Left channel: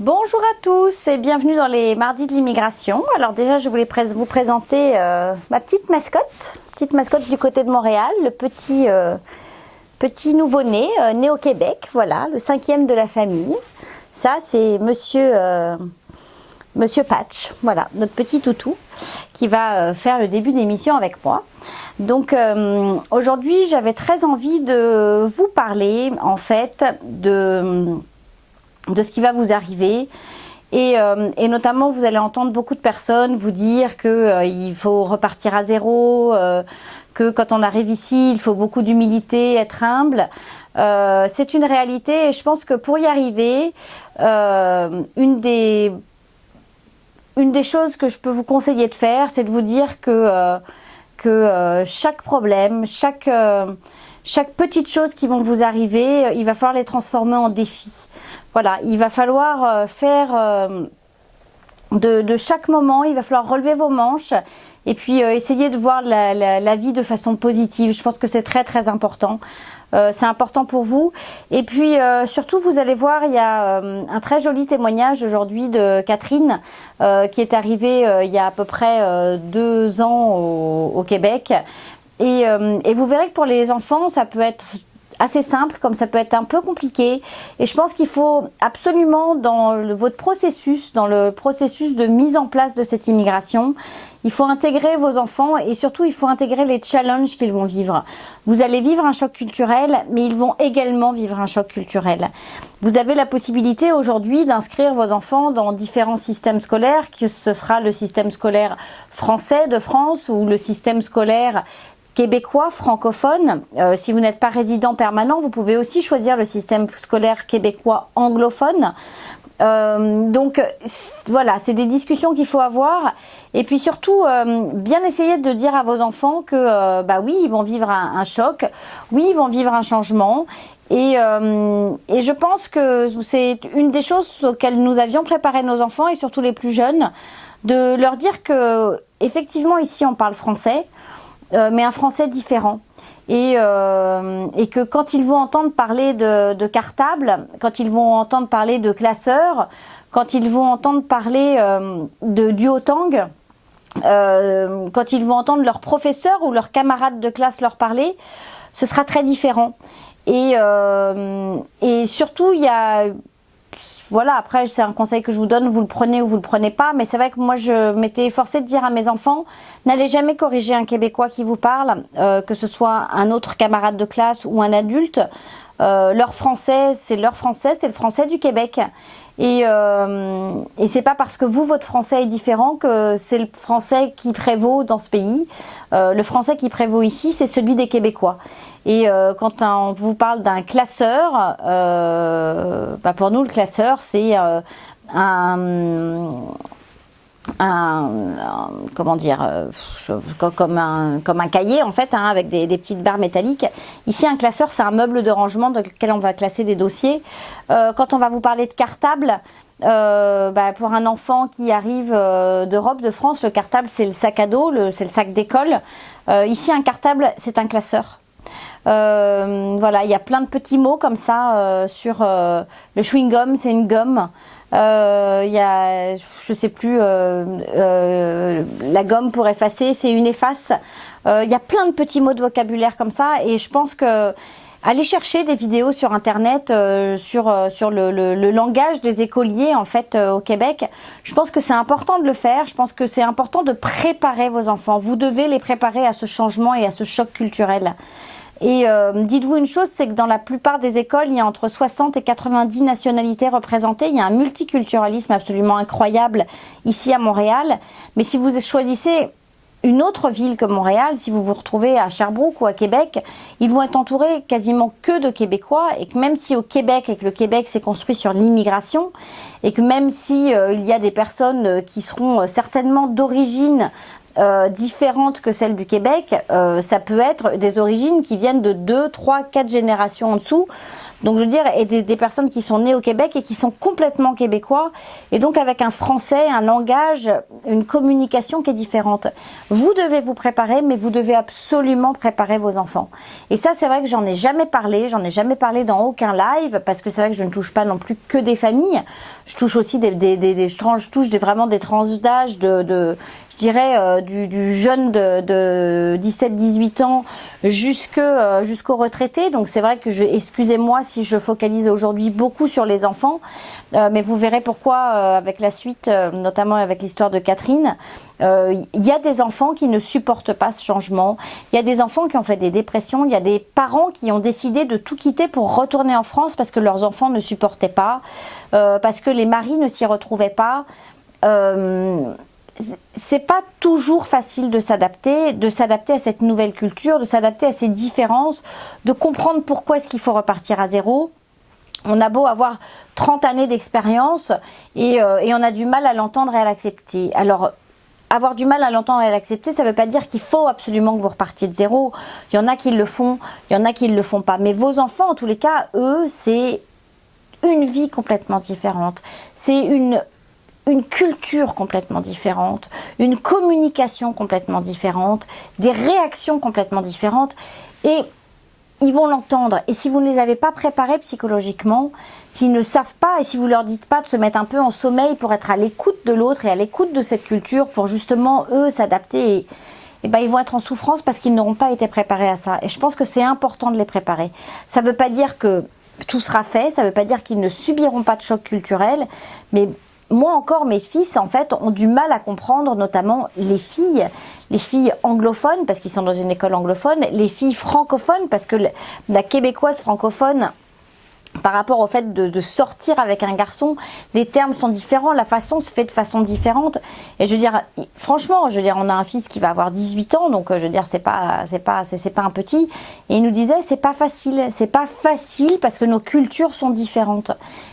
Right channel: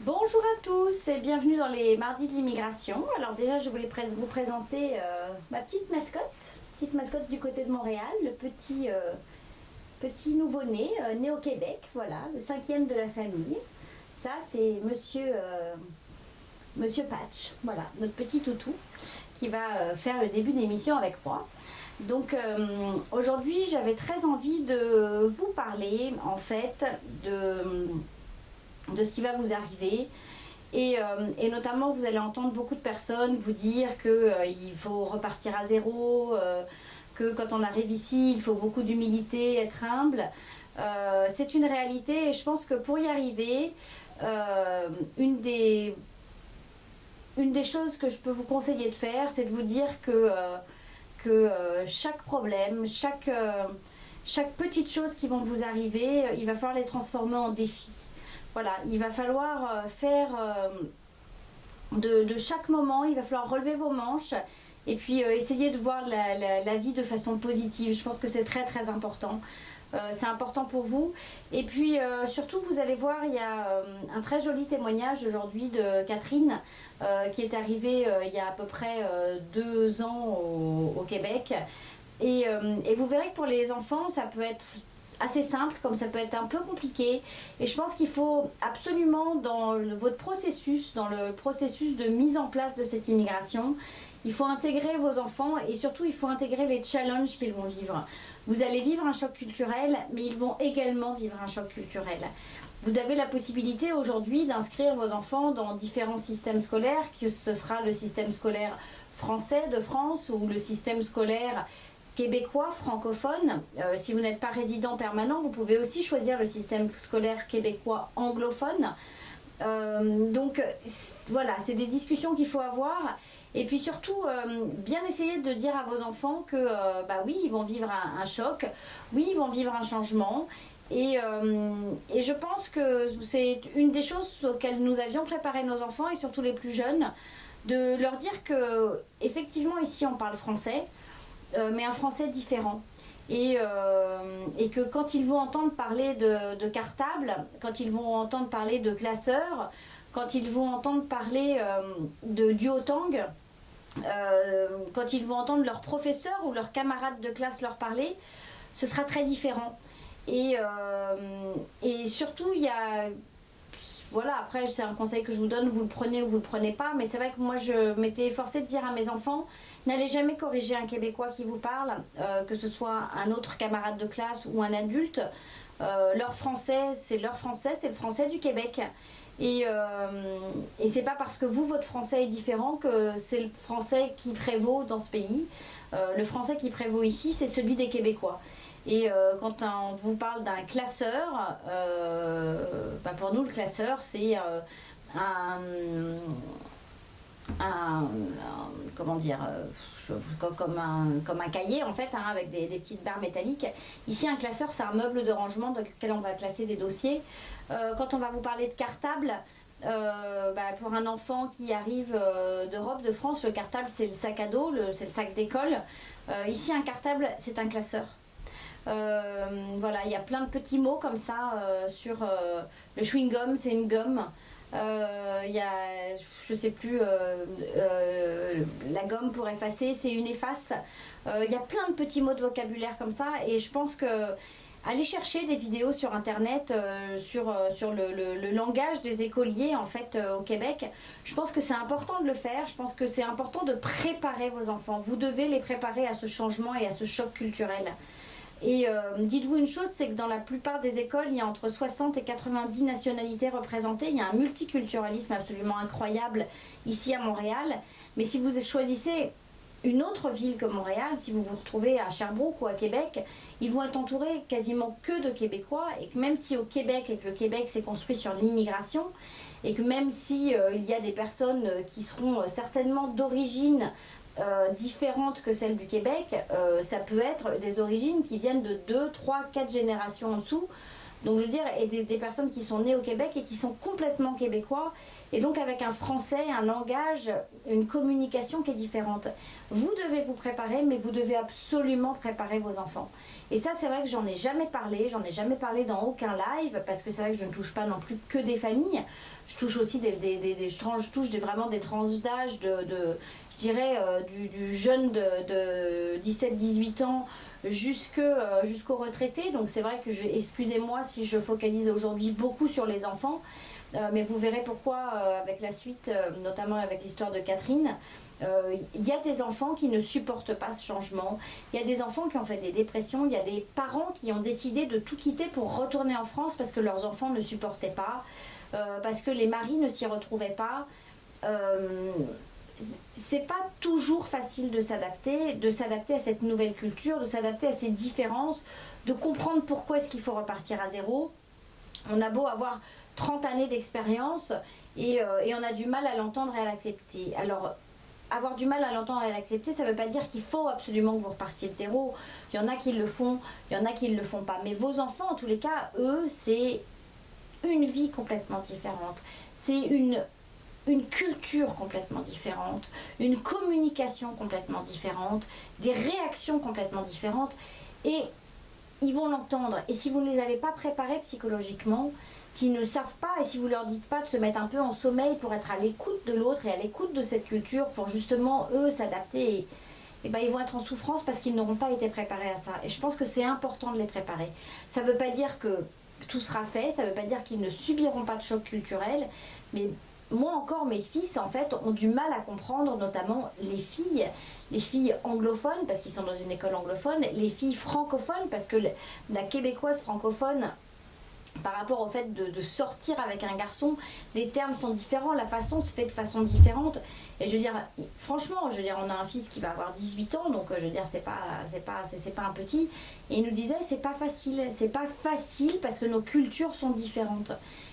Bonjour à tous et bienvenue dans les mardis de l'immigration. Alors déjà, je voulais vous présenter ma petite mascotte du côté de Montréal, le petit nouveau-né, né au Québec, voilà, le 5e de la famille. Ça, c'est Monsieur Patch, voilà, notre petit toutou qui va faire le début d'émission avec moi. Donc aujourd'hui, j'avais très envie de vous parler en fait de ce qui va vous arriver. Et notamment, vous allez entendre beaucoup de personnes vous dire qu'il faut repartir à zéro, que quand on arrive ici, il faut beaucoup d'humilité, être humble. C'est une réalité et je pense que pour y arriver, une des choses que je peux vous conseiller de faire, c'est de vous dire que chaque problème, chaque petite chose qui vont vous arriver, il va falloir les transformer en défis. Voilà, il va falloir faire de chaque moment, il va falloir relever vos manches et puis essayer de voir la vie de façon positive. Je pense que c'est très très important. C'est important pour vous. Et puis surtout, vous allez voir, il y a un très joli témoignage aujourd'hui de Catherine qui est arrivée il y a à peu près 2 ans au Québec. Et vous verrez que pour les enfants, ça peut être assez simple, comme ça peut être un peu compliqué. Et je pense qu'il faut absolument, dans votre processus, dans le processus de mise en place de cette immigration, il faut intégrer vos enfants et surtout, il faut intégrer les challenges qu'ils vont vivre. Vous allez vivre un choc culturel, mais ils vont également vivre un choc culturel. Vous avez la possibilité aujourd'hui d'inscrire vos enfants dans différents systèmes scolaires, que ce sera le système scolaire français de France ou le système scolaire québécois, francophone. Si vous n'êtes pas résident permanent, vous pouvez aussi choisir le système scolaire québécois anglophone. Donc voilà, c'est des discussions qu'il faut avoir. Et puis surtout, bien essayer de dire à vos enfants que bah oui, ils vont vivre un choc, oui, ils vont vivre un changement. Et je pense que c'est une des choses auxquelles nous avions préparé nos enfants et surtout les plus jeunes, de leur dire que effectivement ici on parle français, mais un français différent. Et que quand ils vont entendre parler de cartable, quand ils vont entendre parler de classeur, quand ils vont entendre parler de duotang, quand ils vont entendre leur professeur ou leurs camarades de classe leur parler, ce sera très différent. Et surtout, il y a... Voilà, après c'est un conseil que je vous donne, vous le prenez ou vous le prenez pas, mais c'est vrai que moi je m'étais efforcée de dire à mes enfants, n'allez jamais corriger un Québécois qui vous parle, que ce soit un autre camarade de classe ou un adulte. Leur français, c'est le français du Québec. Et c'est pas parce que votre français est différent que c'est le français qui prévaut dans ce pays. Le français qui prévaut ici, c'est celui des Québécois. Et quand on vous parle d'un classeur, bah pour nous le classeur c'est comment dire, comme un cahier en fait, hein, avec des petites barres métalliques. Ici un classeur c'est un meuble de rangement dans lequel on va classer des dossiers. Quand on va vous parler de cartable, bah, pour un enfant qui arrive d'Europe, de France, le cartable c'est le sac à dos, c'est le sac d'école. Ici un cartable c'est un classeur. Voilà, il y a plein de petits mots comme ça sur le chewing-gum, c'est une gomme. Il y a, je sais plus, la gomme pour effacer, c'est une efface. Il y a plein de petits mots de vocabulaire comme ça et je pense que allez chercher des vidéos sur internet sur le langage des écoliers en fait au Québec. Je pense que c'est important de le faire, je pense que c'est important de préparer vos enfants. Vous devez les préparer à ce changement et à ce choc culturel. Et dites-vous une chose, c'est que dans la plupart des écoles, il y a entre 60 et 90 nationalités représentées. Il y a un multiculturalisme absolument incroyable ici à Montréal. Mais si vous choisissez une autre ville que Montréal, si vous vous retrouvez à Sherbrooke ou à Québec, ils vont être entourés quasiment que de Québécois. Et que même si au Québec, et que le Québec s'est construit sur l'immigration, et que même si il y a des personnes qui seront certainement d'origine différentes que celles du Québec, ça peut être des origines qui viennent de 2, 3, 4 générations en dessous. Donc je veux dire, et des personnes qui sont nées au Québec et qui sont complètement québécois, et donc avec un français, un langage, une communication qui est différente. Vous devez vous préparer, mais vous devez absolument préparer vos enfants. Et ça, c'est vrai que j'en ai jamais parlé dans aucun live, parce que c'est vrai que je ne touche pas non plus que des familles. Je touche aussi je touche vraiment des tranches d'âge je dirais du jeune de 17-18 ans jusqu'aux retraités. Donc c'est vrai que excusez-moi si je focalise aujourd'hui beaucoup sur les enfants, mais vous verrez pourquoi avec la suite, notamment avec l'histoire de Catherine. Il y a des enfants qui ne supportent pas ce changement, il y a des enfants qui ont fait des dépressions, il y a des parents qui ont décidé de tout quitter pour retourner en France parce que leurs enfants ne supportaient pas, parce que les maris ne s'y retrouvaient pas. C'est pas toujours facile de s'adapter à cette nouvelle culture, de s'adapter à ces différences, de comprendre pourquoi est-ce qu'il faut repartir à zéro. On a beau avoir 30 années d'expérience et on a du mal à l'entendre et à l'accepter. Alors, avoir du mal à l'entendre et à l'accepter, ça ne veut pas dire qu'il faut absolument que vous repartiez de zéro. Il y en a qui le font, il y en a qui ne le font pas. Mais vos enfants, en tous les cas, eux, c'est une vie complètement différente. C'est une culture complètement différente, une communication complètement différente, des réactions complètement différentes. Et ils vont l'entendre. Et si vous ne les avez pas préparés psychologiquement, s'ils ne savent pas et si vous ne leur dites pas de se mettre un peu en sommeil pour être à l'écoute de l'autre et à l'écoute de cette culture, pour justement, eux, s'adapter, et ben, ils vont être en souffrance parce qu'ils n'auront pas été préparés à ça. Et je pense que c'est important de les préparer. Ça ne veut pas dire que tout sera fait, ça ne veut pas dire qu'ils ne subiront pas de choc culturel, mais moi encore, mes fils, en fait, ont du mal à comprendre, notamment les filles anglophones, parce qu'ils sont dans une école anglophone, les filles francophones, parce que la québécoise francophone, par rapport au fait de sortir avec un garçon, les termes sont différents, la façon se fait de façon différente. Et je veux dire, franchement, je veux dire, on a un fils qui va avoir 18 ans, donc je veux dire, c'est pas un petit. Et il nous disait, c'est pas facile parce que nos cultures sont différentes.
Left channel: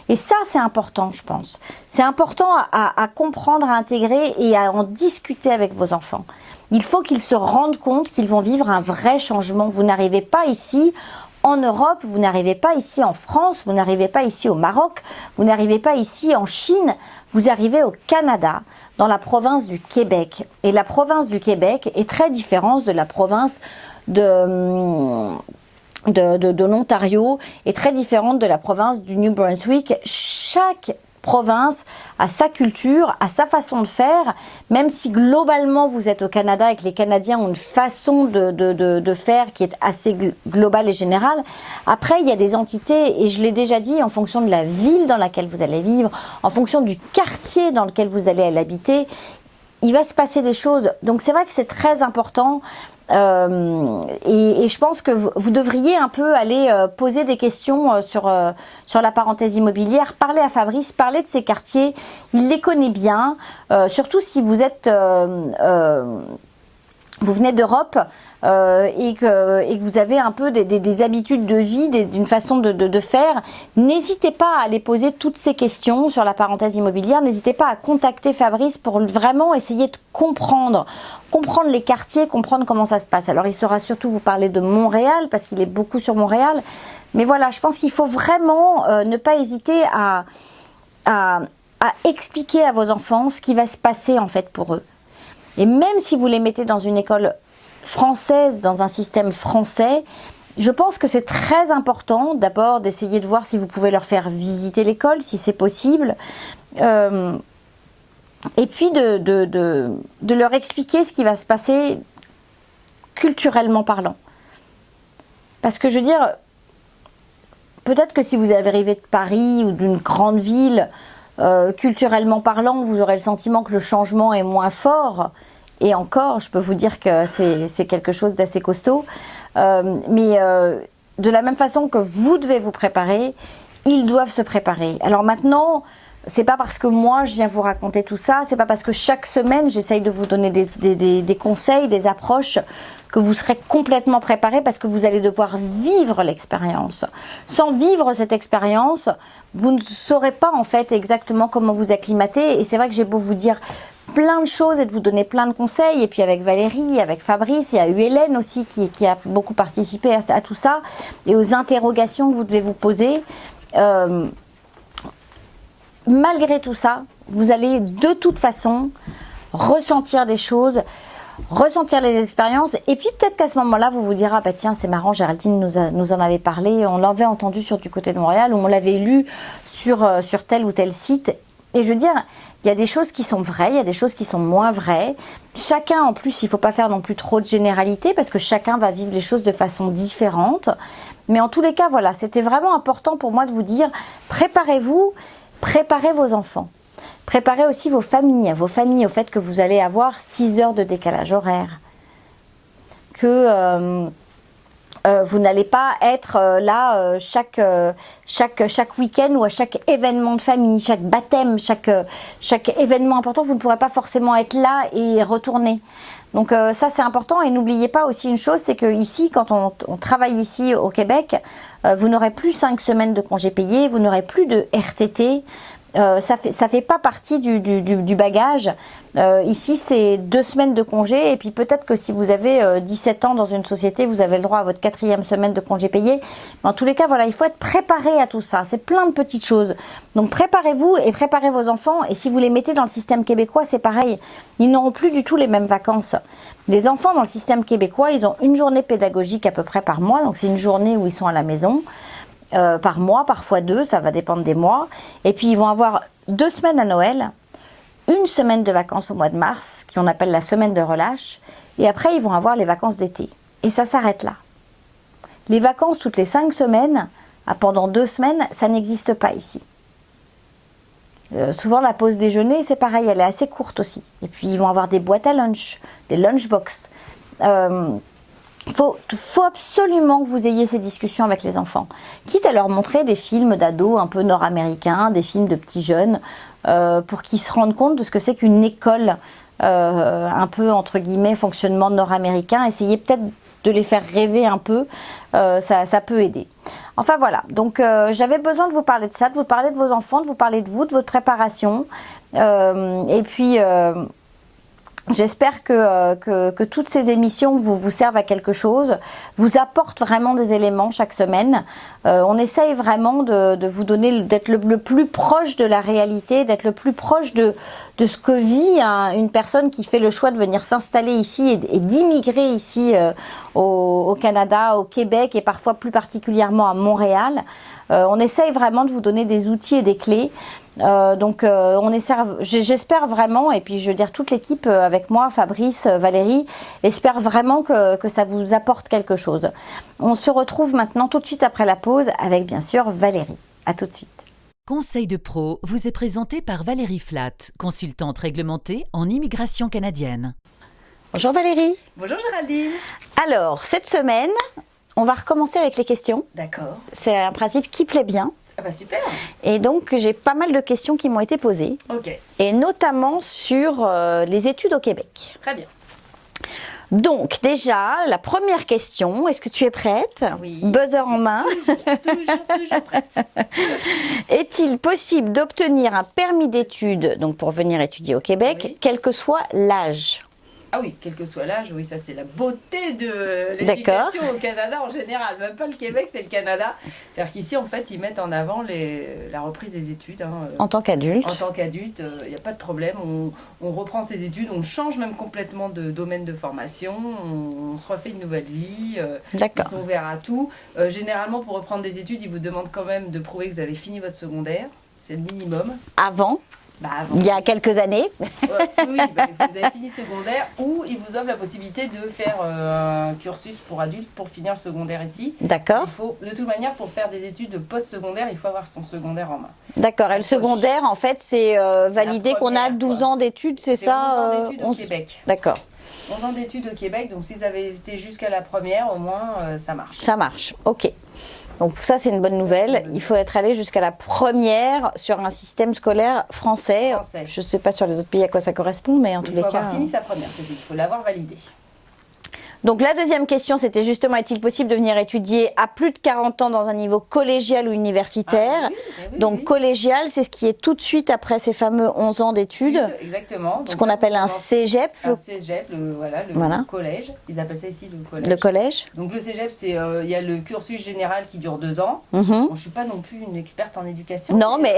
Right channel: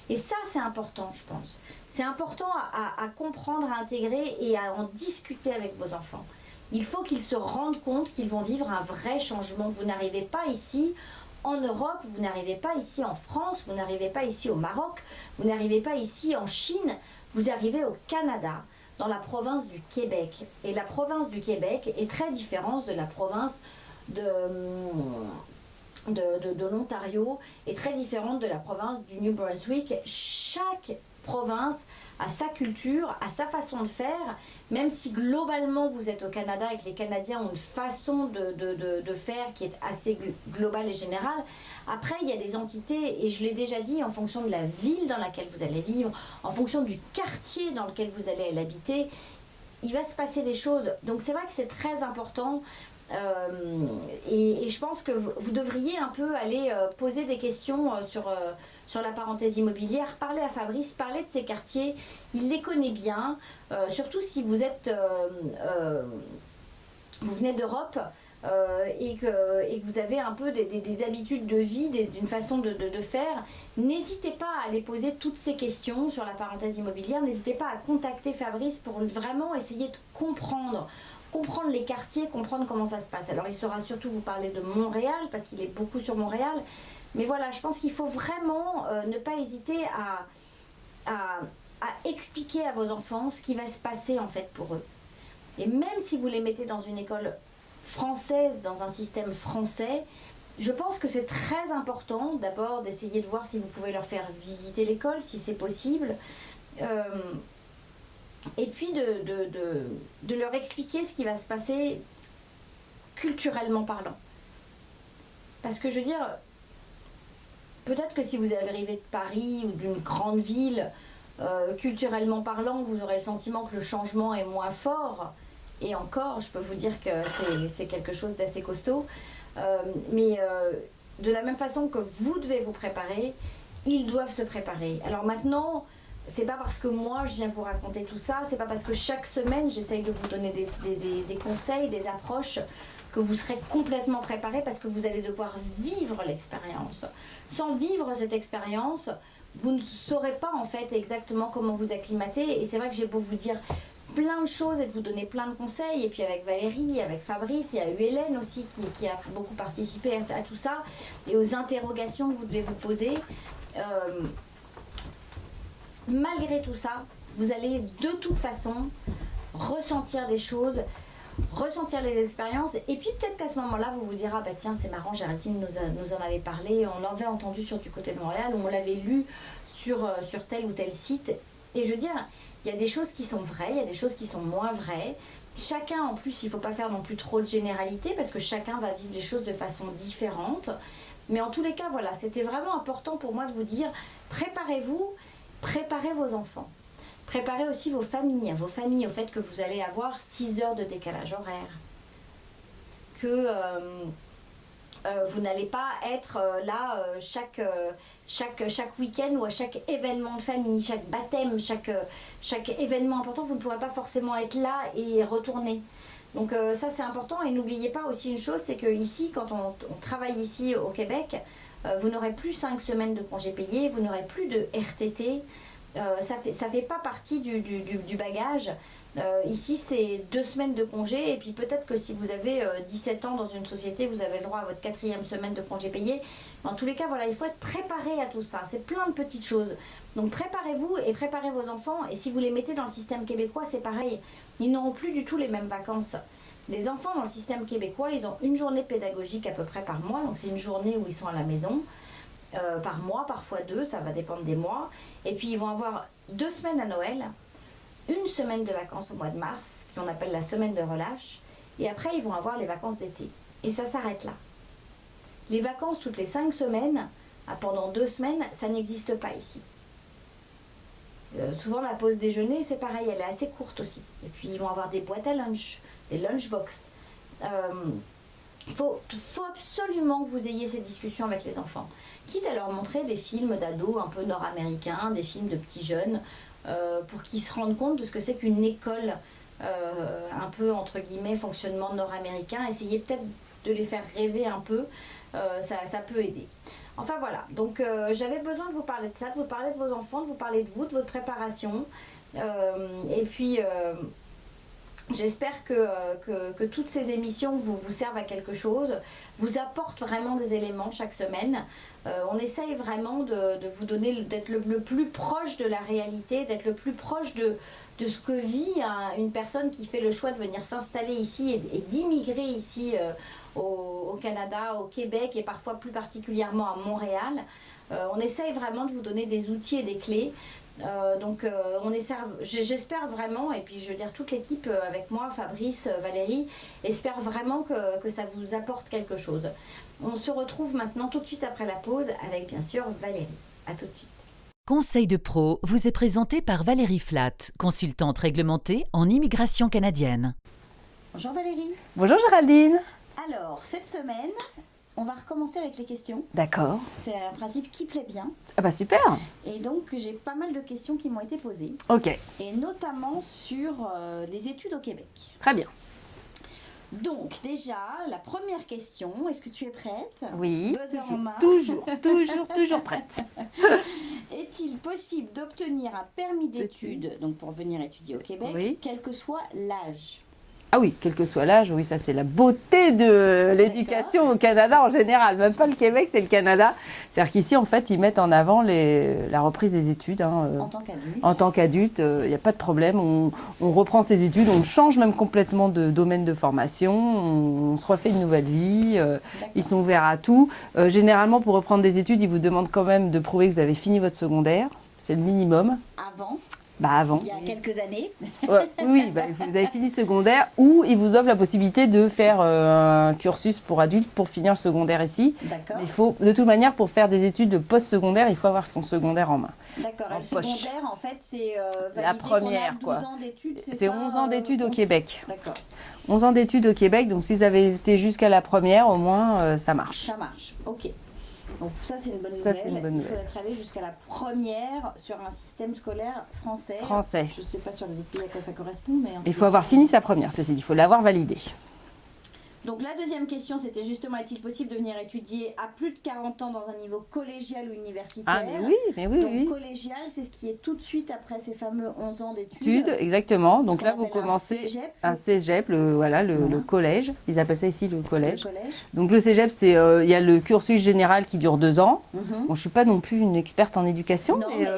Et ça, c'est important, je pense. C'est important à comprendre, à intégrer et à en discuter avec vos enfants. Il faut qu'ils se rendent compte qu'ils vont vivre un vrai changement. Vous n'arrivez pas ici en Europe, vous n'arrivez pas ici en France, vous n'arrivez pas ici au Maroc, vous n'arrivez pas ici en Chine, vous arrivez au Canada, dans la province du Québec. Et la province du Québec est très différente de la province de l'Ontario, est très différente de la province du New Brunswick. Chaque province a sa culture, a sa façon de faire, même si globalement vous êtes au Canada et que les Canadiens ont une façon de faire qui est assez globale et générale. Après, il y a des entités, et je l'ai déjà dit, en fonction de la ville dans laquelle vous allez vivre, en fonction du quartier dans lequel vous allez l'habiter, il va se passer des choses. Donc c'est vrai que c'est très important. Et je pense que vous devriez un peu aller poser des questions sur la parenthèse immobilière, parler à Fabrice, parler de ces quartiers, il les connaît bien, surtout si vous êtes vous venez d'Europe et que vous avez un peu des habitudes de vie, d'une façon de faire, n'hésitez pas à aller poser toutes ces questions sur la parenthèse immobilière, n'hésitez pas à contacter Fabrice pour vraiment essayer de comprendre les quartiers, comprendre comment ça se passe. Alors il saura surtout vous parler de Montréal, parce qu'il est beaucoup sur Montréal, mais voilà, je pense qu'il faut vraiment ne pas hésiter à expliquer à vos enfants ce qui va se passer en fait pour eux. Et même si vous les mettez dans une école française, dans un système français, je pense que c'est très important d'abord d'essayer de voir si vous pouvez leur faire visiter l'école, si c'est possible, et puis de leur expliquer ce qui va se passer culturellement parlant. Parce que je veux dire, peut-être que si vous arrivez de Paris ou d'une grande ville, culturellement parlant, vous aurez le sentiment que le changement est moins fort. Et encore, je peux vous dire que c'est quelque chose d'assez costaud. Mais de la même façon que vous devez vous préparer, ils doivent se préparer. Alors maintenant, c'est pas parce que moi je viens vous raconter tout ça, c'est pas parce que chaque semaine j'essaye de vous donner des conseils, des approches, que vous serez complètement préparé, parce que vous allez devoir vivre l'expérience. Sans vivre cette expérience, vous ne saurez pas en fait exactement comment vous acclimater. Et c'est vrai que j'ai beau vous dire plein de choses et de vous donner plein de conseils. Et puis avec Valérie, avec Fabrice, il y a eu Hélène aussi qui a beaucoup participé à tout ça et aux interrogations que vous devez vous poser. Malgré tout ça, vous allez de toute façon ressentir des choses, ressentir les expériences, et puis peut-être qu'à ce moment-là, vous vous direz, ah bah tiens, c'est marrant, Géraldine nous en avait parlé, on l'avait entendu sur du côté de Montréal, ou on l'avait lu sur tel ou tel site. Et je veux dire, il y a des choses qui sont vraies, il y a des choses qui sont moins vraies. Chacun, en plus, il ne faut pas faire non plus trop de généralité, parce que chacun va vivre les choses de façon différente. Mais en tous les cas, voilà, c'était vraiment important pour moi de vous dire, préparez-vous, préparez vos enfants. Préparez aussi vos familles au fait que vous allez avoir 6 heures de décalage horaire. Que vous n'allez pas être là chaque week-end ou à chaque événement de famille, chaque baptême, chaque événement important, vous ne pourrez pas forcément être là et retourner. Donc ça c'est important, et n'oubliez pas aussi une chose, c'est que ici, quand on travaille ici au Québec, vous n'aurez plus 5 semaines de congés payés, vous n'aurez plus de RTT. Ça fait pas partie du bagage. Ici, c'est 2 semaines de congé, et puis peut-être que si vous avez 17 ans dans une société, vous avez le droit à votre 4e semaine de congé payé. Mais en tous les cas, voilà, il faut être préparé à tout ça. C'est plein de petites choses. Donc préparez-vous et préparez vos enfants. Et si vous les mettez dans le système québécois, c'est pareil. Ils n'auront plus du tout les mêmes vacances. Les enfants dans le système québécois, ils ont une journée pédagogique à peu près par mois. Donc c'est une journée où ils sont à la maison. Par mois, parfois 2, ça va dépendre des mois. Et puis ils vont avoir 2 semaines à Noël, 1 semaine de vacances au mois de mars, qu'on appelle la semaine de relâche, et après ils vont avoir les vacances d'été. Et ça s'arrête là. Les vacances toutes les 5 semaines, pendant 2 semaines, ça n'existe pas ici. Souvent la pause déjeuner, c'est pareil, elle est assez courte aussi. Et puis ils vont avoir des boîtes à lunch, des lunchbox. Il faut absolument que vous ayez ces discussions avec les enfants. Quitte à leur montrer des films d'ados un peu nord-américains, des films de petits jeunes, pour qu'ils se rendent compte de ce que c'est qu'une école, un peu entre guillemets, fonctionnement nord-américain. Essayez peut-être de les faire rêver un peu, ça peut aider. Enfin voilà, donc j'avais besoin de vous parler de ça, de vous parler de vos enfants, de vous parler de vous, de votre préparation. Et puis... j'espère que toutes ces émissions vous servent à quelque chose, vous apportent vraiment des éléments chaque semaine. On essaye vraiment de vous donner, d'être le plus proche de la réalité, d'être le plus proche de ce que vit une personne qui fait le choix de venir s'installer ici et d'immigrer ici au Canada, au Québec et parfois plus particulièrement à Montréal. On essaye vraiment de vous donner des outils et des clés. J'espère vraiment, et puis je veux dire toute l'équipe avec moi, Fabrice, Valérie, espère vraiment que ça vous apporte quelque chose. On se retrouve maintenant tout de suite après la pause avec bien sûr Valérie. À tout de suite. Conseil de pro vous est présenté par Valérie Flatt, consultante réglementée en immigration canadienne. Bonjour Valérie. Bonjour Géraldine. Alors, cette semaine, on va recommencer avec les questions. D'accord. C'est un principe qui plaît bien. Ah bah super. Et donc j'ai pas mal de questions qui m'ont été posées. Ok. Et notamment sur les études au Québec. Très bien. Donc déjà, la première question, est-ce que tu es prête? Oui. Buzzer en main. Toujours prête. Est-il possible d'obtenir un permis d'études, donc pour venir étudier au Québec, Oui. quel que soit l'âge? Ah oui, quel que soit l'âge, oui, ça c'est la beauté de l'éducation au Canada en général. Même pas le Québec, c'est le Canada. C'est-à-dire qu'ici, en fait, ils mettent en avant la reprise des études. En tant qu'adulte? En tant qu'adulte, il n'y a pas de problème. On reprend ses études, on change même complètement de domaine de formation, on se refait une nouvelle vie. Ils sont ouverts à tout. Généralement, pour reprendre des études, ils vous demandent quand même de prouver que vous avez fini votre secondaire. C'est le minimum. Avant? Avant. Il y a quelques années. Oui, vous avez fini secondaire, ou ils vous offrent la possibilité de faire un cursus pour adultes pour finir le secondaire ici. D'accord. Il faut, de toute manière, pour faire des études post-secondaire, il faut avoir son secondaire en main. D'accord. Et le secondaire, en fait, c'est validé qu'on a 12 ans d'études, c'est ça? 11 ans d'études au Québec. D'accord. 11 ans d'études au Québec, donc si vous avez été jusqu'à la première, au moins, ça marche. Ça marche, ok. Donc ça, c'est une bonne nouvelle. Il faut être allé jusqu'à la première sur un système scolaire français. Je ne sais pas sur les autres pays à quoi ça correspond, mais en tout cas... Il faut avoir fini sa première, ceci dit, il faut l'avoir validée. Donc la deuxième question, c'était justement, est-il possible de venir étudier à plus de 40 ans dans un niveau collégial ou universitaire? Donc collégial, c'est ce qui est tout de suite après ces fameux 11 ans d'études. Exactement. Donc ce qu'on appelle un cégep. Un cégep, le collège. Ils appellent ça ici le collège. Le collège. Donc le cégep, il y a le cursus général qui dure 2 ans. Bon, je ne suis pas non plus une experte en éducation. Non, mais...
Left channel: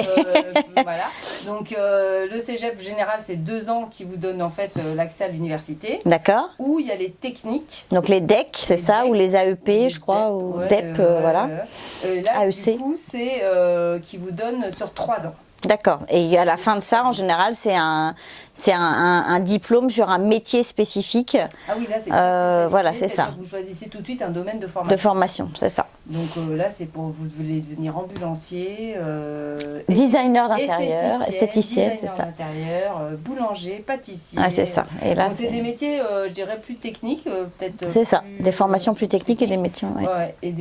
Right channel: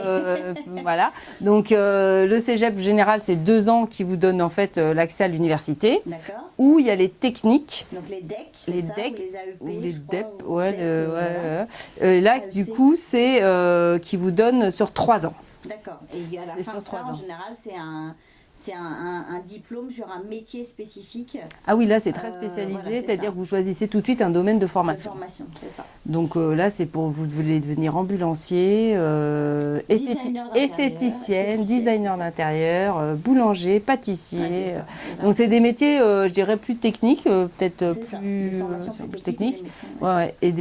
voilà. Donc le cégep général, c'est 2 ans qui vous donnent en fait l'accès à l'université. D'accord. Où il y a les techniques. Donc les DEC, c'est ça, ou les AEP, je crois, ou DEP, voilà. Là, AEC. du coup, c'est qui vous donne sur 3 ans. D'accord. Et à la fin de ça, en général, c'est un diplôme sur un métier spécifique. Ah oui, là, c'est très spécialisé. Voilà, c'est ça. Vous choisissez tout de suite un domaine de formation. De formation, c'est ça. Donc là, c'est pour vous voulez devenir ambulancier, designer d'intérieur, esthéticienne, designer d'intérieur, boulanger, pâtissier. Ah, c'est ça. Donc c'est des métiers, je dirais, plus techniques, peut-être. C'est ça. Des formations plus techniques et des métiers. Ouais. Et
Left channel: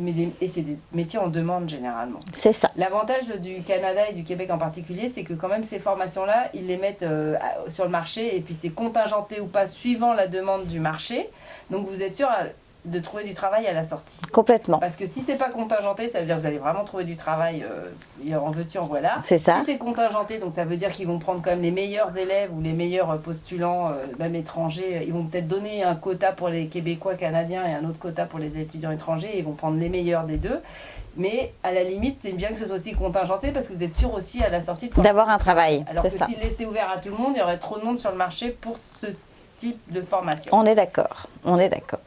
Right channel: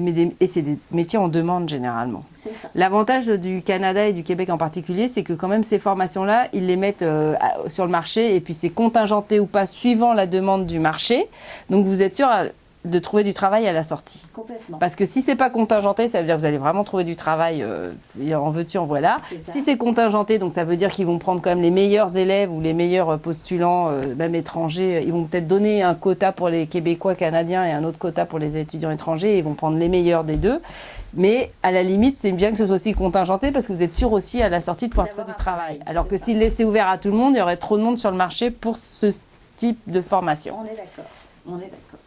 c'est des métiers en demande généralement. C'est ça. L'avantage du Canada et du Québec en particulier, c'est que quand même ces formations-là, ils les mettent sur le marché et puis c'est contingenté ou pas suivant la demande du marché. Donc vous êtes sûr de trouver du travail à la sortie. Complètement. Parce que si c'est pas contingenté, ça veut dire que vous allez vraiment trouver du travail, en veux-tu, en voilà. C'est ça. Si c'est contingenté, donc ça veut dire qu'ils vont prendre quand même les meilleurs élèves ou les meilleurs postulants, même étrangers. Ils vont peut-être donner un quota pour les Québécois, Canadiens et un autre quota pour les étudiants étrangers. Et ils vont prendre les meilleurs des deux. Mais à la limite, c'est bien que ce soit aussi contingenté parce que vous êtes sûr aussi à la sortie de pouvoir d'avoir un travail. Alors que s'il laissait ouvert à tout le monde, il y aurait trop de monde sur le marché pour ce type de formation. On est d'accord. On est d'accord.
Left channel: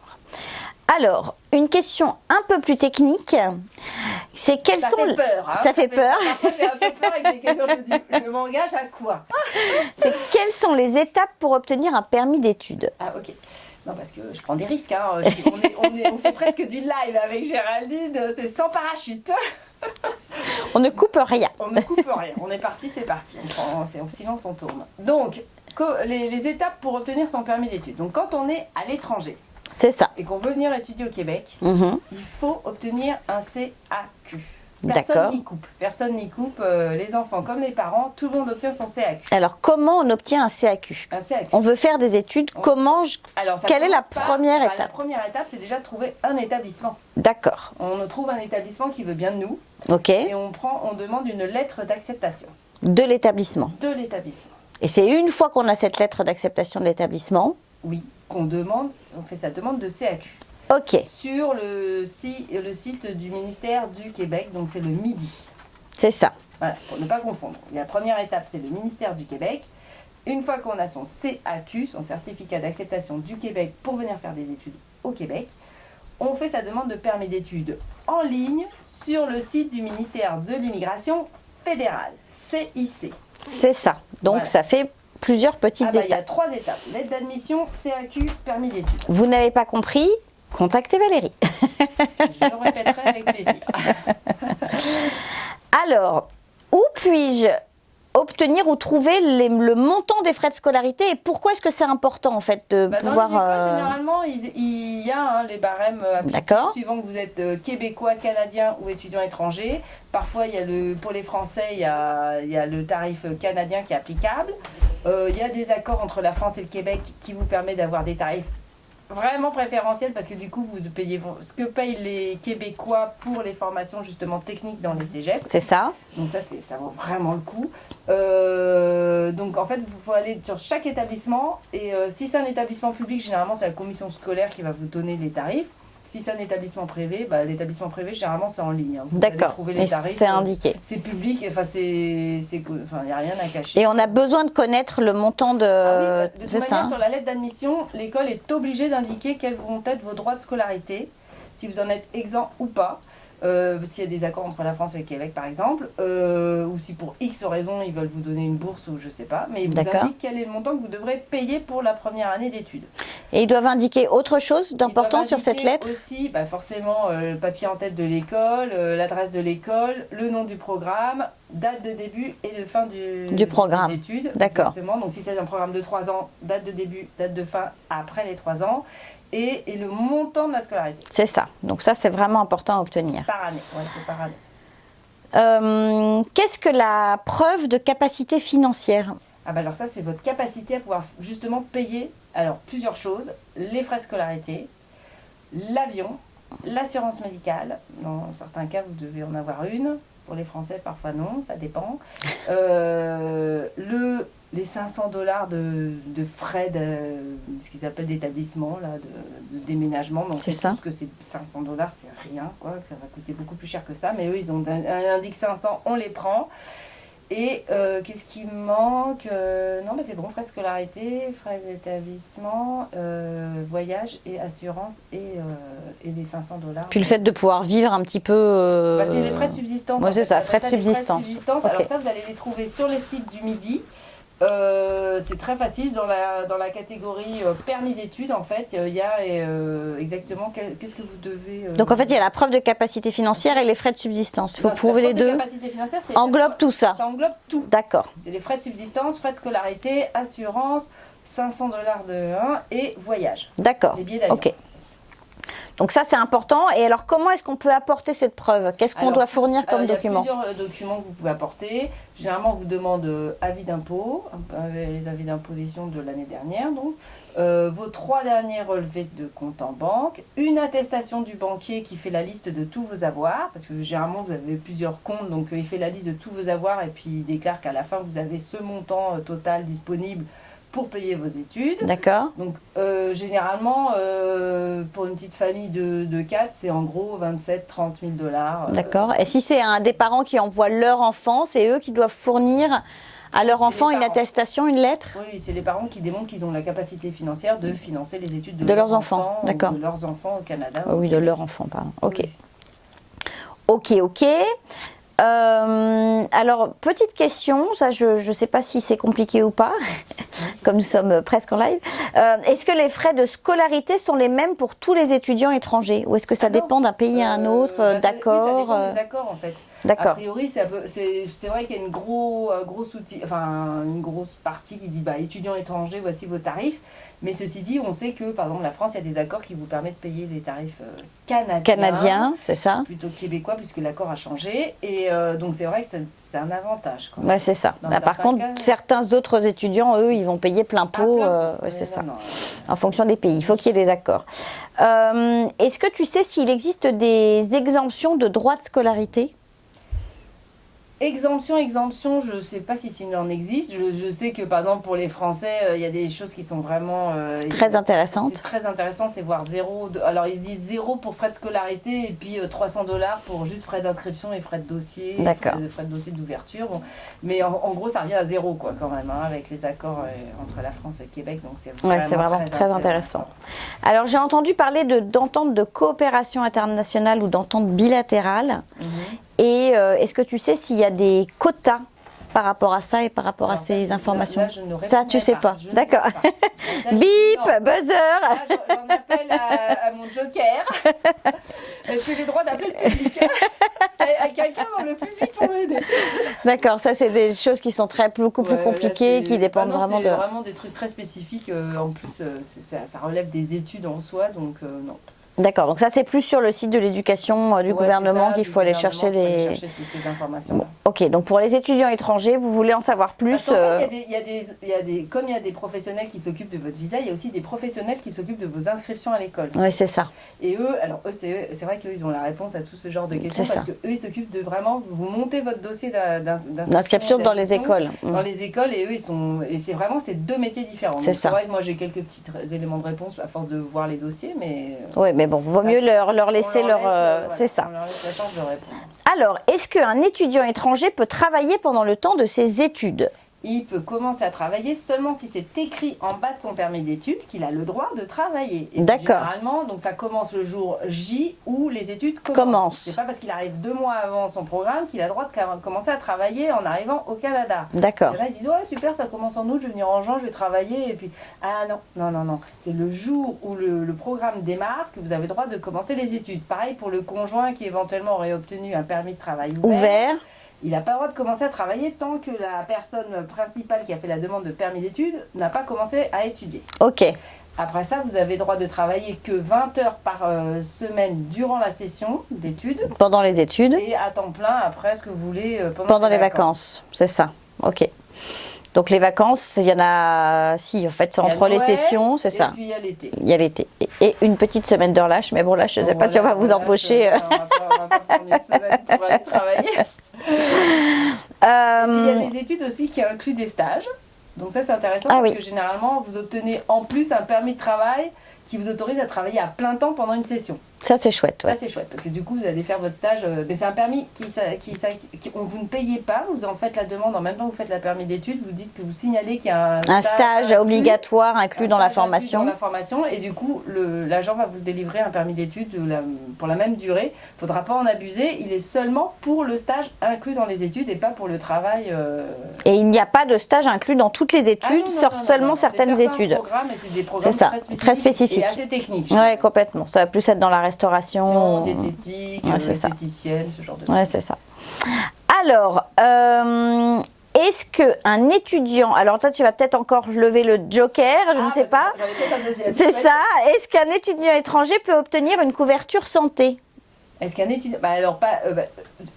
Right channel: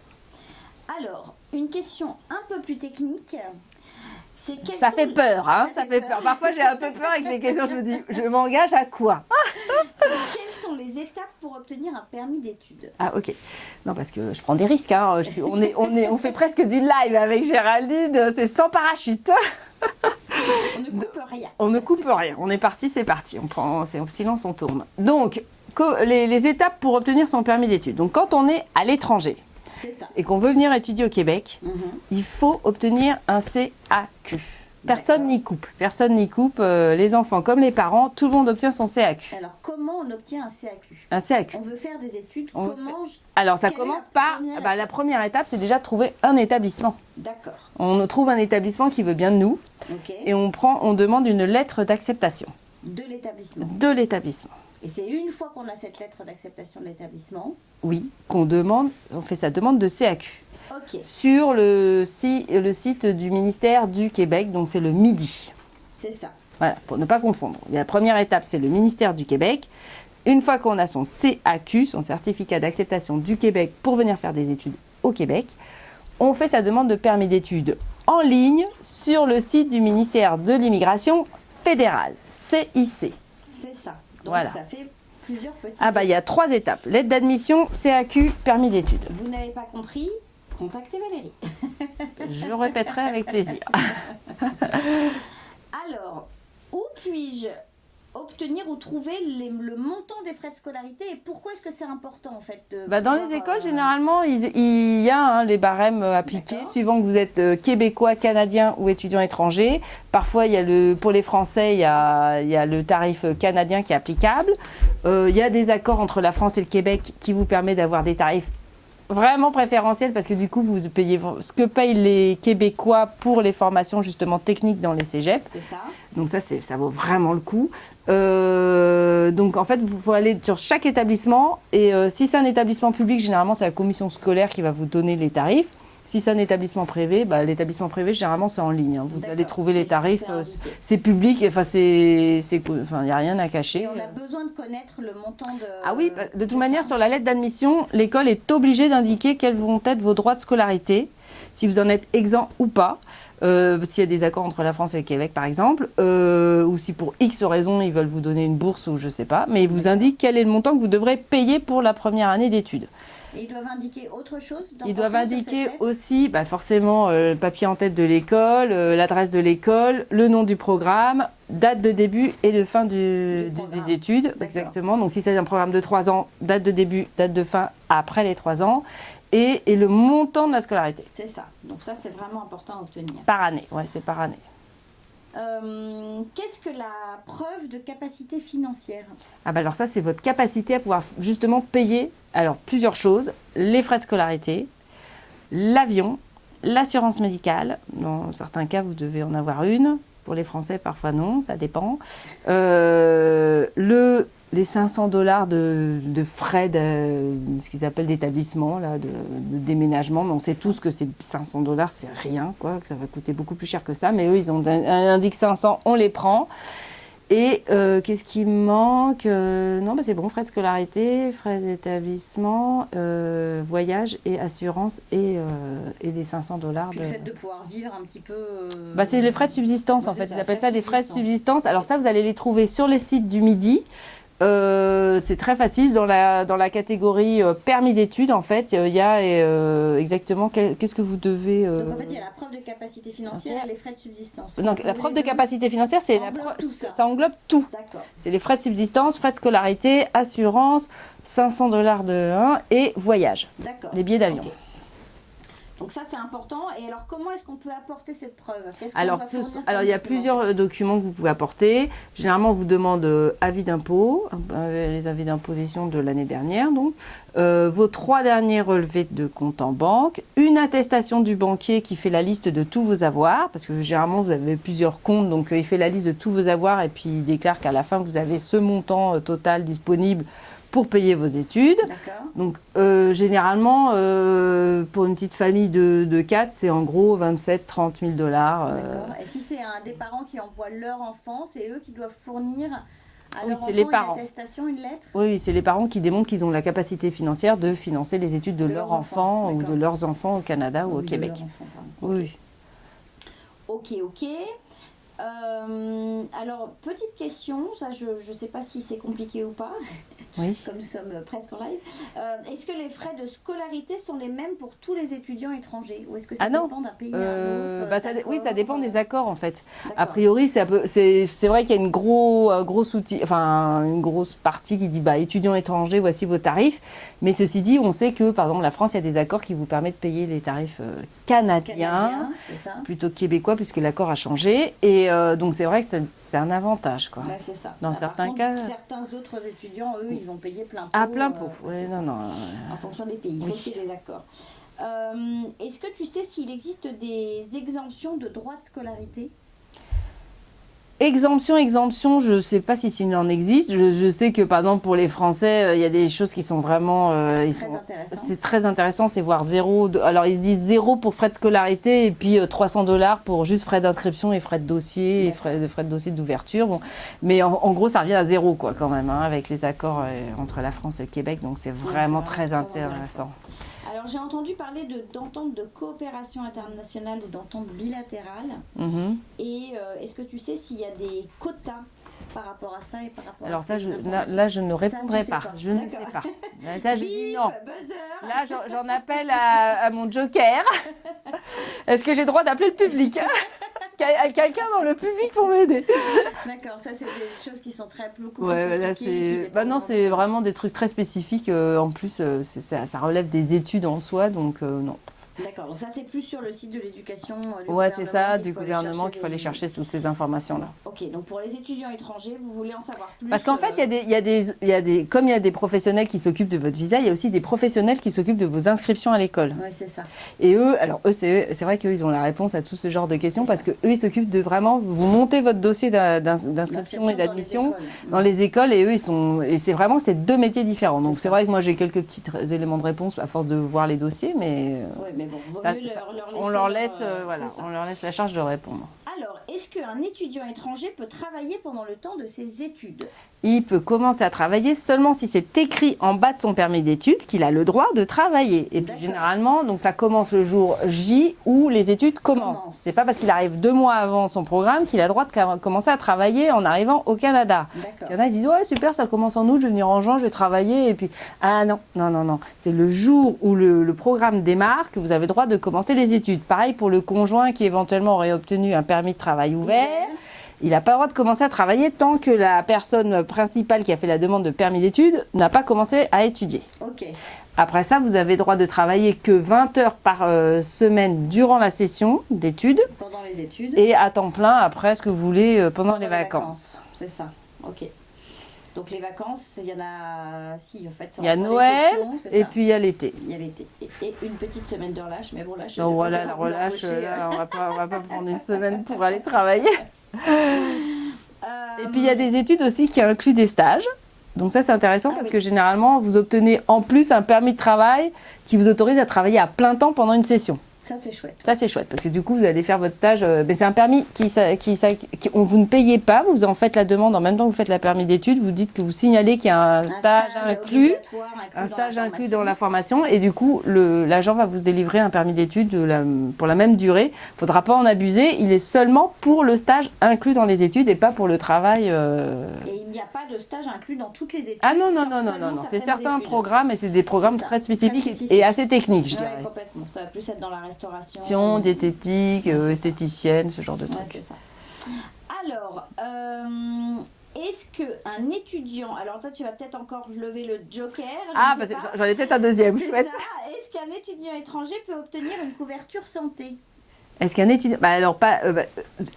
Alors, une question un peu plus technique, c'est quelles sont... Ça fait peur, hein. Ça fait peur. Parfois, j'ai un peu peur avec les questions. Je me dis, je m'engage à quoi? C'est quelles sont les étapes pour obtenir un permis d'études? Ah, ok. Non, parce que je prends des risques. Hein. On fait presque du live avec Géraldine. C'est sans parachute. On ne coupe rien. On ne coupe rien. On est parti, c'est parti. C'est en silence, on tourne. Donc, les étapes pour obtenir son permis d'études. Donc, quand on est à l'étranger, c'est ça, et qu'on veut venir étudier au Québec, il faut obtenir un CAQ. Personne n'y coupe. Personne n'y coupe. Les enfants comme les parents, tout le monde obtient son CAQ. Alors, comment on obtient un CAQ? Un CAQ. On veut faire des études. Alors, quelle est la première étape? La première étape, c'est déjà de trouver un établissement. D'accord. On trouve un établissement qui veut bien de nous. Ok. Et on demande une lettre d'acceptation. De l'établissement. De l'établissement. Et c'est une fois qu'on a cette lettre d'acceptation de l'établissement. Oui, on fait sa demande de CAQ. Ok. Sur le site du ministère du Québec, donc c'est le MIDI. C'est ça. Voilà, pour ne pas confondre. La première étape, c'est le ministère du Québec. Une fois qu'on a son CAQ, son certificat d'acceptation du Québec pour venir faire des études au Québec, on fait sa demande de permis d'études en ligne sur le site du ministère de l'Immigration fédérale, CIC. C'est ça. Donc voilà. Ça fait plusieurs petites étapes. Il y a 3 étapes. Lettre d'admission, CAQ, permis d'études. Vous n'avez pas compris? Contactez Valérie. Je le répéterai avec plaisir. Alors, où puis-je obtenir ou trouver le montant des frais de scolarité et pourquoi est-ce que c'est important en fait de pouvoir... Dans les écoles, généralement, il y a les barèmes appliqués suivant que vous êtes québécois, canadien ou étudiant étranger. Parfois, pour les Français, il y a le tarif canadien qui est applicable. Il y a des accords entre la France et le Québec qui vous permet d'avoir des tarifs vraiment préférentiel parce que du coup vous payez ce que payent les Québécois pour les formations justement techniques dans les cégeps. C'est ça. Donc ça vaut vraiment le coup. Donc en fait il faut aller sur chaque établissement et si c'est un établissement public, généralement c'est la commission scolaire qui va vous donner les tarifs. Si c'est un établissement privé, l'établissement privé, généralement, c'est en ligne. Vous allez trouver les tarifs. C'est indiqué. C'est public, enfin, il n'y a rien à cacher. Et on a besoin de connaître le montant de... Ah oui, de toute manière, sur la lettre d'admission, l'école est obligée d'indiquer quels vont être vos droits de scolarité, si vous en êtes exempt ou pas. S'il y a des accords entre la France et le Québec, par exemple, ou si pour X raison, ils veulent vous donner une bourse ou je ne sais pas, mais ils vous indiquent quel est le montant que vous devrez payer pour la première année d'études. Et ils doivent indiquer autre chose d'important sur cette lettre? Aussi, forcément, le papier en tête de l'école, l'adresse de l'école, le nom du programme, date de début et de fin du programme des études. D'accord. Exactement. Donc si c'est un programme de 3 ans, date de début, date de fin après les 3 ans. Et le montant de la scolarité. C'est ça. Donc ça, c'est vraiment important à obtenir. Par année, ouais, c'est par année. Qu'est-ce que la preuve de capacité financière? Alors ça, c'est votre capacité à pouvoir justement payer plusieurs choses. Les frais de scolarité, l'avion, l'assurance médicale. Dans certains cas, vous devez en avoir une. Pour les Français, parfois non, ça dépend. Les $500 de frais, ce qu'ils appellent d'établissement, de déménagement. Donc c'est tout ce que c'est $500, c'est rien, quoi, que ça va coûter beaucoup plus cher que ça. Mais eux, ils ont indiqué 500, on les prend. Et qu'est-ce qui me manque? Non, c'est bon, frais de scolarité, frais d'établissement, voyage et assurance et les $500. Puis le fait de pouvoir vivre un petit peu... c'est les frais de subsistance. Ouais, c'est ça, frais de subsistance. Okay. Alors ça, vous allez les trouver sur les sites du Midi. C'est très facile. Dans la catégorie permis d'études, en fait, il y a exactement qu'est-ce que vous devez... Donc, en fait, il y a la preuve de capacité financière et les frais de subsistance. Vous trouvez les deux. La preuve de capacité financière, c'est... Englobe tout ça. Ça englobe tout. D'accord. C'est les frais de subsistance, frais de scolarité, assurance, $500 de 1 et voyage. D'accord. Les billets d'avion. Ok. Donc ça, c'est important. Et alors, comment est-ce qu'on peut apporter cette preuve? Qu'est-ce qu'on doit fournir comme document? Il y a plusieurs documents que vous pouvez apporter. Généralement, on vous demande avis d'impôt, les avis d'imposition de l'année dernière, donc. Vos 3 derniers relevés de compte en banque, une attestation du banquier qui fait la liste de tous vos avoirs, parce que généralement, vous avez plusieurs comptes, donc il fait la liste de tous vos avoirs et puis il déclare qu'à la fin, vous avez ce montant total disponible pour payer vos études. D'accord. Donc, généralement, pour une petite famille de 4, c'est en gros 27-30 000 $. D'accord. Et si c'est des parents qui envoient leur enfant, c'est eux qui doivent fournir à leur enfant une attestation, une lettre? Oui, c'est les parents qui démontrent qu'ils ont la capacité financière de financer les études de leurs enfants. D'accord. De leurs enfants au Canada ou au Québec. De leurs enfants, pardon. Ok. Oui. Ok. Alors, petite question, ça je ne sais pas si c'est compliqué ou pas, oui. Comme nous sommes presque en live. Est-ce que les frais de scolarité sont les mêmes pour tous les étudiants étrangers? Ou est-ce que ça dépend d'un pays à un autre, d'accord? Oui, ça dépend des accords en fait. D'accord. A priori, c'est vrai qu'il y a une grosse partie qui dit étudiants étrangers, voici vos tarifs. Mais ceci dit, on sait que par exemple la France, il y a des accords qui vous permettent de payer les tarifs canadiens, c'est ça, plutôt que québécois puisque l'accord a changé. Et donc c'est vrai que c'est un avantage. Ouais, c'est ça. Par contre, certains autres étudiants, eux, ils vont payer plein pot. C'est ça. En fonction des pays, il faut qu'il y ait des accords. Est-ce que tu sais s'il existe des exemptions de droits de scolarité? Exemption, je ne sais pas s'il en existe. Je sais que, par exemple, pour les Français, il y a des choses qui sont vraiment... très intéressantes. C'est très intéressant, c'est voir zéro... Alors, ils disent 0 pour frais de scolarité et puis $300 pour juste frais d'inscription et frais de dossier, frais de dossier d'ouverture. Bon. Mais en gros, ça revient à 0, quoi, quand même, avec les accords entre la France et le Québec. Donc, c'est vraiment très intéressant. Alors, j'ai entendu parler d'entente de coopération internationale ou d'entente bilatérale. Et est-ce que tu sais s'il y a des quotas par rapport à ça et par rapport à ces informations? Là, je ne réponds pas. Ça, tu sais pas. D'accord. Bip, buzzer. Là, j'en appelle à mon joker. Est-ce que j'ai le droit d'appeler le public? À quelqu'un dans le public pour m'aider. D'accord, ça, c'est des choses qui sont beaucoup plus compliquées, qui dépendent vraiment de... C'est vraiment des trucs très spécifiques. En plus, ça relève des études en soi, donc non. D'accord, donc ça c'est plus sur le site de l'éducation du gouvernement qu'il faut aller chercher toutes ces informations-là. Ok, donc pour les étudiants étrangers, vous voulez en savoir plus? Parce qu'en fait, comme il y a des professionnels qui s'occupent de votre visa, il y a aussi des professionnels qui s'occupent de vos inscriptions à l'école. Oui, c'est ça. Et eux, c'est vrai qu'eux, ils ont la réponse à tout ce genre de questions parce qu'eux, ils s'occupent de vraiment, vous montez votre dossier d'inscription dans les écoles. Dans les écoles, et eux, c'est 2 métiers différents. Donc c'est vrai que moi, j'ai quelques petits éléments de réponse à force de voir les dossiers, mais... Oui, mais bon, vaut mieux leur laisser c'est ça. On leur laisse la charge de répondre. Alors, est-ce qu'un étudiant étranger peut travailler pendant le temps de ses études? Il peut commencer à travailler seulement si c'est écrit en bas de son permis d'études qu'il a le droit de travailler. Et généralement, donc ça commence le jour J où les études commencent. C'est pas parce qu'il arrive 2 mois avant son programme qu'il a le droit de commencer à travailler en arrivant au Canada. D'accord. Il y en a qui disent ouais super, ça commence en août, je vais venir en juin, je vais travailler et puis non. C'est le jour où le programme démarre que vous avez le droit de commencer les études. Pareil pour le conjoint qui éventuellement aurait obtenu un permis de travail ouvert. Il n'a pas le droit de commencer à travailler tant que la personne principale qui a fait la demande de permis d'études n'a pas commencé à étudier. Ok. Après ça, vous avez le droit de travailler que 20 heures par semaine durant la session d'études. Pendant les études. Et à temps plein après ce que vous voulez pendant les vacances. C'est ça. Ok. Donc les vacances, il y en a, si en fait c'est entre les sessions, c'est ça. Et puis il y a l'été. Il y a l'été. Et une petite semaine de relâche, mais bon là je ne sais pas si on va vous embaucher. On va pas prendre une semaine pour aller travailler. Et puis il y a des études aussi qui incluent des stages. Donc ça c'est intéressant parce que généralement vous obtenez en plus un permis de travail qui vous autorise à travailler à plein temps pendant une session. Ça c'est chouette. Ça c'est chouette parce que du coup vous allez faire votre stage. C'est un permis vous ne payez pas, vous en faites la demande en même temps que vous faites la permis d'études. Vous dites que vous signalez qu'il y a un stage obligatoire inclus dans la formation. Et du coup l'agent va vous délivrer un permis d'études pour la même durée. Il ne faudra pas en abuser. Il est seulement pour le stage inclus dans les études et pas pour le travail. Et il n'y a pas de stage inclus dans toutes les études, seulement certaines études. C'est certains programmes et c'est des programmes très spécifiques et assez techniques. Oui, complètement. Ça va plus être dans la restauration, diététique, esthéticienne, ce genre de trucs. Ouais, c'est ça. Alors, est-ce qu'un étudiant, alors toi tu vas peut-être encore lever le joker, je ne sais pas. J'en ai peut-être un deuxième. C'est ça. Est-ce qu'un étudiant étranger peut obtenir une couverture santé? Est-ce qu'un étudiant...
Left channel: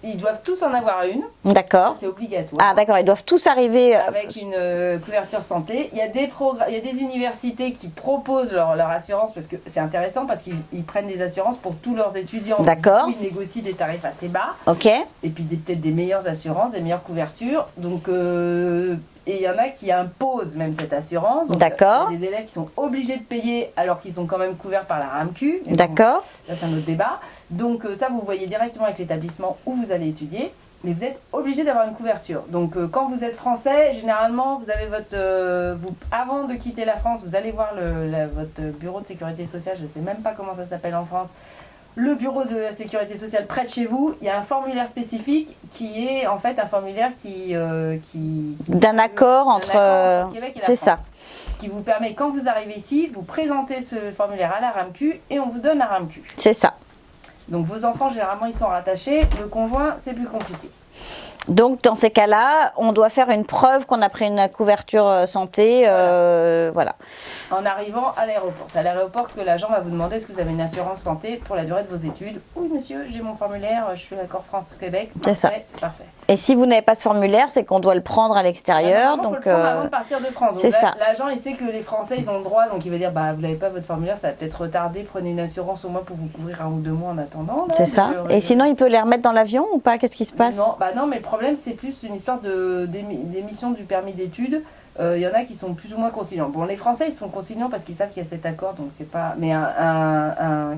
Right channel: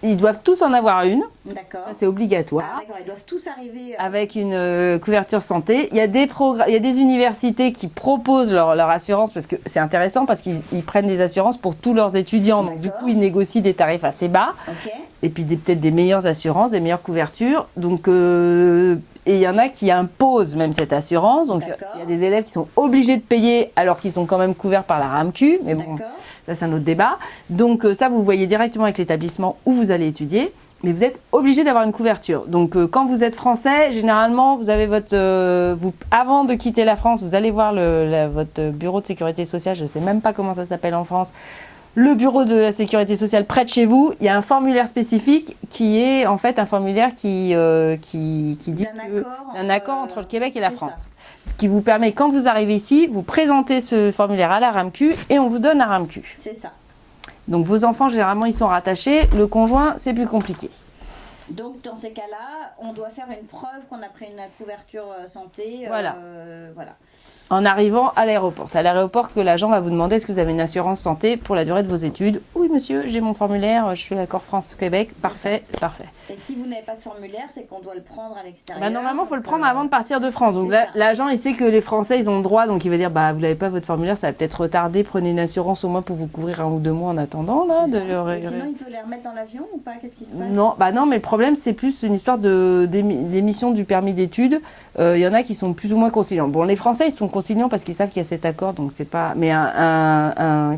ils doivent tous en avoir une. D'accord. C'est obligatoire. Ah d'accord, ils doivent tous arriver... Avec une couverture santé. Il y a des universités qui proposent leur assurance, parce que c'est intéressant, parce qu'ils prennent des assurances pour tous leurs étudiants. D'accord. Donc, ils négocient des tarifs assez bas. Ok. Et puis peut-être des meilleures assurances, des meilleures couvertures. Donc... Et il y en a qui imposent même cette assurance. D'accord. Il y a des élèves qui sont obligés de payer alors qu'ils sont quand même couverts par la RAMQ. D'accord. Ça, c'est un autre débat. Donc ça, vous voyez directement avec l'établissement où vous allez étudier. Mais vous êtes obligé d'avoir une couverture. Donc quand vous êtes français, généralement, vous avez avant de quitter la France, vous allez voir votre bureau de sécurité sociale. Je ne sais même pas comment ça s'appelle en France. Le bureau de la sécurité sociale près de chez vous, il y a un formulaire spécifique qui est en fait un formulaire qui d'un accord entre le Québec et la France. C'est ça. Ce qui vous permet, quand vous arrivez ici, vous présentez ce formulaire à la RAMQ et on vous donne la RAMQ. C'est ça. Donc vos enfants, généralement, ils sont rattachés. Le conjoint, c'est plus compliqué. Donc, dans ces cas-là, on doit faire une preuve qu'on a pris une couverture santé. Voilà. En arrivant à l'aéroport. C'est à l'aéroport que l'agent va vous demander est-ce que vous avez une assurance santé pour la durée de vos études. Oui, monsieur, j'ai mon formulaire, je suis d'accord France-Québec. Parfait, parfait. Et si vous n'avez pas ce formulaire, c'est qu'on doit le prendre à l'extérieur. Il faut le prendre avant de partir de France. Donc l'agent, il sait que les Français, ils ont le droit. Donc il va dire, vous n'avez pas votre formulaire, ça va peut-être retarder. Prenez une assurance au moins pour vous couvrir 1 ou 2 mois en attendant. C'est ça. Et sinon, il peut les remettre dans l'avion ou pas? Qu'est-ce qui se passe? Non, mais le problème, c'est plus une histoire d'émission du permis d'études. Il y en a qui sont plus ou moins conciliants. Bon, les Français, ils sont conciliants parce qu'ils savent qu'il y a cet accord, donc c'est pas... Mais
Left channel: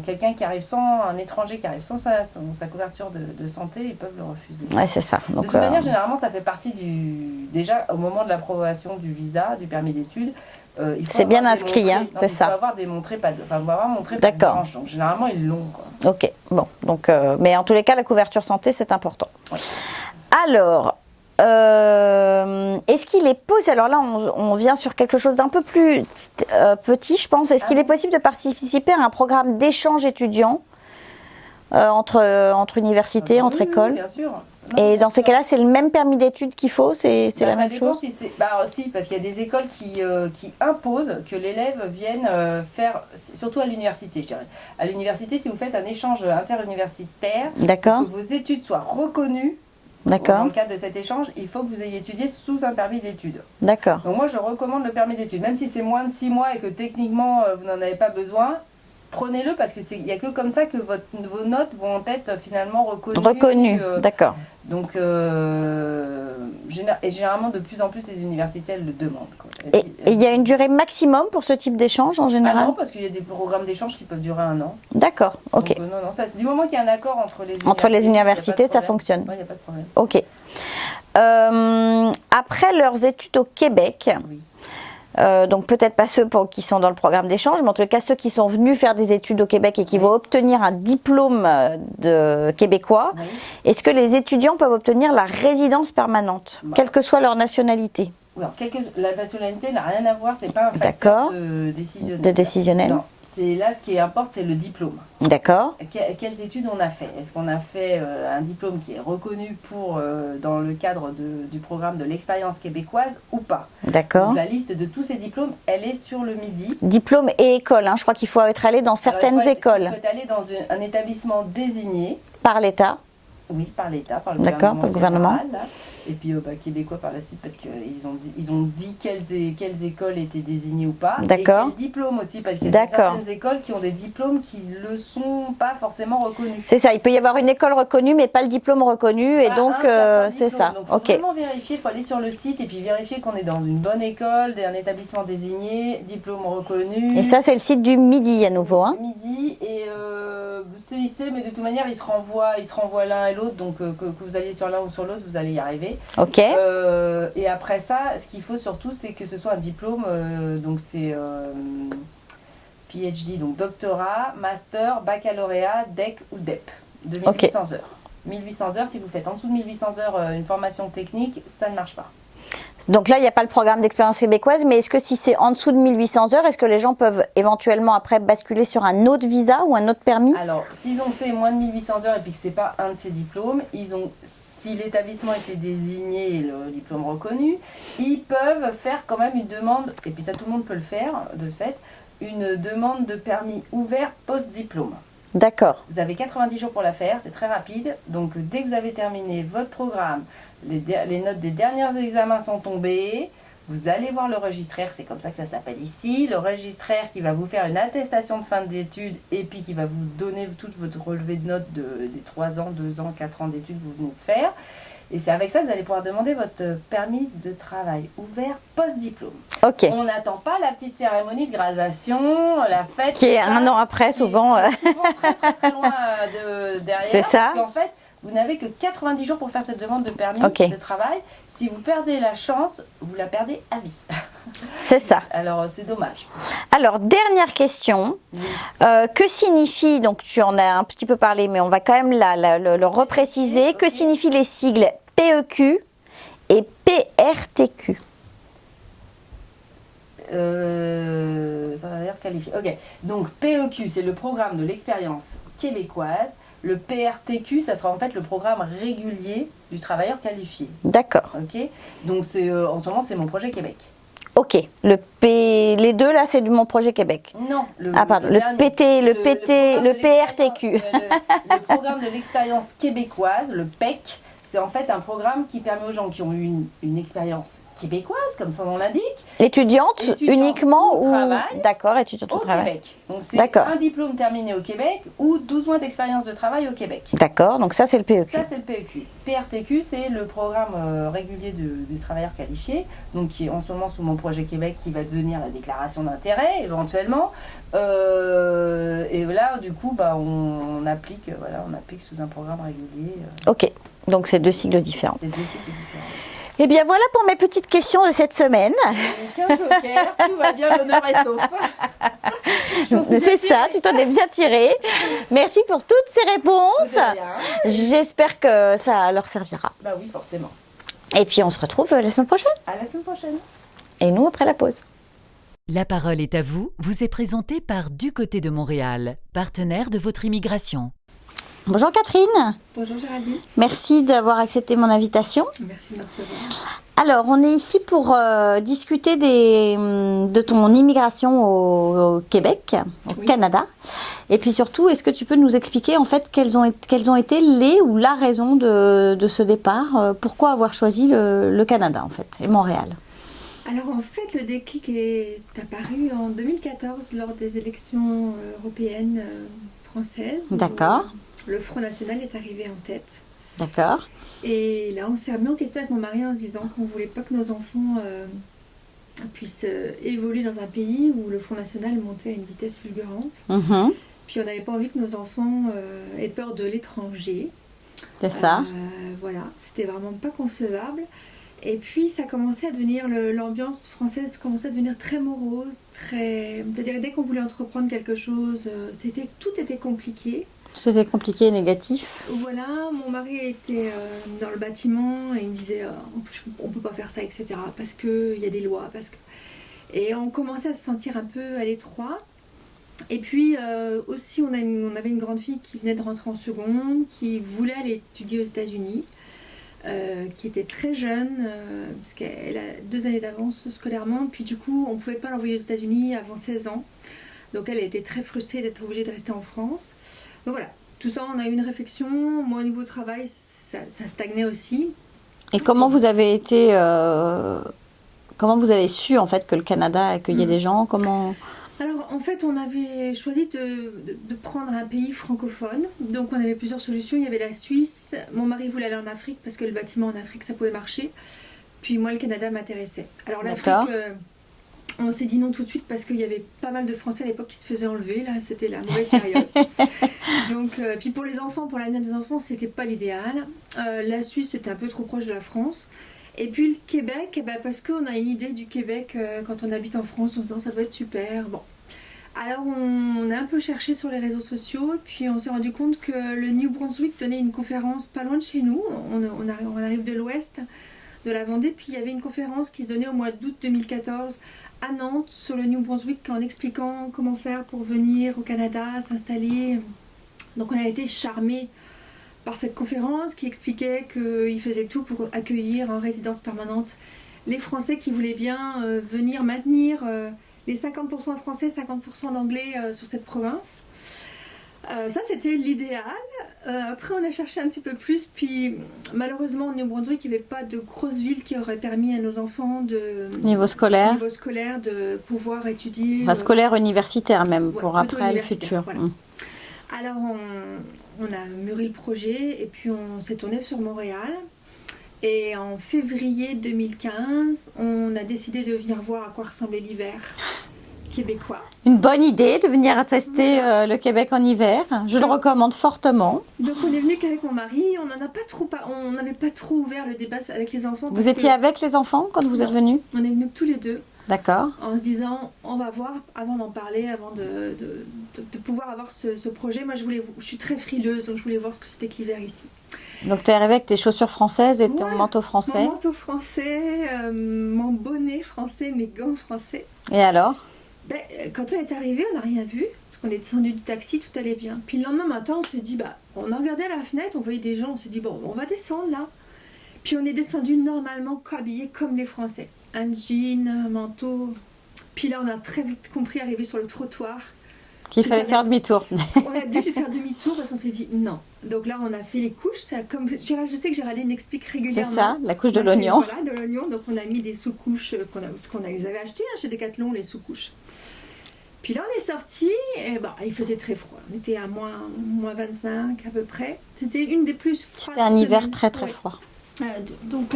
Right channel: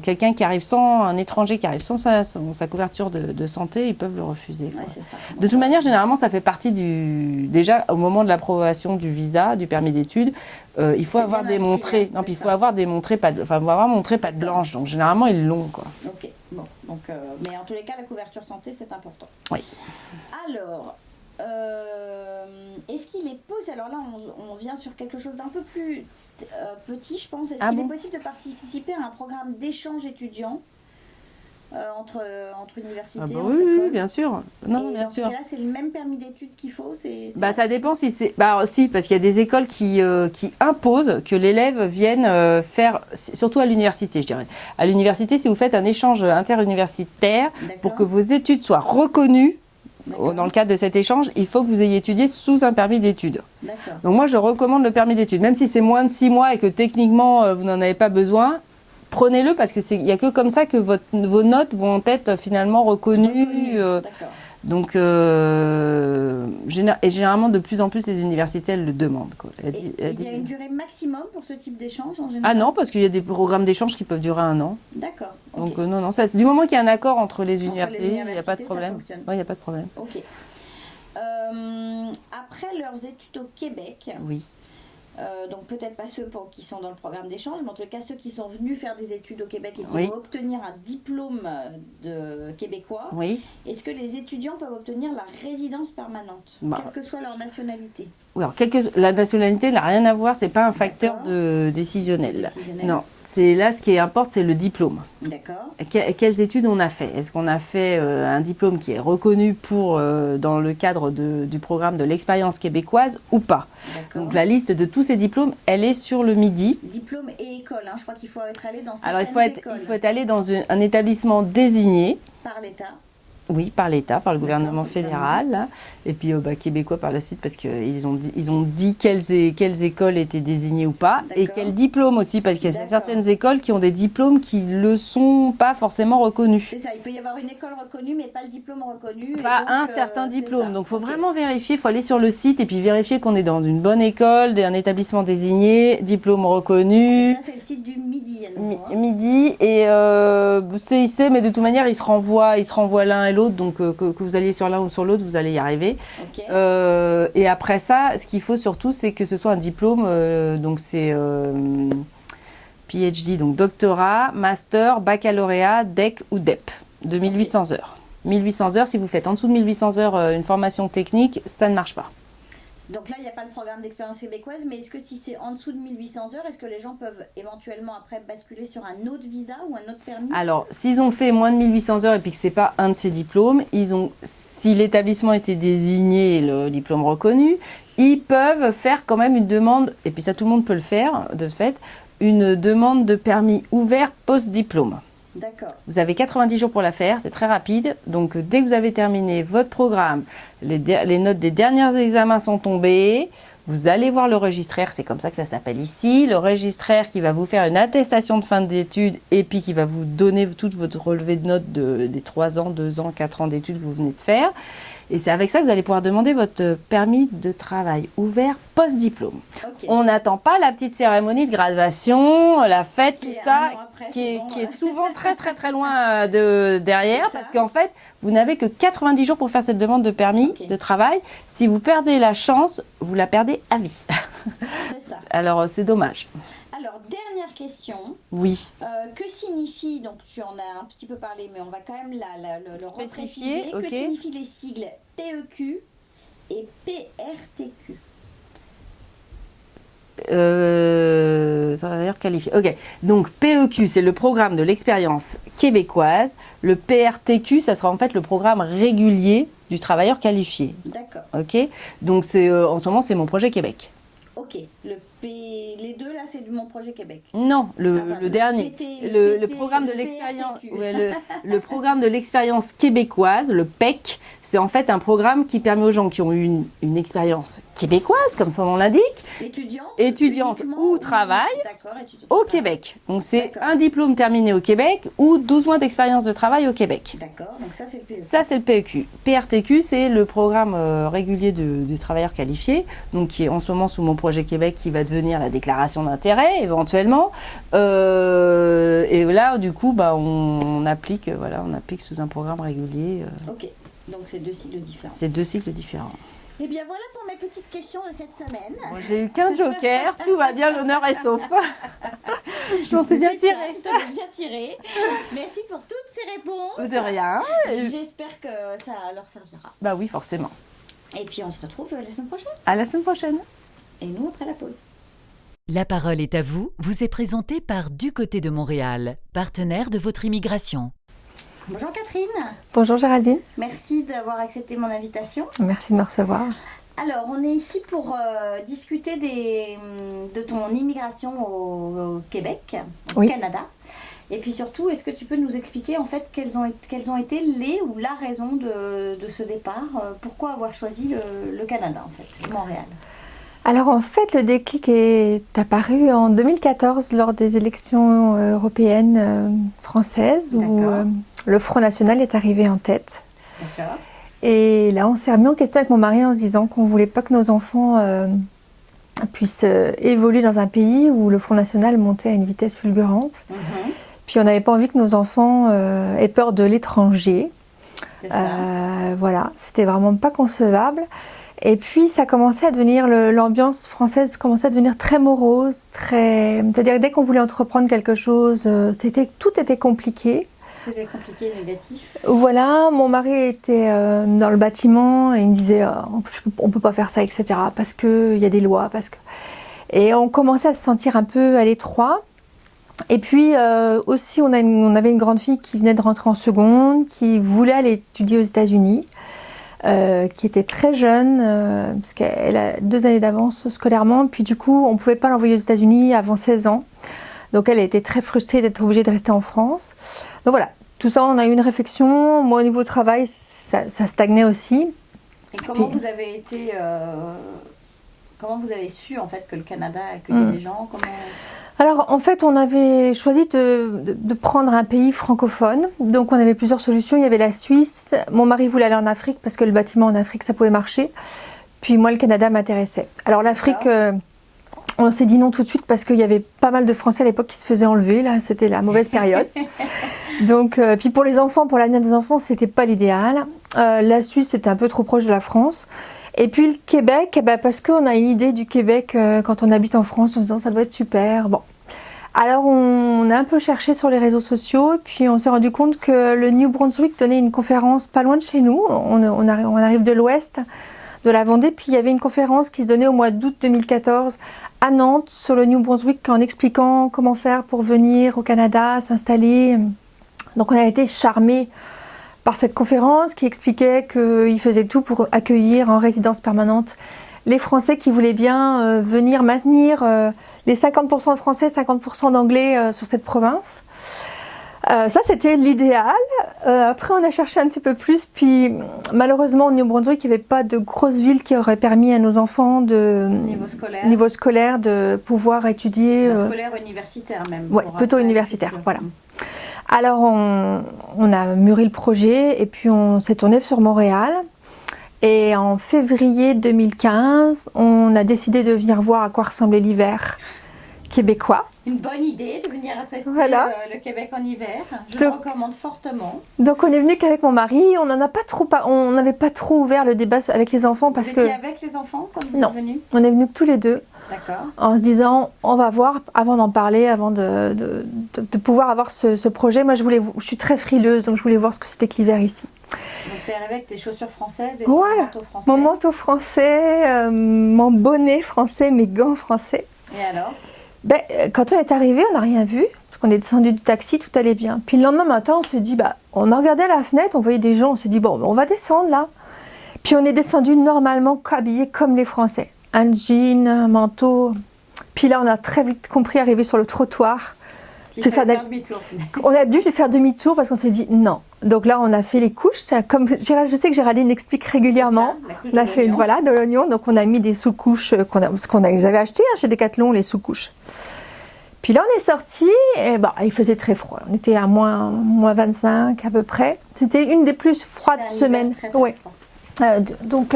quelqu'un qui arrive un étranger qui arrive sans sa couverture de santé, ils peuvent le refuser. Ouais, c'est ça. Donc, de toute manière, généralement, ça fait partie déjà, au moment de l'approbation du visa, du permis d'études, il faut avoir inscrit, il faut avoir démontré montré patte blanche. Donc, généralement, ils l'ont, quoi. Ok, bon. Donc, mais en tous les cas, la couverture santé, c'est important. Oui. Alors... est-ce qu'il est possible, alors là on vient sur quelque chose d'un peu plus petit je pense, est-ce qu'il est possible de participer à un programme d'échange étudiant entre universités, entre écoles? Bien sûr. Et dans ces cas-là, c'est le même permis d'études qu'il faut? Ça dépend si c'est... si, parce qu'il y a des écoles qui imposent que l'élève vienne faire, surtout à l'université, je dirais. À l'université, si vous faites un échange interuniversitaire, pour que vos études soient reconnues, dans le cadre de cet échange, il faut que vous ayez étudié sous un permis d'études. D'accord. Donc moi, je recommande le permis d'études. Même si c'est moins de 6 mois et que techniquement, vous n'en avez pas besoin, prenez-le parce qu'il n'y a que comme ça que vos notes vont être finalement reconnues. D'accord. Donc, généralement, de plus en plus, les universités, elles le demandent. Quoi. Et il y a une durée maximum pour ce type d'échange en général? Ah non, parce qu'il y a des programmes d'échange qui peuvent durer 1 an. D'accord, ok. Donc, du moment qu'il y a un accord entre les universités, ça fonctionne. Oui, il n'y a pas de problème. Ok. Après leurs études au Québec, oui. Donc peut-être pas ceux qui sont dans le programme d'échange, mais en tout cas ceux qui sont venus faire des études au Québec et qui vont obtenir un diplôme de québécois, est-ce que les étudiants peuvent obtenir la résidence permanente, quelle que soit leur nationalité? Oui, alors, la nationalité n'a rien à voir, c'est pas un facteur décisionnel. Non. Là, ce qui importe, c'est le diplôme. D'accord. Quelles études on a fait? Est-ce qu'on a fait un diplôme qui est reconnu dans le cadre du programme de l'expérience québécoise ou pas? D'accord. Donc la liste de tous ces diplômes, elle est sur le Midi. Diplôme et école, je crois qu'il faut être allé dans certaines écoles. Il faut être allé dans un établissement désigné. Par l'État. Oui, par l'État, par le gouvernement fédéral. Là. Et puis québécois par la suite, parce qu'ils ont dit quelles écoles étaient désignées ou pas. Et quels diplômes aussi, parce qu'il y a certaines écoles qui ont des diplômes qui ne le sont pas forcément reconnus. C'est ça, il peut y avoir une école reconnue, mais pas le diplôme reconnu. Et donc, un certain diplôme. C'est ça. Donc, il faut vraiment vérifier, il faut aller sur le site et puis vérifier qu'on est dans une bonne école, un établissement désigné, diplôme reconnu. Et ça, c'est le site du Midi à nouveau. Hein. Midi et CIC, mais de toute manière, ils se renvoient l'un et l'autre, donc que vous alliez sur l'un ou sur l'autre, vous allez y arriver. Ok. Et après ça, ce qu'il faut surtout, c'est que ce soit un diplôme, donc c'est PhD, donc doctorat, master, baccalauréat, DEC ou DEP, de 1800 heures. 1800 heures, si vous faites en dessous de 1800 heures une formation technique, ça ne marche pas. Donc là, il n'y a pas le programme d'expérience québécoise, mais est-ce que si c'est en dessous de 1800 heures, est-ce que les gens peuvent éventuellement après basculer sur un autre visa ou un autre permis? Alors, s'ils ont fait moins de 1800 heures et puis que ce n'est pas un de ces diplômes, si l'établissement était désigné, le diplôme reconnu, ils peuvent faire quand même une demande, et puis ça tout le monde peut le faire de fait, une demande de permis ouvert post-diplôme. D'accord. Vous avez 90 jours pour la faire, c'est très rapide. Donc, dès que vous avez terminé votre programme, les notes des derniers examens sont tombées, vous allez voir le registraire, c'est comme ça que ça s'appelle ici. Le registraire qui va vous faire une attestation de fin d'études et puis qui va vous donner tout votre relevé de notes des 3 ans, 2 ans, 4 ans d'études que vous venez de faire. Et c'est avec ça que vous allez pouvoir demander votre permis de travail ouvert post-diplôme. Ok. On n'attend pas la petite cérémonie de graduation, la fête. Qui est un an après, souvent. Qui est souvent très très très loin derrière. C'est ça. Parce qu'en fait, vous n'avez que 90 jours pour faire cette demande de permis de travail. Si vous perdez la chance, vous la perdez à vie. C'est ça. Alors, c'est dommage. Alors, dernière question. Oui. Que signifie, donc tu en as un petit peu parlé, mais on va quand même le repréciser. Okay. Que signifient les sigles PEQ et PRTQ? Travailleur qualifié. Ok. Donc PEQ, c'est le programme de l'expérience québécoise. Le PRTQ, ça sera en fait le programme régulier du travailleur qualifié. D'accord. Ok. Donc en ce moment, c'est mon projet Québec. Ok. Les deux là, c'est de mon projet Québec. Non, le PRTQ. Le programme de l'expérience québécoise, le PEC, c'est en fait un programme qui permet aux gens qui ont eu une expérience québécoise, comme son nom l'indique. Étudiante uniquement ou travail. D'accord, étudiante au Québec. Donc c'est un diplôme terminé au Québec ou 12 mois d'expérience de travail au Québec. D'accord, donc ça c'est le PEQ. Ça c'est le PEQ. PRTQ, c'est le programme régulier du travailleur qualifié, donc qui est en ce moment sous mon projet Québec, qui va devenir la déclaration d'intérêt éventuellement. Et là, du coup, on applique sous un programme régulier. Ok, donc c'est deux sigles différents. C'est deux sigles différents. Eh bien voilà pour mes petites questions de cette semaine. J'ai eu 15 jokers, tout va bien, l'honneur est sauf. C'est ça, tu t'en es bien tiré. Merci pour toutes ces réponses. De rien. J'espère que ça leur servira. Bah oui, forcément. Et puis on se retrouve la semaine prochaine. À la semaine prochaine. Et nous après la pause. La parole est à vous, vous est présentée par Du Côté de Montréal, partenaire de votre immigration. Bonjour Catherine. Bonjour Géraldine. Merci d'avoir accepté mon invitation. Merci de me recevoir. Alors, on est ici pour discuter de ton immigration au Québec, au Canada. Et puis surtout, est-ce que tu peux nous expliquer en fait quelles ont été les ou la raison de ce départ? Pourquoi avoir choisi le Canada en fait et Montréal? Alors en fait, le déclic est apparu en 2014 lors des élections européennes françaises. D'accord. Où le Front National est arrivé en tête. D'accord. Et là, on s'est remis en question avec mon mari en se disant qu'on ne voulait pas que nos enfants puissent évoluer dans un pays où le Front National montait à une vitesse fulgurante. Mm-hmm. Puis on n'avait pas envie que nos enfants aient peur de l'étranger. C'est ça. Voilà, c'était vraiment pas concevable. Et puis ça commençait à devenir, l'ambiance française commençait à devenir très morose, c'est-à-dire que dès qu'on voulait entreprendre quelque chose, tout était compliqué. Tout était compliqué et négatif. Voilà, mon mari était dans le bâtiment et il me disait on peut pas faire ça, etc. parce qu'il y a des lois. Et on commençait à se sentir un peu à l'étroit. Et puis aussi, on avait une grande fille qui venait de rentrer en seconde, qui voulait aller étudier aux États-Unis. Qui était très jeune, parce qu'elle a 2 années d'avance scolairement, puis du coup on ne pouvait pas l'envoyer aux États-Unis avant 16 ans. Donc elle était très frustrée d'être obligée de rester en France. Donc voilà, tout ça, on a eu une réflexion. Moi, au niveau travail, ça stagnait aussi. Et comment vous avez été... comment vous avez su, en fait, que le Canada accueillait des gens? Alors, en fait, on avait choisi de prendre un pays francophone. Donc, on avait plusieurs solutions. Il y avait la Suisse. Mon mari voulait aller en Afrique parce que le bâtiment en Afrique, ça pouvait marcher. Puis moi, le Canada m'intéressait. Alors, l'Afrique, on s'est dit non tout de suite parce qu'il y avait pas mal de Français à l'époque qui se faisaient enlever. Là, c'était la mauvaise période. Donc, puis pour les enfants, pour l'avenir des enfants, c'était pas l'idéal. La Suisse, c'était un peu trop proche de la France. Et puis le Québec, parce qu'on a une idée du Québec quand on habite en France en disant ça doit être super. Bon. Alors on a un peu cherché sur les réseaux sociaux, puis on s'est rendu compte que le New Brunswick donnait une conférence pas loin de chez nous. On arrive de l'ouest de la Vendée, puis il y avait une conférence qui se donnait au mois d'août 2014 à Nantes sur le New Brunswick en expliquant comment faire pour venir au Canada, s'installer. Donc on a été charmés par cette conférence qui expliquait qu'il faisait tout pour accueillir en résidence permanente les Français qui voulaient bien venir maintenir les 50% de Français, 50% d'Anglais sur cette province. Ça, c'était l'idéal. Après, on a cherché un petit peu plus, puis malheureusement, au New Brunswick, il n'y avait pas de grosse ville qui aurait permis à nos enfants Niveau scolaire de pouvoir étudier. Scolaire, universitaire même. Ouais, plutôt universitaire, voilà. Alors, on a mûri le projet et puis on s'est tourné sur Montréal. Et en février 2015, on a décidé de venir voir à quoi ressemblait l'hiver québécois. Une bonne idée de venir tester le Québec en hiver. Je le recommande fortement. Donc, on est venu qu'avec mon mari. On n'avait pas trop ouvert le débat avec les enfants. Vous étiez avec les enfants quand vous êtes venus? On est venus tous les deux. D'accord. En se disant, on va voir, avant d'en parler, avant de pouvoir avoir ce projet. Moi, je suis très frileuse, donc je voulais voir ce que c'était que l'hiver ici. Donc, tu es arrivée avec tes chaussures françaises et ton manteau français. Mon manteau français, mon bonnet français, mes gants français. Et alors? Quand on est arrivé, on n'a rien vu. Parce qu'on est descendu du taxi, tout allait bien. Puis le lendemain matin, on se dit, on a regardé à la fenêtre, on voyait des gens, on s'est dit, bon, on va descendre là. Puis on est descendu normalement habillés comme les Français. Un jean, un manteau. Puis là, on a très vite compris, arrivé sur le trottoir, qu'il fallait faire demi-tour. On a dû faire demi-tour parce qu'on s'est dit non. Donc là, on a fait les couches. Comme je sais que Géraldine explique régulièrement. C'est ça, la couche de l'oignon. Voilà, de l'oignon. Donc on a mis des sous-couches parce qu'on les avait achetées chez Decathlon, les sous-couches. Puis là, on est sortis et il faisait très froid. On était à moins 25 à peu près. C'était une des plus froides semaines. C'était un hiver très très froid. Donc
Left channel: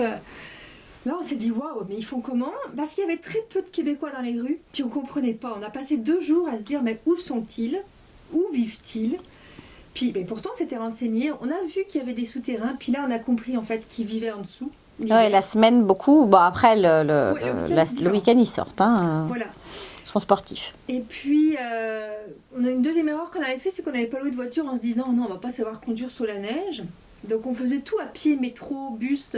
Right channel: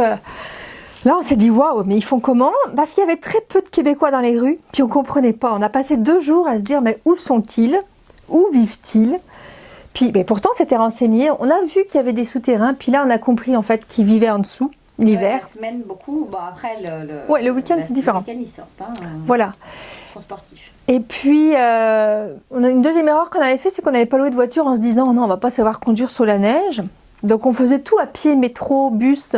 là, on s'est dit waouh, mais ils font comment? Parce qu'il y avait très peu de Québécois dans les rues, puis on ne comprenait pas. On a passé 2 jours à se dire mais où sont-ils? Où vivent-ils? Puis pourtant, c'était renseigné. On a vu qu'il y avait des souterrains, puis là, on a compris en fait qu'ils vivaient en dessous. La semaine, beaucoup. Bon, après, le week-end, c'est différent. Le week-end, ils sortent. Voilà. Ils sont sportifs. Et puis, on a une deuxième erreur qu'on avait fait, c'est qu'on n'avait pas loué de voiture en se disant non, on ne va pas savoir conduire sous la neige. Donc, on faisait tout à pied, métro, bus.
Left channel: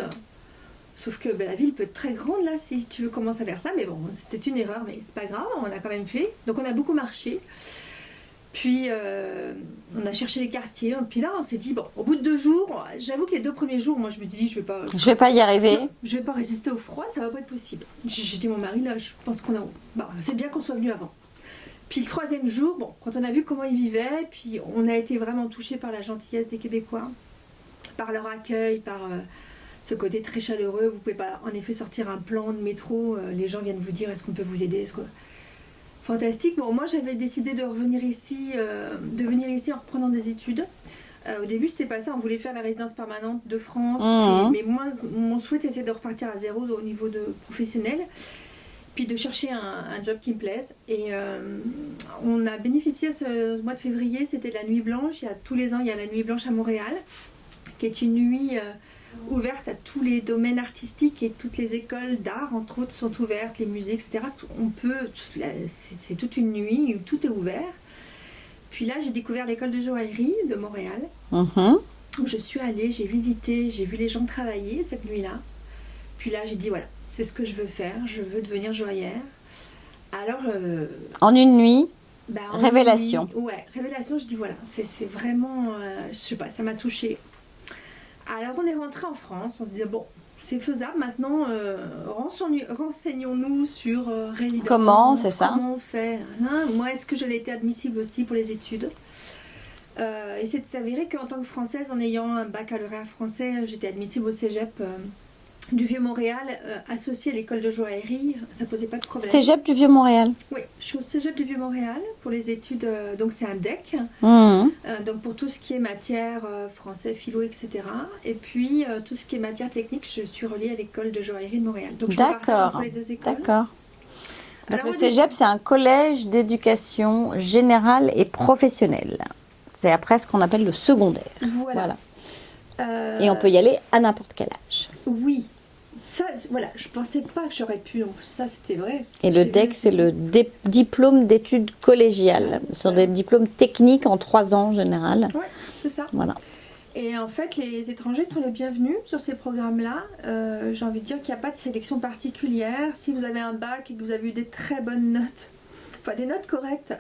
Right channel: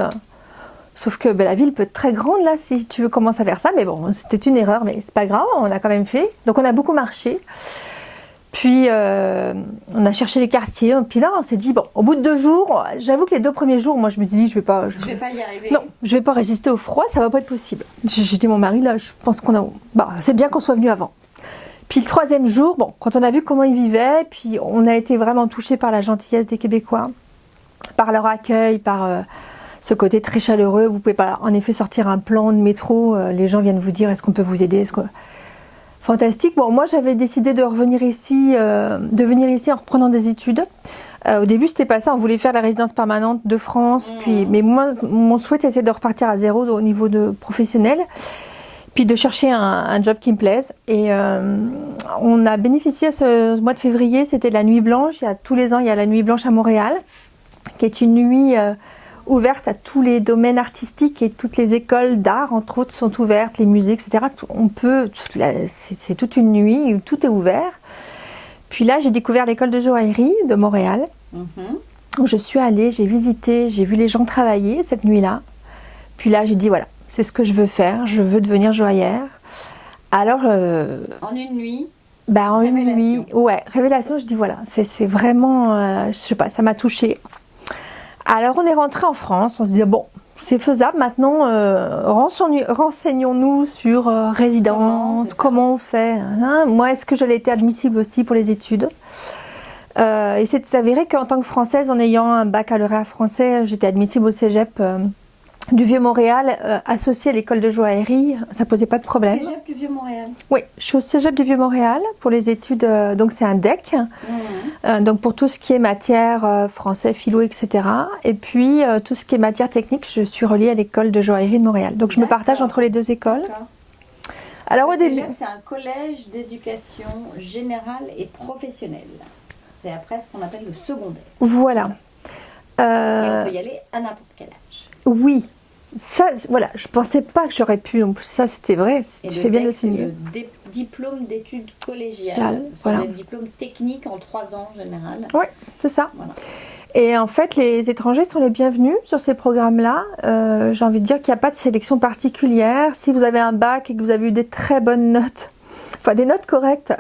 Sauf que la ville peut être très grande là si tu veux commencer à faire ça. Mais bon, c'était une erreur, mais c'est pas grave, on l'a quand même fait. Donc, on a beaucoup marché. Puis, on a cherché les quartiers. Puis là, on s'est dit, bon, au bout de 2 jours, j'avoue que les 2 premiers jours, moi, je me suis dit, je vais pas y arriver. Non, je vais pas résister au froid, ça va pas être possible. J'ai dit à mon mari, là, je pense c'est bien qu'on soit venu avant. Puis le 3e jour, quand on a vu comment ils vivaient, puis on a été vraiment touchés par la gentillesse des Québécois, par leur accueil, par ce côté très chaleureux. Vous pouvez pas, en effet, sortir un plan de métro. Les gens viennent vous dire, est-ce qu'on peut vous aider? Fantastique. Bon, moi, j'avais décidé de venir ici en reprenant des études. Au début, c'était pas ça. On voulait faire la résidence permanente de France. Mais moi, mon souhait, c'était de repartir à zéro au niveau de professionnel. Puis de chercher un job qui me plaise. Et on a bénéficié ce mois de février. C'était la Nuit Blanche. Tous les ans, il y a la Nuit Blanche à Montréal, qui est une nuit ouverte à tous les domaines artistiques et toutes les écoles d'art, entre autres, sont ouvertes, les musées, etc. C'est toute une nuit où tout est ouvert. Puis là, j'ai découvert l'école de joaillerie de Montréal, où je suis allée, j'ai visité, j'ai vu les gens travailler cette nuit-là. Puis là, j'ai dit, voilà, c'est ce que je veux faire, je veux devenir joaillère. Alors... en une nuit révélation. Révélation, je dis, voilà, c'est vraiment, je sais pas, ça m'a touchée. Alors on est rentré en France, on se disait bon, c'est faisable maintenant, renseignons-nous sur résidence, comment on fait. Moi, est-ce que j'allais être admissible aussi pour les études? Et c'est avéré qu'en tant que Française, en ayant un baccalauréat français, j'étais admissible au cégep du Vieux-Montréal, associé à l'école de joaillerie. Ça posait pas de problème. Cégep du Vieux-Montréal. Oui, je suis au cégep du Vieux-Montréal pour les études. Donc c'est un DEC. Donc pour tout ce qui est matière français, philo, etc. Et puis tout ce qui est matière technique, je suis reliée à l'école de joaillerie de Montréal. Donc je me partage entre les deux écoles. D'accord. Alors le cégep, c'est un collège d'éducation générale et professionnelle. C'est après ce qu'on appelle le secondaire. Voilà. Et on peut y aller à n'importe quel âge. Oui. Ça, voilà, je pensais pas que j'aurais pu. En plus, ça, c'était vrai. Et le DEC, c'est le diplôme d'études collégiales. Ce sont des diplômes techniques en 3 ans en général. Oui, c'est ça. Voilà. Et en fait, les étrangers sont les bienvenus sur ces programmes-là. J'ai envie de dire qu'il n'y a pas de sélection particulière. Si vous avez un bac et que vous avez eu des très bonnes notes, enfin des notes correctes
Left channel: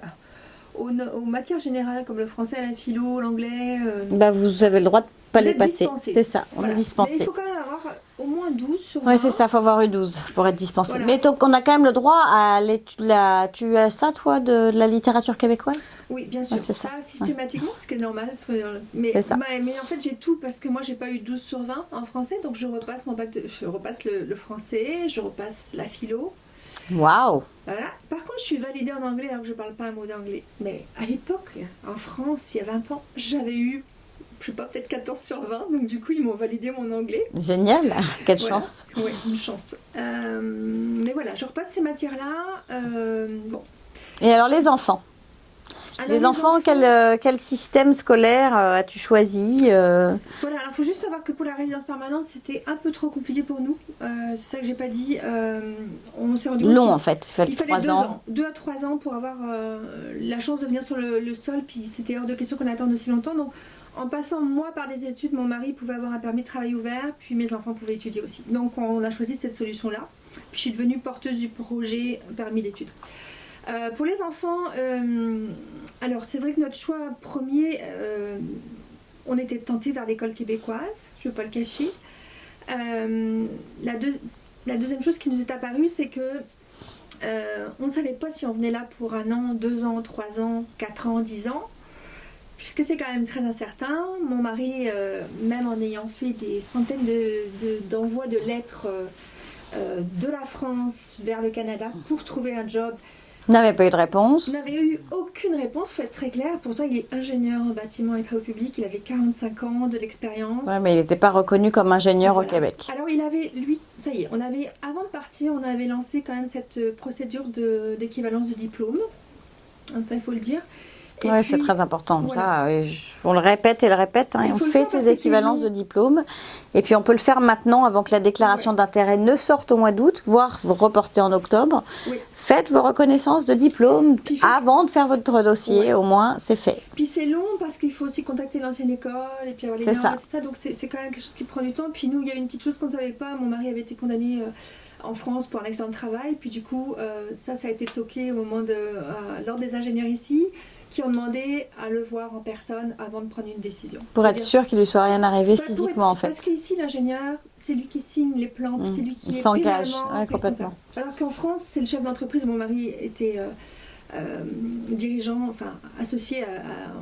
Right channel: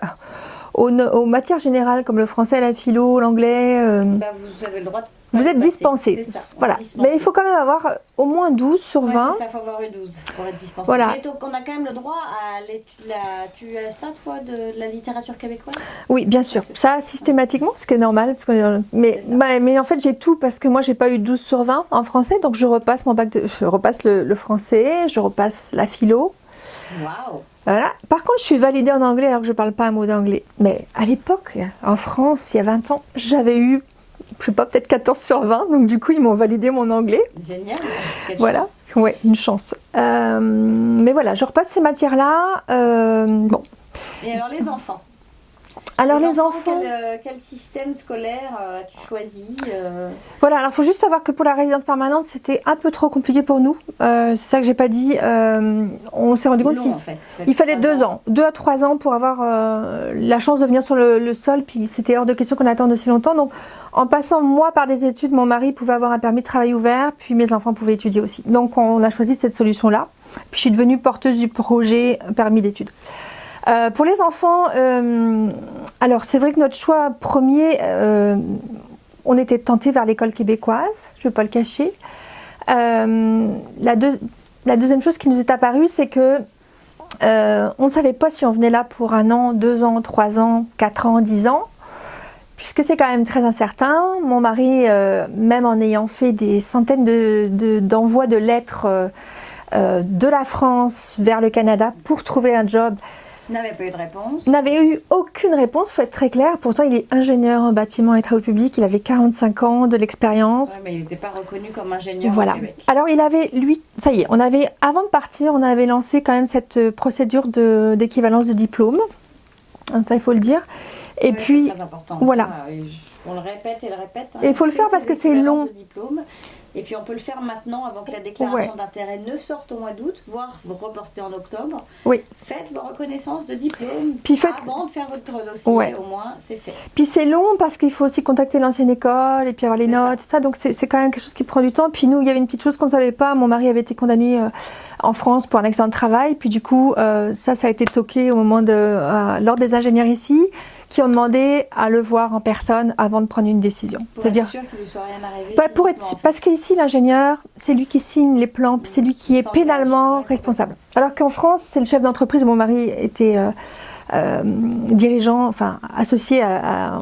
aux matières générales comme le français, la philo, l'anglais, vous avez le droit de vous êtes dispensé. C'est ça. Voilà. Mais il faut quand même avoir au moins 12 sur 20. Oui, c'est ça, il faut avoir eu 12 pour être dispensé. Voilà. Mais donc, on a quand même le droit à l'étude. Tu as ça, toi, de la littérature québécoise? Oui, bien sûr. Ouais, ça, systématiquement, ce qui est normal. Parce que, mais en fait, j'ai tout parce que moi, j'ai pas eu 12 sur 20 en français. Donc, je repasse mon bac je repasse le français, je repasse la philo. Waouh! Voilà. Par contre, je suis validée en anglais alors que je parle pas un mot d'anglais. Mais à l'époque, en France, il y a 20 ans, j'avais eu, je sais pas, peut-être 14 sur 20. Donc du coup, ils m'ont validé mon anglais. Génial. Quelle chance. Oui, une chance. Mais voilà, je repasse ces matières-là. Bon. Et alors, les enfants? Alors, les enfants, quel système scolaire as-tu choisi? Voilà, alors il faut juste savoir que pour la résidence permanente, c'était un peu trop compliqué pour nous. C'est ça que j'ai pas dit. On s'est rendu compte long, en fait. Il fallait 2 ans. 2 à 3 ans pour avoir la chance de venir sur le sol. Puis c'était hors de question qu'on attende aussi longtemps. Donc en passant moi par des études, mon mari pouvait avoir un permis de travail ouvert. Puis mes enfants pouvaient étudier aussi. Donc on a choisi cette solution-là. Puis je suis devenue porteuse du projet permis d'études. Pour les enfants, alors c'est vrai que notre choix premier, on était tenté vers l'école québécoise, je ne vais pas le cacher. La deuxième chose qui nous est apparue, c'est que on ne savait pas si on venait là pour 1 an, 2 ans, 3 ans, 4 ans, 10 ans, puisque c'est quand même très incertain. Mon mari, même en ayant fait des centaines d'envois de lettres de la France vers le Canada pour trouver un job, n'avait pas eu de réponse. N'avait eu aucune réponse, il faut être très clair. Pourtant, il est ingénieur en bâtiment et travaux publics. Il avait 45 ans de l'expérience. Ouais, mais il n'était pas reconnu comme ingénieur au Québec. Alors, il avait, lui, ça y est, avant de partir, on avait lancé quand même cette procédure d'équivalence de diplôme. Ça, il faut le dire. Et puis, c'est très important. Voilà. On le répète et le répète. Il faut le faire parce que c'est équivalences de diplôme. Et puis on peut le faire maintenant avant que la déclaration d'intérêt ne sorte au mois d'août, voire vous reporter en octobre. Oui. Faites vos reconnaissances de diplôme avant de faire votre dossier, au moins c'est fait. Puis c'est long parce qu'il faut aussi contacter l'ancienne école et puis avoir les notes, ça. Donc c'est quand même quelque chose qui prend du temps. Puis nous, il y avait une petite chose qu'on ne savait pas. Mon mari avait été condamné en France pour un accident de travail. Puis du coup, ça a été toqué au moment lors des ingénieurs ici, qui ont demandé à le voir en personne avant de prendre une décision. Pour être sûr qu'il ne lui soit rien arrivé physiquement, en fait. Parce qu'ici, l'ingénieur, c'est lui qui signe les plans, puis c'est lui qui est pénalement responsable. Alors qu'en France, c'est le chef d'entreprise. Mon mari était dirigeant, enfin associé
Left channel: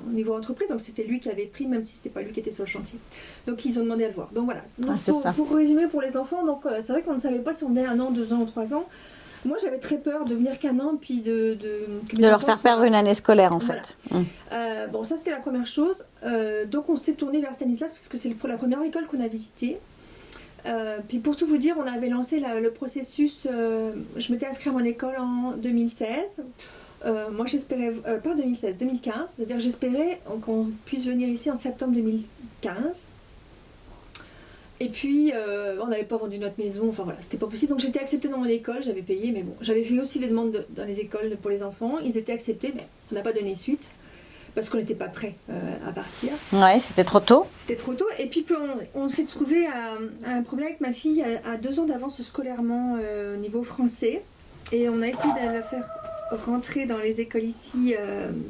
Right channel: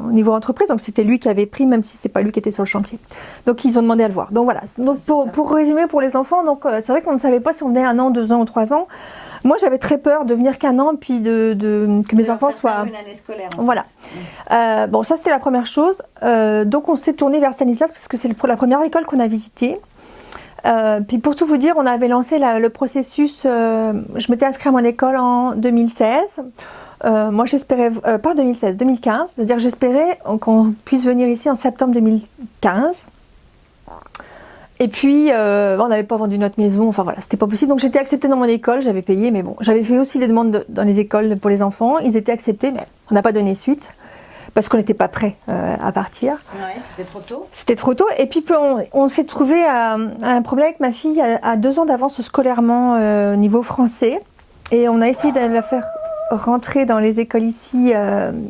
au niveau entreprise, donc c'était lui qui avait pris, même si ce n'était pas lui qui était sur le chantier. Donc ils ont demandé à le voir. Donc voilà. Donc, pour résumer, pour les enfants, donc c'est vrai qu'on ne savait pas si on venait 1 an, 2 ans ou 3 ans. Moi, j'avais très peur de venir qu'1 an, puis que mes enfants leur faire perdre une année scolaire, en fait. Bon, ça, c'était la première chose. Donc, on s'est tourné vers Stanislas, parce que c'est la première école qu'on a visitée. Puis, pour tout vous dire, on avait lancé le processus. Je m'étais inscrite à mon école en 2016. Moi, j'espérais, pas 2016, 2015. C'est-à-dire, j'espérais qu'on puisse venir ici en septembre 2015. Et puis, on n'avait pas vendu notre maison, enfin voilà, c'était pas possible. Donc j'étais acceptée dans mon école, j'avais payé, mais bon, j'avais fait aussi des demandes dans les écoles pour les enfants. Ils étaient acceptés, mais on n'a pas donné suite, parce qu'on n'était pas prêts à partir. Ouais, c'était trop tôt. C'était trop tôt. Et puis on s'est trouvé à un problème avec ma fille à 2 ans d'avance scolairement au niveau français. Et on a essayé de la faire rentrer dans les écoles ici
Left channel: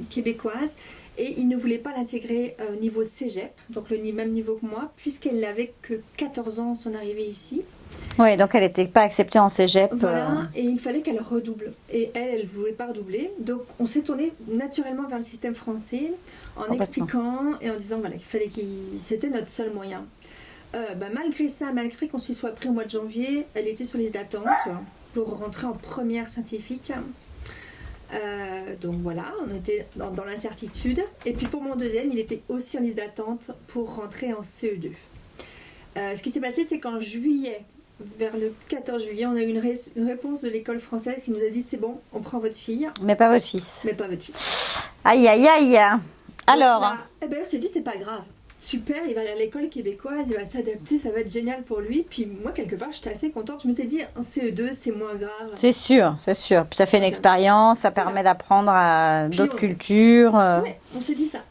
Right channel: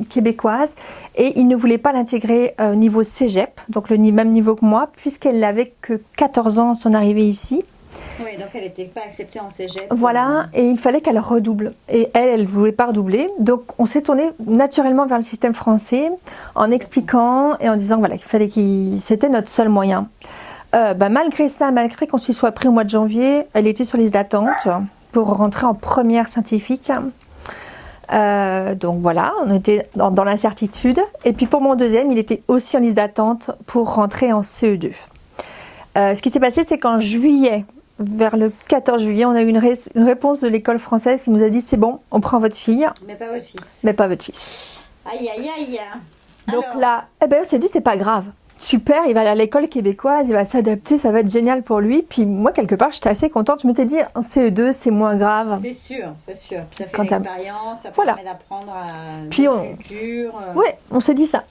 québécoises, et il ne voulait pas l'intégrer au niveau cégep, donc le même niveau que moi, puisqu'elle n'avait que 14 ans à son arrivée ici. Oui, donc elle n'était pas acceptée en cégep. Voilà, et il fallait qu'elle redouble. Et elle ne voulait pas redoubler. Donc on s'est tourné naturellement vers le système français en expliquant et en disant voilà, c'était notre seul moyen. Malgré ça, malgré qu'on s'y soit pris au mois de janvier, elle était sur liste d'attente pour rentrer en première scientifique. Donc voilà, on était dans l'incertitude. Et puis pour mon deuxième, il était aussi en liste d'attente pour rentrer en CE2. Ce qui s'est passé, c'est qu'en juillet, vers le 14 juillet, on a eu une réponse de l'école française qui nous a dit c'est bon, on prend votre fille. Mais pas votre fils. Mais pas votre fils. Aïe, aïe, aïe. Alors donc là, on s'est dit c'est pas grave. Super, il va aller à l'école québécoise, il va s'adapter, ça va être génial pour lui. Puis moi, quelque part, j'étais assez contente. Je m'étais dit, en CE2, c'est moins grave. C'est sûr, c'est sûr. Puis ça fait une expérience, ça permet d'apprendre à d'autres cultures. Oui, on s'est dit ça.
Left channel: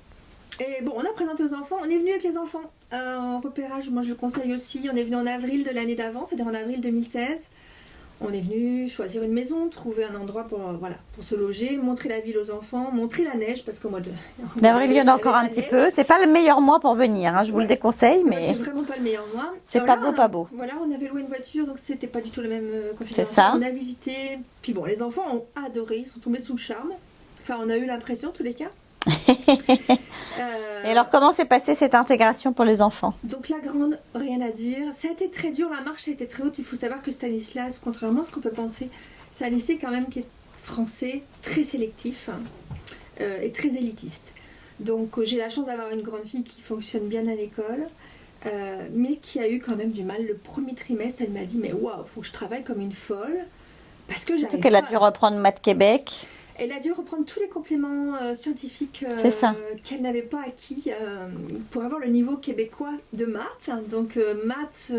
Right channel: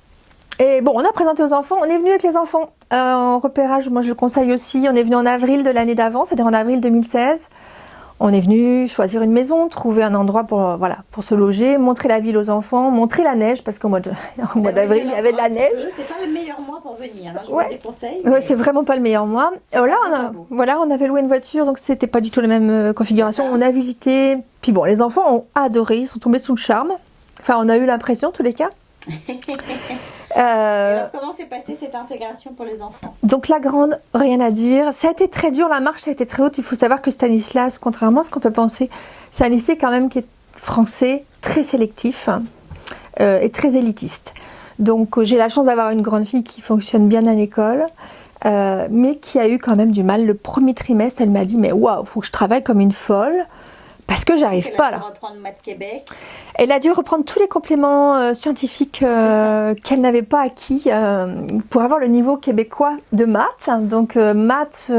Et bon, on a présenté aux enfants, on est venu avec les enfants en repérage. Moi, je le conseille aussi. On est venu en avril de l'année d'avant, c'est-à-dire en avril 2016. On est venu choisir une maison, trouver un endroit pour se loger, montrer la ville aux enfants, montrer la neige, parce qu'au mois d'avril, il y avait de la neige. C'est pas le meilleur mois pour venir, je vous le déconseille. Mais c'est vraiment pas le meilleur mois. Et pas beau. Voilà, on avait loué une voiture, donc c'était pas du tout la même configuration. On a visité. Puis bon, les enfants ont adoré, ils sont tombés sous le charme. Enfin, on a eu l'impression, en tous les cas. Et alors, comment s'est passée cette intégration pour les enfants? Donc la grande, rien à dire. Ça a été très dur, la marche a été très haute. Il faut savoir que Stanislas, contrairement à ce qu'on peut penser, c'est un lycée quand même qui est français, très sélectif et très élitiste. Donc j'ai la chance d'avoir une grande fille qui fonctionne bien à l'école, mais qui a eu quand même du mal. Le premier trimestre, elle m'a dit, mais waouh, faut que je travaille comme une folle, parce que j'arrive pas. Elle a dû reprendre Maths Québec. Elle a dû reprendre tous les compléments scientifiques qu'elle n'avait pas acquis pour avoir le niveau québécois de maths. Donc maths,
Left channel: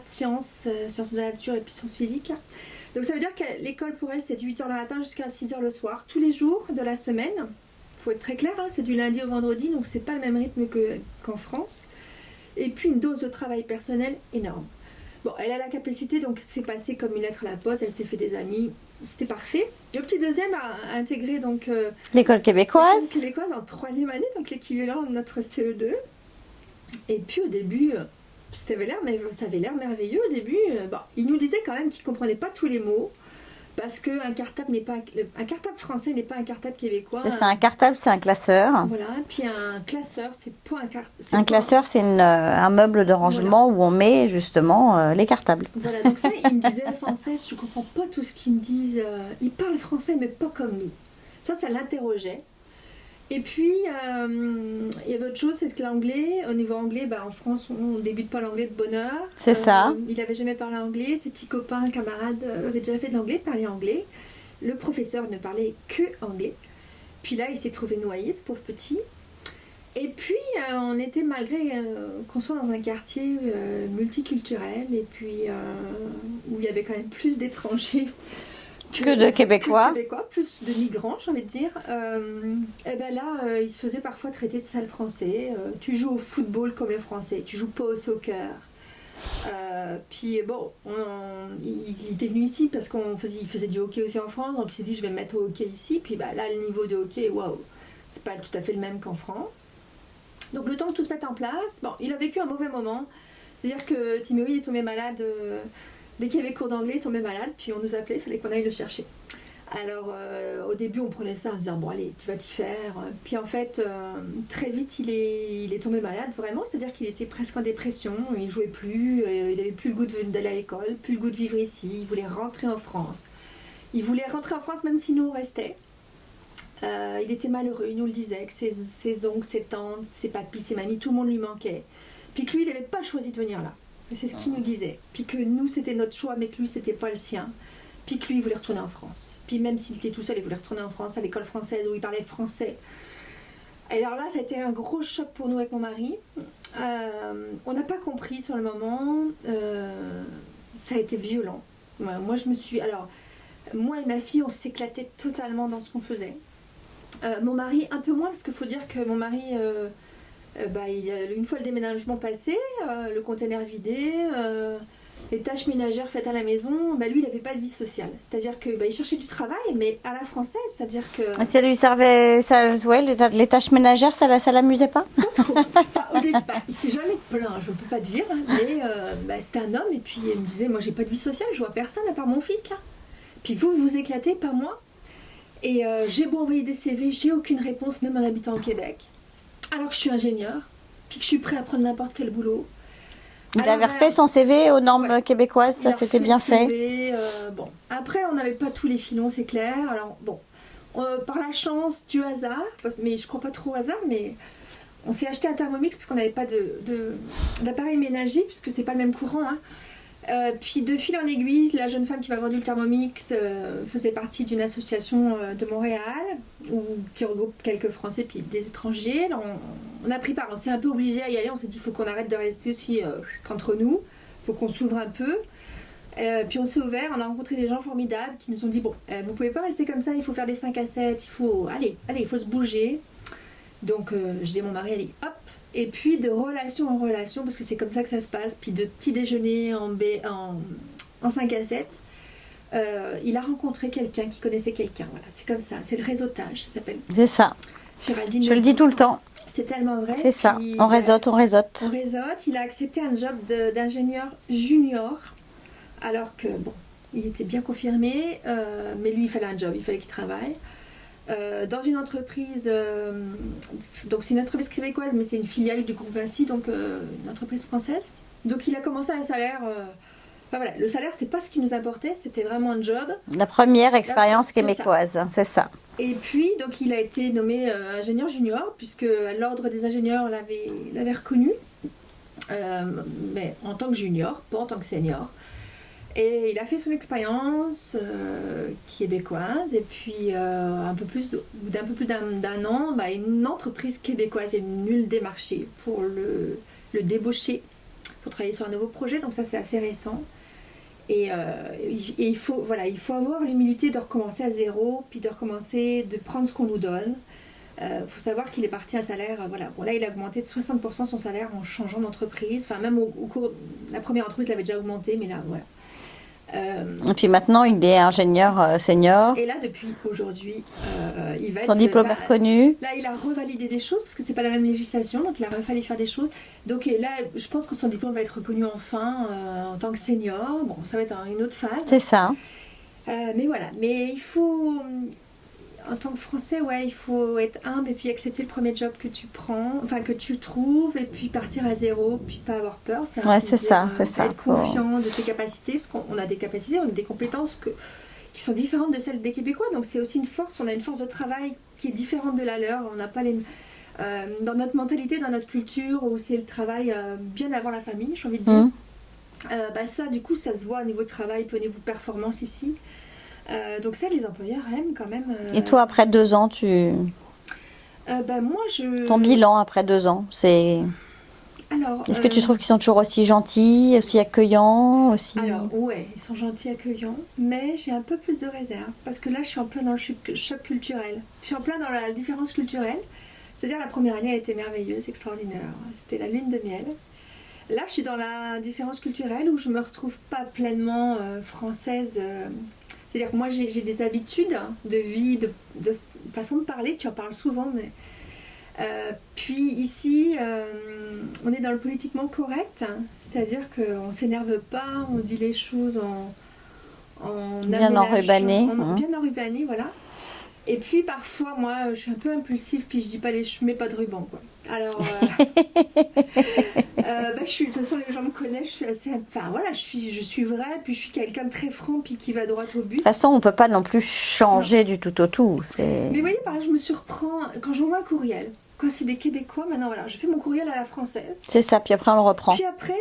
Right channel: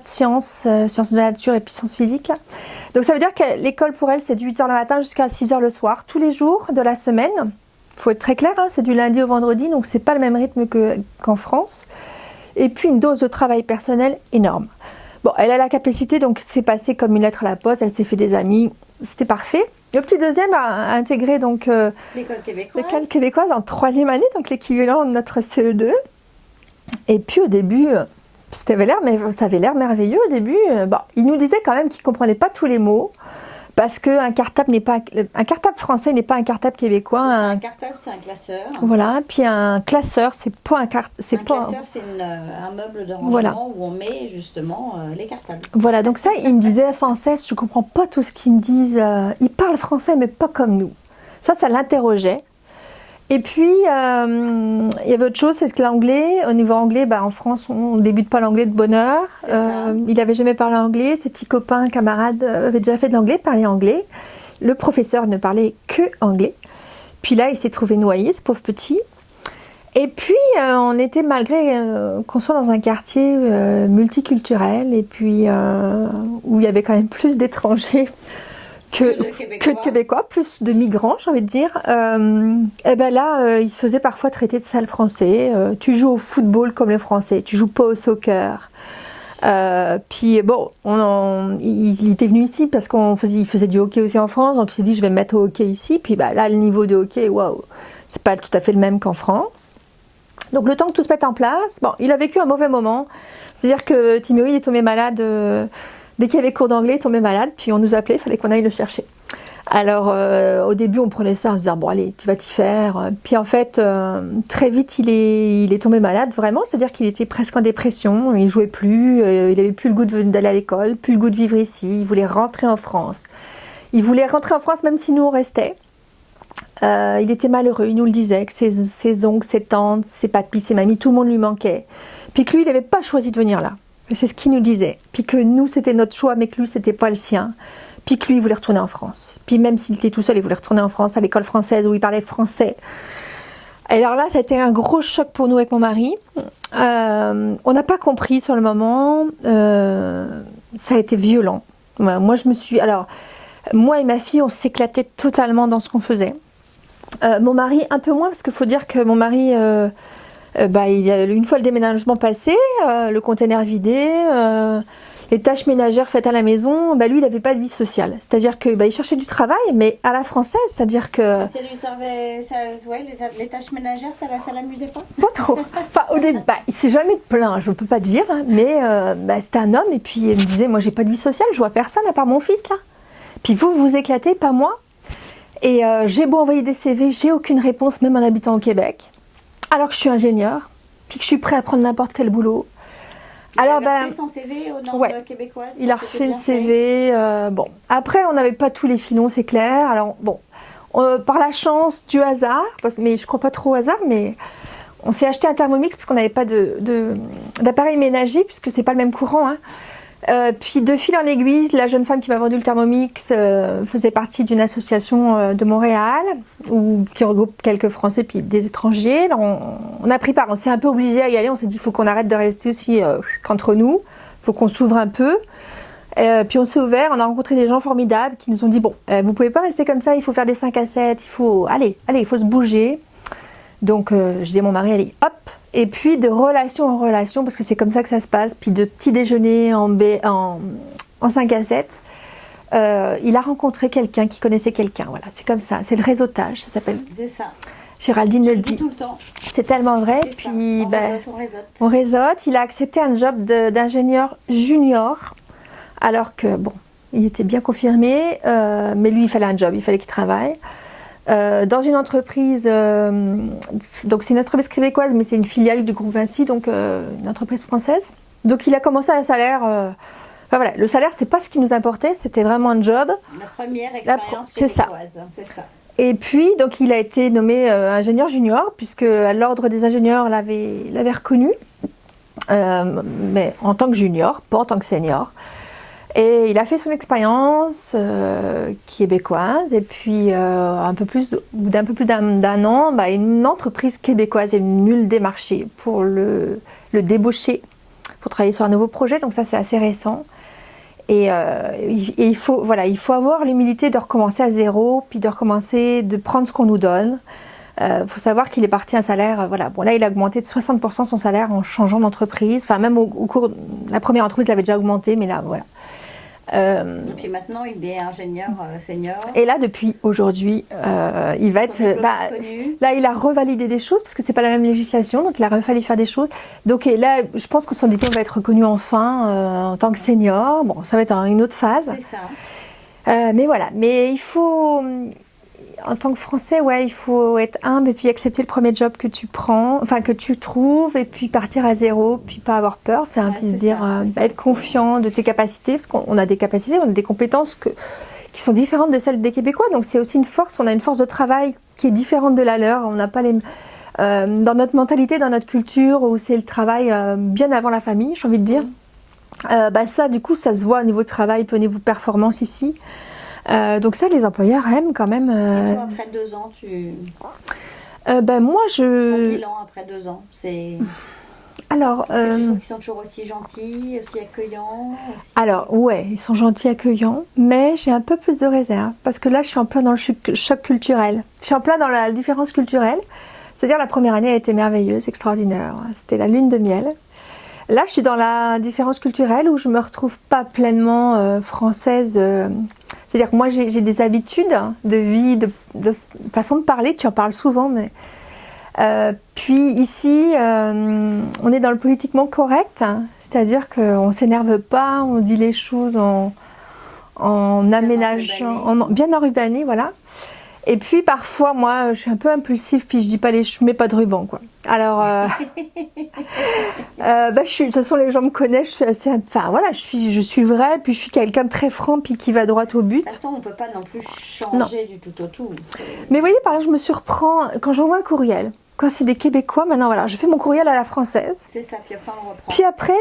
sciences, sciences de la nature et puis sciences physiques. Donc ça veut dire que l'école pour elle, c'est de 8h le matin jusqu'à 6h le soir, tous les jours de la semaine. Il faut être très clair, c'est du lundi au vendredi, donc c'est pas le même rythme qu'en France. Et puis une dose de travail personnel énorme. Bon, elle a la capacité, donc c'est passé comme une lettre à la poste, elle s'est fait des amis, c'était parfait. Le petit deuxième a intégré donc l'école québécoise. En 3e année, donc l'équivalent de notre CE2. Et puis au début, ça avait l'air merveilleux au début. Il nous disait quand même qu'il ne comprenait pas tous les mots. Parce qu'un cartable français n'est pas un cartable québécois. Un cartable, c'est un classeur. Voilà. Puis un classeur, c'est pas un cartable. Un classeur, c'est un meuble de rangement où on met justement les cartables. Voilà. Donc ça, il me disait sans cesse, je comprends pas tout ce qu'ils me disent. Ils parlent français, mais pas comme nous. Ça l'interrogeait. Et puis, il y avait autre chose, c'est que l'anglais, au niveau anglais, en France, on ne débute pas l'anglais de bonne heure. C'est ça. Il n'avait jamais parlé anglais, ses petits copains, camarades avaient déjà fait de l'anglais, parlaient anglais. Le professeur ne parlait que anglais. Puis là, il s'est trouvé noyé, ce pauvre petit. Et puis, on était, malgré qu'on soit dans un quartier multiculturel, et puis où il y avait quand même plus d'étrangers que de Québécois, plus de migrants, j'ai envie de dire. Il se faisait parfois traiter de sale français. Tu joues au football comme les Français, tu joues pas au soccer. Il était venu ici parce qu'il faisait du hockey aussi en France, donc il s'est dit je vais me mettre au hockey ici. Puis là, le niveau de hockey, waouh, c'est pas tout à fait le même qu'en France. Donc le temps que tout se mette en place, il a vécu un mauvais moment. C'est-à-dire que Timéo est tombé malade. Dès qu'il y avait cours d'anglais, il tombait malade, puis on nous appelait, il fallait qu'on aille le chercher. Alors, au début, on prenait ça en se disant, bon, allez, tu vas t'y faire. Puis en fait, très vite, il est tombé malade, vraiment. C'est-à-dire qu'il était presque en dépression, il ne jouait plus, il n'avait plus le goût d'aller à l'école, plus le goût de vivre ici. Il voulait rentrer en France. Il voulait rentrer en France, même si nous, on restait. Il était malheureux, il nous le disait, que ses oncles, ses tantes, ses papis, ses mamies, tout le monde lui manquait. Puis que lui, il n'avait pas choisi de venir là. C'est ce qu'il nous disait. Puis que nous, c'était notre choix, mais que lui, c'était pas le sien. Puis que lui, il voulait retourner en France. Puis même s'il était tout seul, il voulait retourner en France, à l'école française, où il parlait français. Et alors là, ça a été un gros choc pour nous avec mon mari. On n'a pas compris sur le moment. Ça a été violent. Moi et ma fille, on s'éclatait totalement dans ce qu'on faisait. Mon mari, un peu moins, parce qu'il faut dire que mon mari... une fois le déménagement passé, le container vidé, les tâches ménagères faites à la maison, lui, il n'avait pas de vie sociale. C'est-à-dire que il cherchait du travail, mais à la française, c'est-à-dire que... Ça lui servait, les tâches ménagères, ça l'amusait pas? Pas trop. Enfin, au début, il s'est jamais plaint, je ne peux pas dire, mais c'était un homme, et puis il me disait, moi, j'ai pas de vie sociale, je vois personne à part mon fils, là. Puis vous, vous éclatez, pas moi. Et j'ai beau envoyer des CV, j'ai aucune réponse, même en habitant au Québec. Alors que je suis ingénieure, puis que je suis prêt à prendre n'importe quel boulot. Il avait refait son CV aux normes québécoises, ça c'était bien fait. CV, bon. Après, on n'avait pas tous les filons, c'est clair. Alors, bon, par la chance, du hasard, mais je ne crois pas trop au hasard, mais on s'est acheté un Thermomix parce qu'on n'avait pas d'appareil ménager, puisque c'est pas le même courant. Hein. Puis de fil en aiguille, la jeune femme qui m'a vendu le Thermomix faisait partie d'une association de Montréal qui regroupe quelques Français puis des étrangers. Alors on a pris part, on s'est un peu obligé à y aller, on s'est dit il faut qu'on arrête de rester aussi qu'entre nous, il faut qu'on s'ouvre un peu. Puis on s'est ouvert, on a rencontré des gens formidables qui nous ont dit bon, vous pouvez pas rester comme ça, il faut faire des 5 à 7, il faut il faut se bouger. Donc je dis à mon mari, allez hop. Et puis de relation en relation, parce que c'est comme ça que ça se passe, puis de petit déjeuner en 5 à 7, il a rencontré quelqu'un qui connaissait quelqu'un. Voilà, c'est comme ça, c'est le réseautage, ça s'appelle. C'est ça. Géraldine je le dis tout le temps. C'est tellement vrai. C'est ça, on réseaute. On réseaute, il a accepté un job d'ingénieur junior, alors que, bon, il était bien confirmé, mais lui, il fallait un job, il fallait qu'il travaille. Dans une entreprise, donc c'est une entreprise québécoise, mais c'est une filiale du groupe Vinci, donc une entreprise française. Donc il a commencé à un salaire. Voilà, le salaire, c'est pas ce qui nous importait, c'était vraiment un job. La première expérience québécoise, c'est ça. Et puis, donc il a été nommé ingénieur junior, puisque l'ordre des ingénieurs l'avait reconnu, mais en tant que junior, pas en tant que senior. Et il a fait son expérience québécoise, et puis d'un peu plus d'un an, une entreprise québécoise est venue le démarcher pour le débaucher, pour travailler sur un nouveau projet, donc ça c'est assez récent. Et il faut avoir l'humilité de recommencer à zéro, puis de prendre ce qu'on nous donne. Faut savoir qu'il est parti à un salaire, là il a augmenté de 60% son salaire en changeant d'entreprise, enfin même au cours de la première entreprise il avait déjà augmenté, mais là voilà. Et puis maintenant, il est ingénieur senior. Et là, depuis aujourd'hui, il va son diplôme reconnu. Là, il a revalidé des choses parce que c'est pas la même législation, donc il a fallu faire des choses. Donc là, je pense que son diplôme va être reconnu enfin en tant que senior. Bon, ça va être une autre phase. C'est ça. Mais voilà. Mais il faut, en tant que Français, il faut être humble et puis accepter le premier job que tu prends, enfin que tu trouves, et puis partir à zéro, puis pas avoir peur, être confiant de tes capacités, parce qu'on a des capacités, on a des compétences qui sont différentes de celles des Québécois, donc c'est aussi une force, on a une force de travail qui est différente de la leur, on n'a pas les... dans notre mentalité, dans notre culture, où c'est le travail bien avant la famille, j'ai envie de dire, ça du coup ça se voit au niveau travail, puis au niveau performance ici. Donc ça, les employeurs aiment quand même. Et toi, après 2 ans, moi, ton bilan après 2 ans, c'est... Alors, est-ce que tu trouves qu'ils sont toujours aussi gentils, aussi accueillants aussi... Alors, ouais, ils sont gentils, accueillants, mais j'ai un peu plus de réserve, parce que là, je suis en plein dans le choc culturel. Je suis en plein dans la différence culturelle. C'est-à-dire, la première année a été merveilleuse, extraordinaire. C'était la lune de miel. Là, je suis dans la différence culturelle où je ne me retrouve pas pleinement française... C'est-à-dire que moi, j'ai des habitudes de vie, de façon de parler, tu en parles souvent, mais... puis ici, on est dans le politiquement correct, c'est-à-dire qu'on ne s'énerve pas, on dit les choses en aménageant, bien enrubanné, voilà. Et puis parfois, moi, je suis un peu impulsive, puis je mets pas de ruban, quoi. Alors, de toute façon, les gens me connaissent, je suis assez, je suis vraie, puis je suis quelqu'un de très franc, puis qui va droit au but. De toute façon, on peut pas non plus changer du tout au tout. Mais vous voyez, par exemple, je me surprends quand j'envoie un courriel. Quand c'est des Québécois, maintenant, je fais mon courriel à la française. C'est ça, puis après on le reprend. Puis après,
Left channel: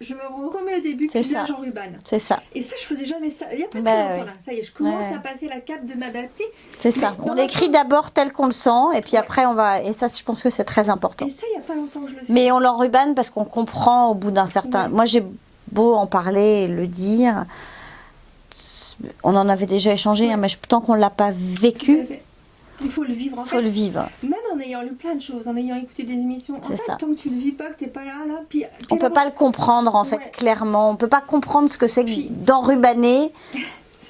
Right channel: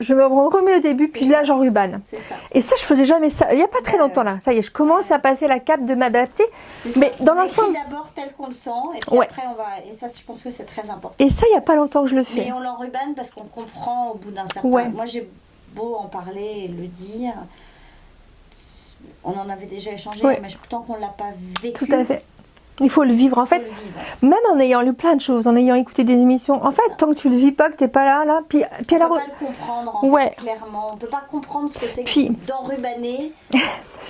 je me remets au début, puis là j'enrubane. C'est ça. Et ça, je faisais jamais ça. Il n'y a pas très longtemps là. Ça y est, je commence à passer la cape de m'adapter. C'est ça. On écrit d'abord tel qu'on le sent, et puis après on va. Et ça, je pense que c'est très important. Et ça, il n'y a pas longtemps que je le fais. Mais on l'enrubane parce qu'on comprend au bout d'un certain. Moi, j'ai beau en parler et le dire. On en avait déjà échangé, mais tant qu'on ne l'a pas vécu. Tout à fait. Il faut le vivre. En fait, le vivre. Même en ayant lu plein de choses, en ayant écouté des émissions, en fait, tant que tu le vis pas, que tu n'es pas là, puis on ne peut pas le comprendre, en fait, clairement. On ne peut pas comprendre ce que c'est que d'enrubanner.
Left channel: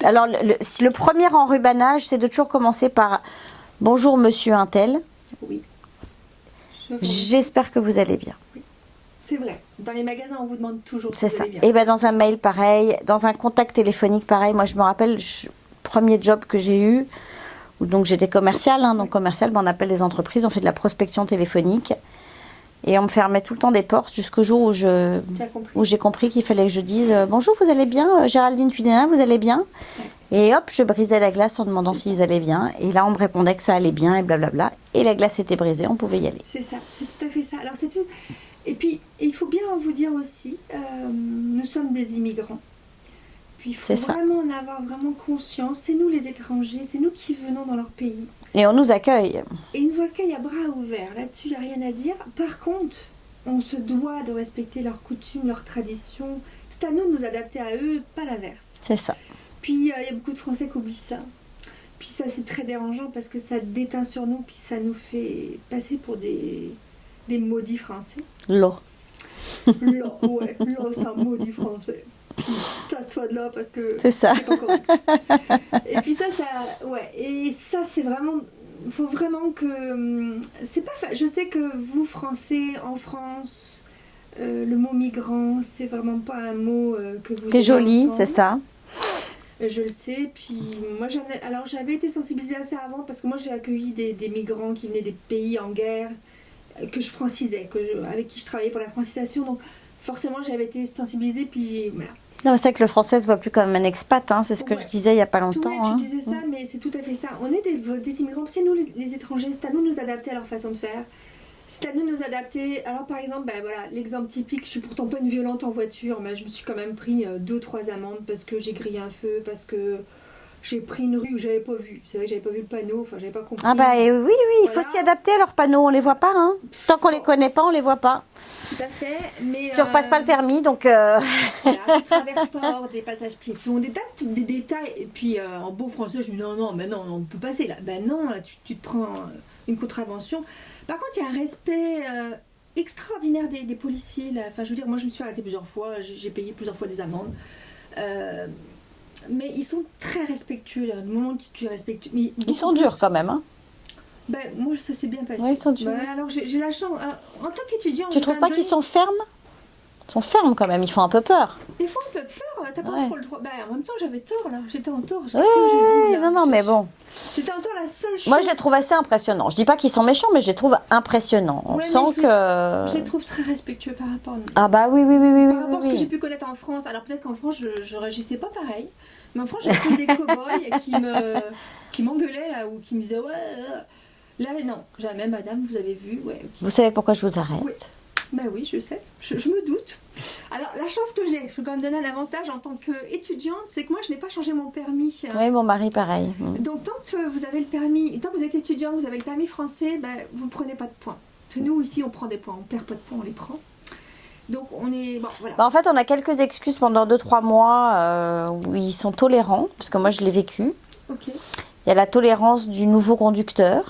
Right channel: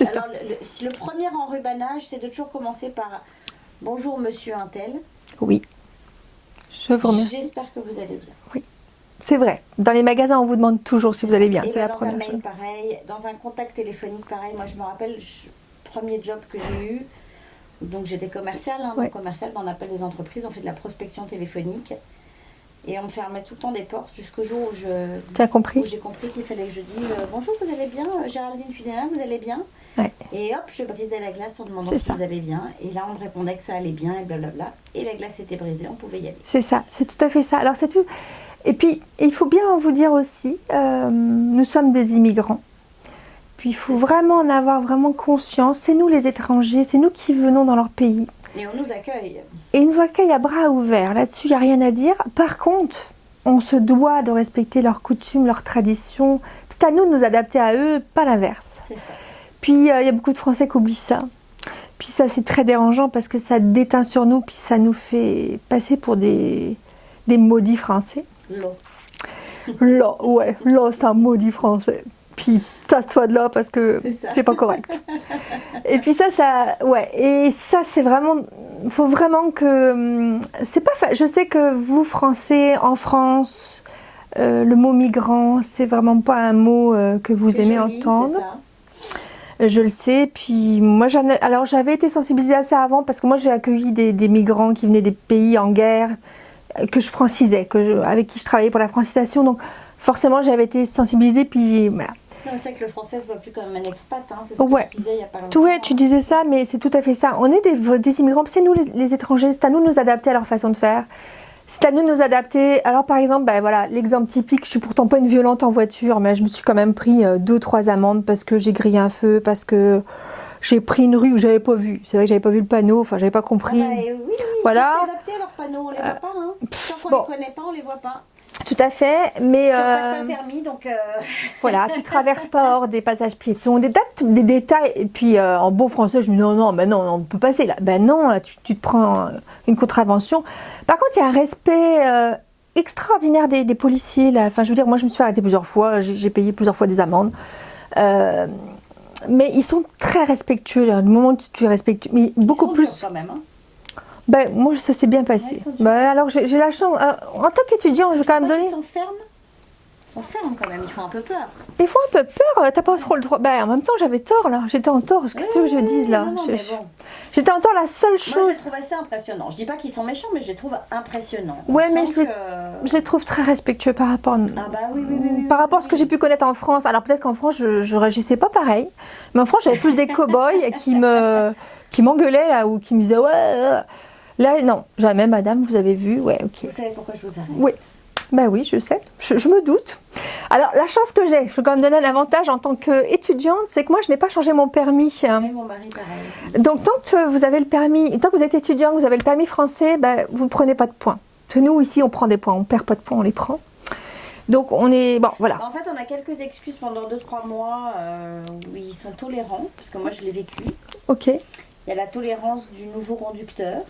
Alors, le premier enrubanage, c'est de toujours commencer par « Bonjour, monsieur Untel. » Oui. J'espère que vous allez bien. Oui. C'est vrai. Dans les magasins, on vous demande toujours si vous allez bien. Et ben dans un mail, pareil. Dans un contact téléphonique, pareil. Moi, je me rappelle, premier job que j'ai eu, donc j'étais commerciale. Donc commerciale, on appelle les entreprises, on fait de la prospection téléphonique. Et on me fermait tout le temps des portes jusqu'au jour où j'ai compris qu'il fallait que je dise bonjour, vous allez bien, Géraldine Fudénin, vous allez bien. Et hop, je brisais la glace en demandant s'ils allaient bien. Et là, on me répondait que ça allait bien et blablabla. Et la glace était brisée, on pouvait y aller. C'est ça, c'est tout à fait ça. Alors c'est tout. Et puis, il faut bien vous dire aussi, nous sommes des immigrants. Puis il faut vraiment en avoir vraiment conscience. C'est nous les étrangers, c'est nous qui venons dans leur pays. Et on nous accueille. Et ils nous accueillent à bras ouverts. Là-dessus, il n'y a rien à dire. Par contre, on se doit de respecter leurs coutumes, leurs traditions. C'est à nous de nous adapter à eux, pas l'inverse. C'est ça. Puis, il y a beaucoup de Français qui oublient ça. Puis ça, c'est très dérangeant parce que ça déteint sur nous, puis ça nous fait passer pour des maudits Français. L'eau. L'eau, ouais. L'eau, c'est un maudit Français. Puis tasse-toi de là parce que c'est pas correct. Et puis ça, ouais. Et ça, c'est vraiment, faut vraiment que, c'est pas, je sais que vous Français en France, le mot migrant, c'est vraiment pas un mot que vous aimez joli, entendre. C'est ça. Je le sais. Puis moi, j'avais été sensibilisée à ça avant parce que moi, j'ai accueilli des migrants qui venaient des pays en guerre que je francisais, avec qui je travaillais pour la francisation. Donc forcément, j'avais été sensibilisée. Puis voilà. Non, c'est vrai que le français se voit plus comme un expat, hein, c'est ce que je disais il n'y a pas longtemps. Oui, tu disais ça, mais c'est tout à fait ça. On est des immigrants, c'est nous les étrangers, c'est à nous de nous adapter à leur façon de faire. C'est à nous de nous adapter. Alors par exemple, voilà, l'exemple typique, je suis pourtant pas une violente en voiture, mais je me suis quand même pris 2 ou 3 amendes parce que j'ai grillé un feu, parce que j'ai pris une rue où j'avais pas vu. C'est vrai que j'avais pas vu le panneau, enfin j'avais pas compris. Ah oui, voilà. Il faut s'y adapter à leurs panneaux, on les voit pas. Hein. Tant qu'on les connaît pas, on les voit pas. Tout à fait, mais... Tu repasses pas le permis, donc... Voilà, tu traverses pas hors des passages piétons, des détails. Et puis en beau français, je me dis non, on peut passer là. Ben non, tu te prends une contravention. Par contre, il y a un respect extraordinaire des policiers là. Enfin, je veux dire, moi je me suis fait arrêter plusieurs fois, j'ai payé plusieurs fois des amendes. Mais ils sont très respectueux. Là. Du moment où tu es respectueux, mais beaucoup ils sont plus durs quand même. Hein. Ben, moi, ça s'est bien passé. Ouais, alors, j'ai la chance. Alors, en tant qu'étudiant, je trouve pas qu'ils sont fermes. Ils sont fermes quand même. Ils font un peu peur. Ils font un peu peur. T'as pas trop le droit. Ben, en même temps, j'avais tort là. J'étais en tort. Qu'est-ce que je dise là? Non, mais bon. J'étais en tort. La seule chose. Moi, je les trouve assez impressionnants. Je dis pas qu'ils sont méchants, mais je les trouve impressionnants. Ouais, mais je les trouve très respectueux par rapport. Ah bah oui. Par rapport à ce que j'ai pu connaître en France. Alors peut-être qu'en France, je réagissais pas pareil. Mais en France, j'avais plus des cow-boys qui m'engueulaient là ou qui me disaient ouais. Là, non, jamais, madame, vous avez vu, ouais, ok. Vous savez pourquoi je vous arrête? Oui, ben oui, je sais, je me doute. Alors, la chance que j'ai, je peux quand même donner un avantage en tant qu'étudiante, c'est que moi, je n'ai pas changé mon permis. Oui, mon mari, pareil. Donc, tant que vous avez le permis, tant que vous êtes étudiant, vous avez le permis français, ben, vous ne prenez pas de points. Nous, ici, on prend des points, on ne perd pas de points, on les prend. Donc, on est, bon, voilà. En fait, on a quelques excuses pendant 2-3 mois où ils sont tolérants, parce que moi, je l'ai vécu. Ok. Il y a la tolérance du nouveau conducteur.